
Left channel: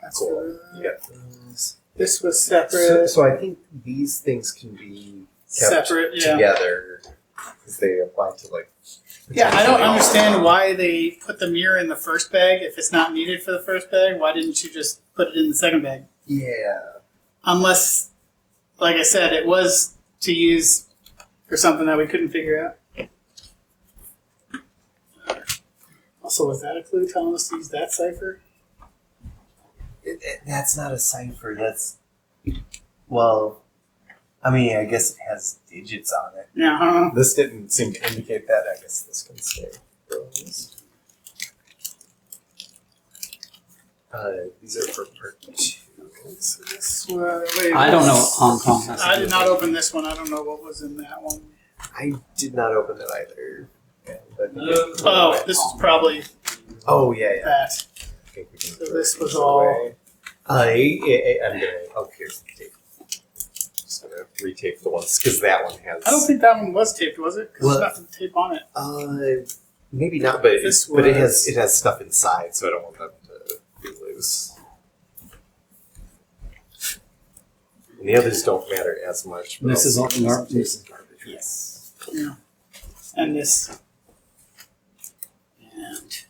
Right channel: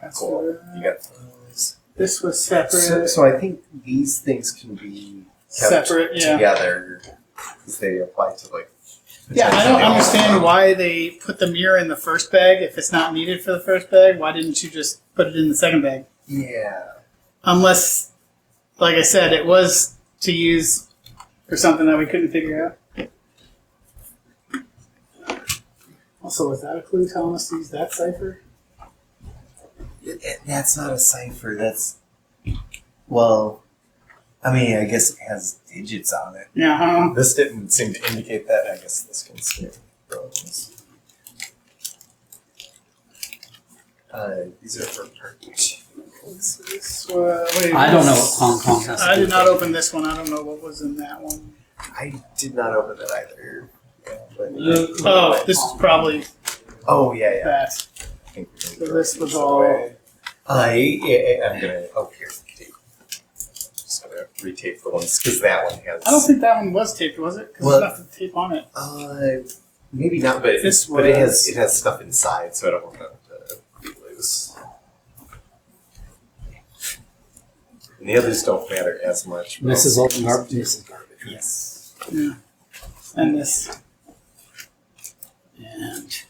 That's Cool. You got those. this was separate. So I think these things can be kept Separate, yeah. together because they apply to, like, Yeah, I don't potentially all understand of why they put the mirror in the first bag if it's not needed for the first bag. Why didn't you just put it in the second bag? them. Yeah. Unless, like I said, it was to use for something that we couldn't figure out. Also, was that a clue telling us to use that cipher? That's not a cipher. That's, well, I mean, I guess it has digits on it. Yeah. This didn't seem to indicate that. I guess this can stay. These are for part 2. So this wait, I don't know what Hong Kong has to I do did with not it. open this one. I don't know what was in that one. I did not open that either. Yeah, but Oh, this is probably oh yeah. that. I think we can So throw this was these all- away. I'm gonna. Oh, here's the tape. Just gonna retape the ones because that one has. I don't think that one was taped, was it? Because What? there's nothing tape on it. Maybe not, but This but it was- has stuff inside, so I don't want that to be loose. And the others don't matter as much. but This is all I'll- garbage. This is garbage. Yes. Yeah. And this. And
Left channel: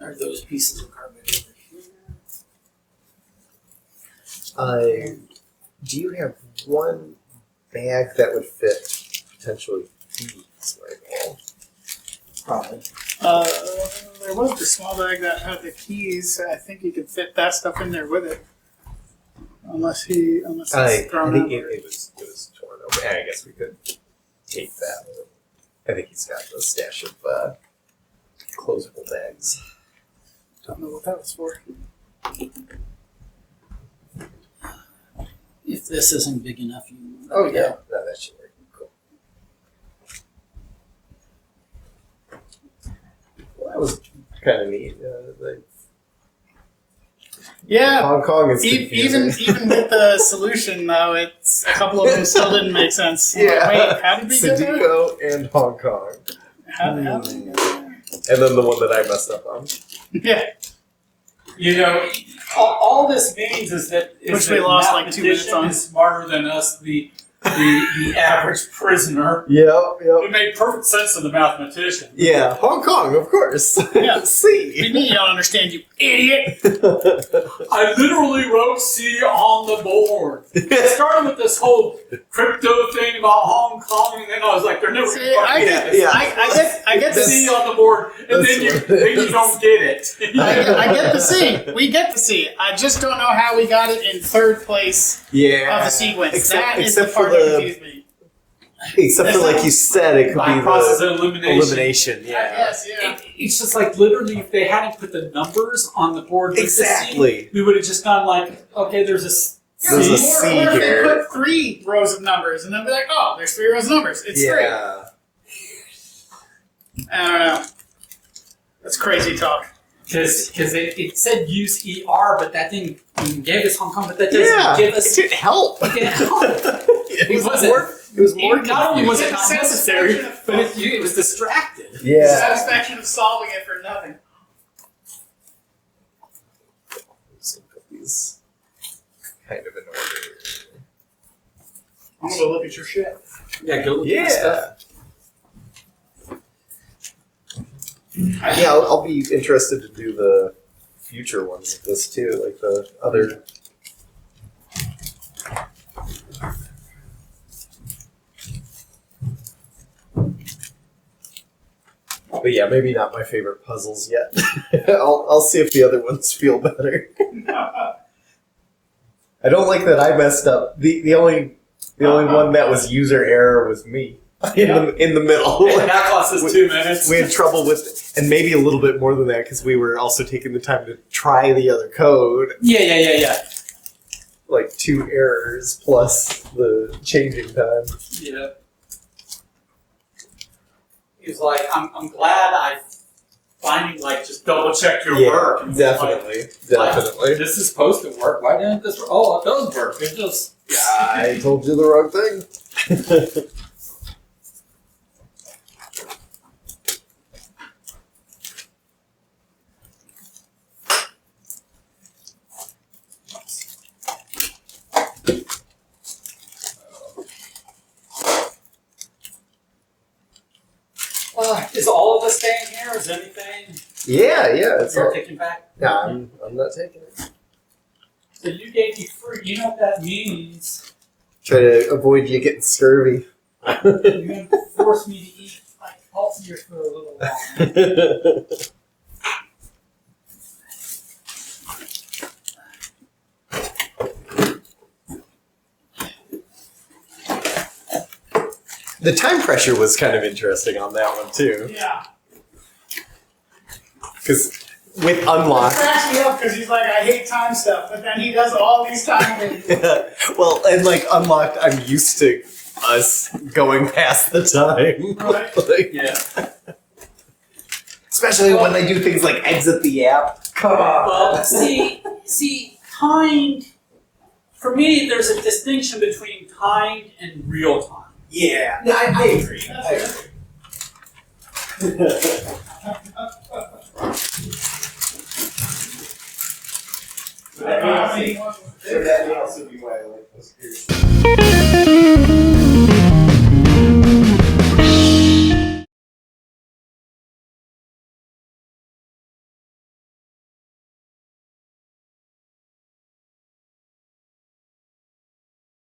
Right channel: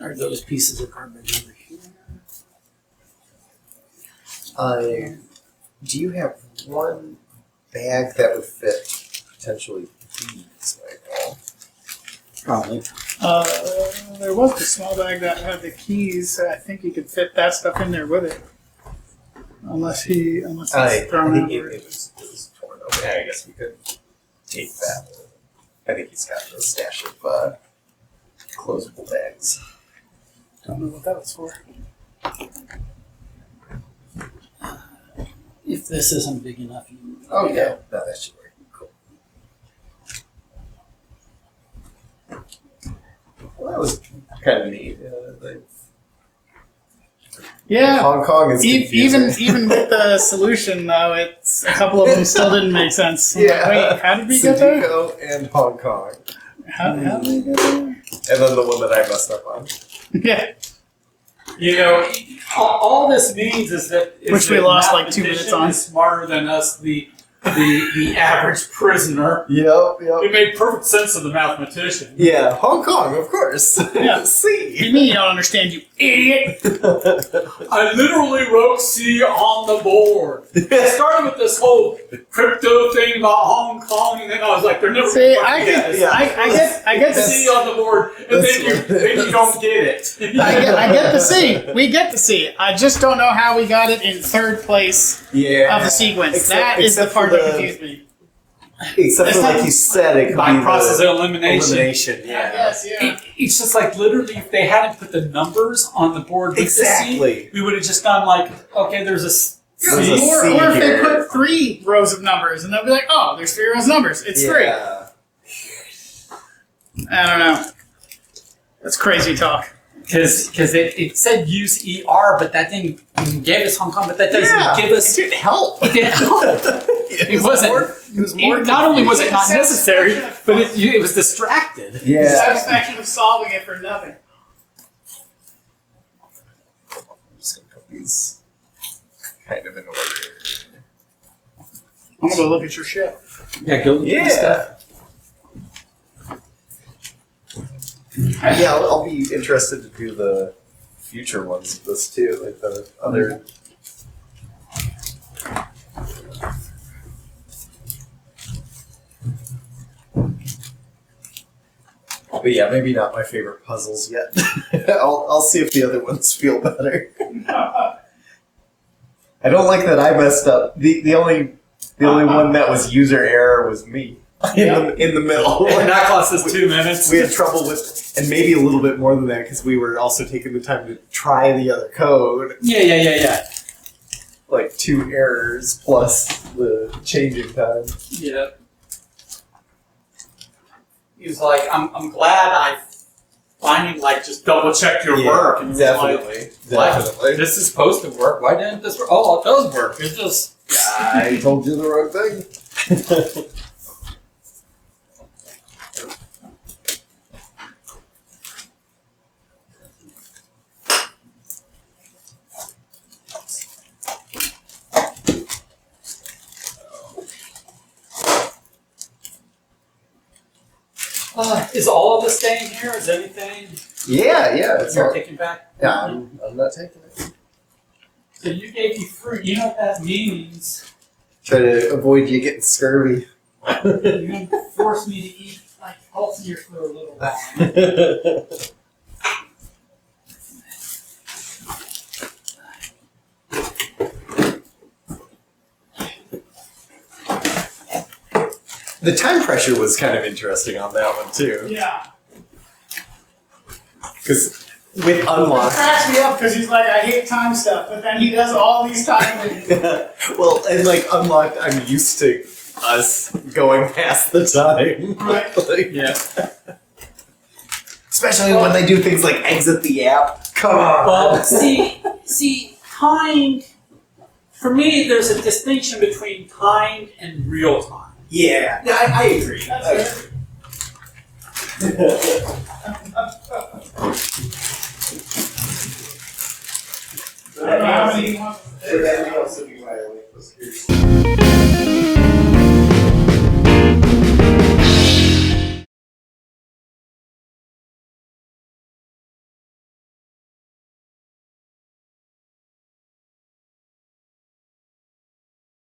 are those pieces of garbage over here? Do you have one bag that would fit potentially these, Michael? Probably. There was the small bag that had the keys. I think you could fit that stuff in there with it. Unless it's I thrown think out. it was torn open. I guess we could tape that. I think he's got a stash of closable bags. Don't know what that was for. If this isn't big enough, you. Oh yeah, no, that should work. Cool. Well, that was kind of neat. Yeah. Hong Kong is Even confusing. even with the solution, though, it's a couple of them still didn't make sense. I'm like, Yeah. wait, how did we get there? Sudoku and Hong Kong, How did we get there? and then the one that I messed up on. Yeah. All this means is that Which we lost like 2 minutes on. Is smarter than us, the average prisoner. Yep. It made perfect sense to the mathematician. Yeah, Hong Kong, of course. Yeah. C. You mean you don't understand, you idiot? I literally wrote C on the board. I started with this whole crypto thing about Hong Kong, and then I was like, they're never See, gonna I get get, this. I get the C C. on the board, and That's then you what- don't get it. I get the C. We get the C. I just don't know how we got it in third place Yeah. of the sequence. Except- That is the except for part that confused me. Except It's for not- like you said, it could By be process the of elimination. elimination. Yeah. Yes, yeah. It's just like literally, if they hadn't put the numbers on the board with Exactly. the C, we would have just gone like, okay, there's a Yeah, There's a C. C or if they here. put 3 rows of numbers, and they'll be like, oh, there's 3 rows of numbers. It's 3. Yeah. I don't know. That's crazy talk. Because it said use ER, but that didn't gave us Hong Kong, but that doesn't give us. It didn't help. It didn't help. It wasn't- It was more. Not only was it not Satisfaction necessary, of but it was distracted. The Yeah. satisfaction of solving it for nothing. I'm just gonna put these kind of in order. I'm gonna go look at your shit. Yeah, go look at my stuff. Yeah, I'll be interested to do the future ones of this too, like the other. But yeah, maybe not my favorite puzzles yet. I'll see if the other ones feel better. I don't like that I messed up. The only one that was user error was me in the middle. And that cost us 2 minutes. We had trouble with, and maybe a little bit more than that, because we were also taking the time to try the other code. Yeah. Like 2 errors plus the changing time. Yeah. He was like, I'm glad I finally like just double checked your work. And was definitely. Like, this is supposed to work. Why didn't this work? Oh, it does work. It just. I told you the wrong thing. Is all of this staying here? Is anything Yeah, it's you're all. taking back? Yeah, I'm not taking it. So you gave me fruit. You know what that means? Try to avoid you getting scurvy. You're going to force me to eat like healthier for a little while. The time pressure was kind of interesting on that one too, Yeah. because with It unlock. cracks me up because he's like, I hate time stuff, but then he does all these time things. Well, and like unlocked, I'm used to us going past the time. Right. Like, Yeah. especially when they do things like exit the app. Come on. Well, see, timed. For me, there's a distinction between timed and real time. Yeah, I agree. That's I it. I don't know how many he wants to Would that be also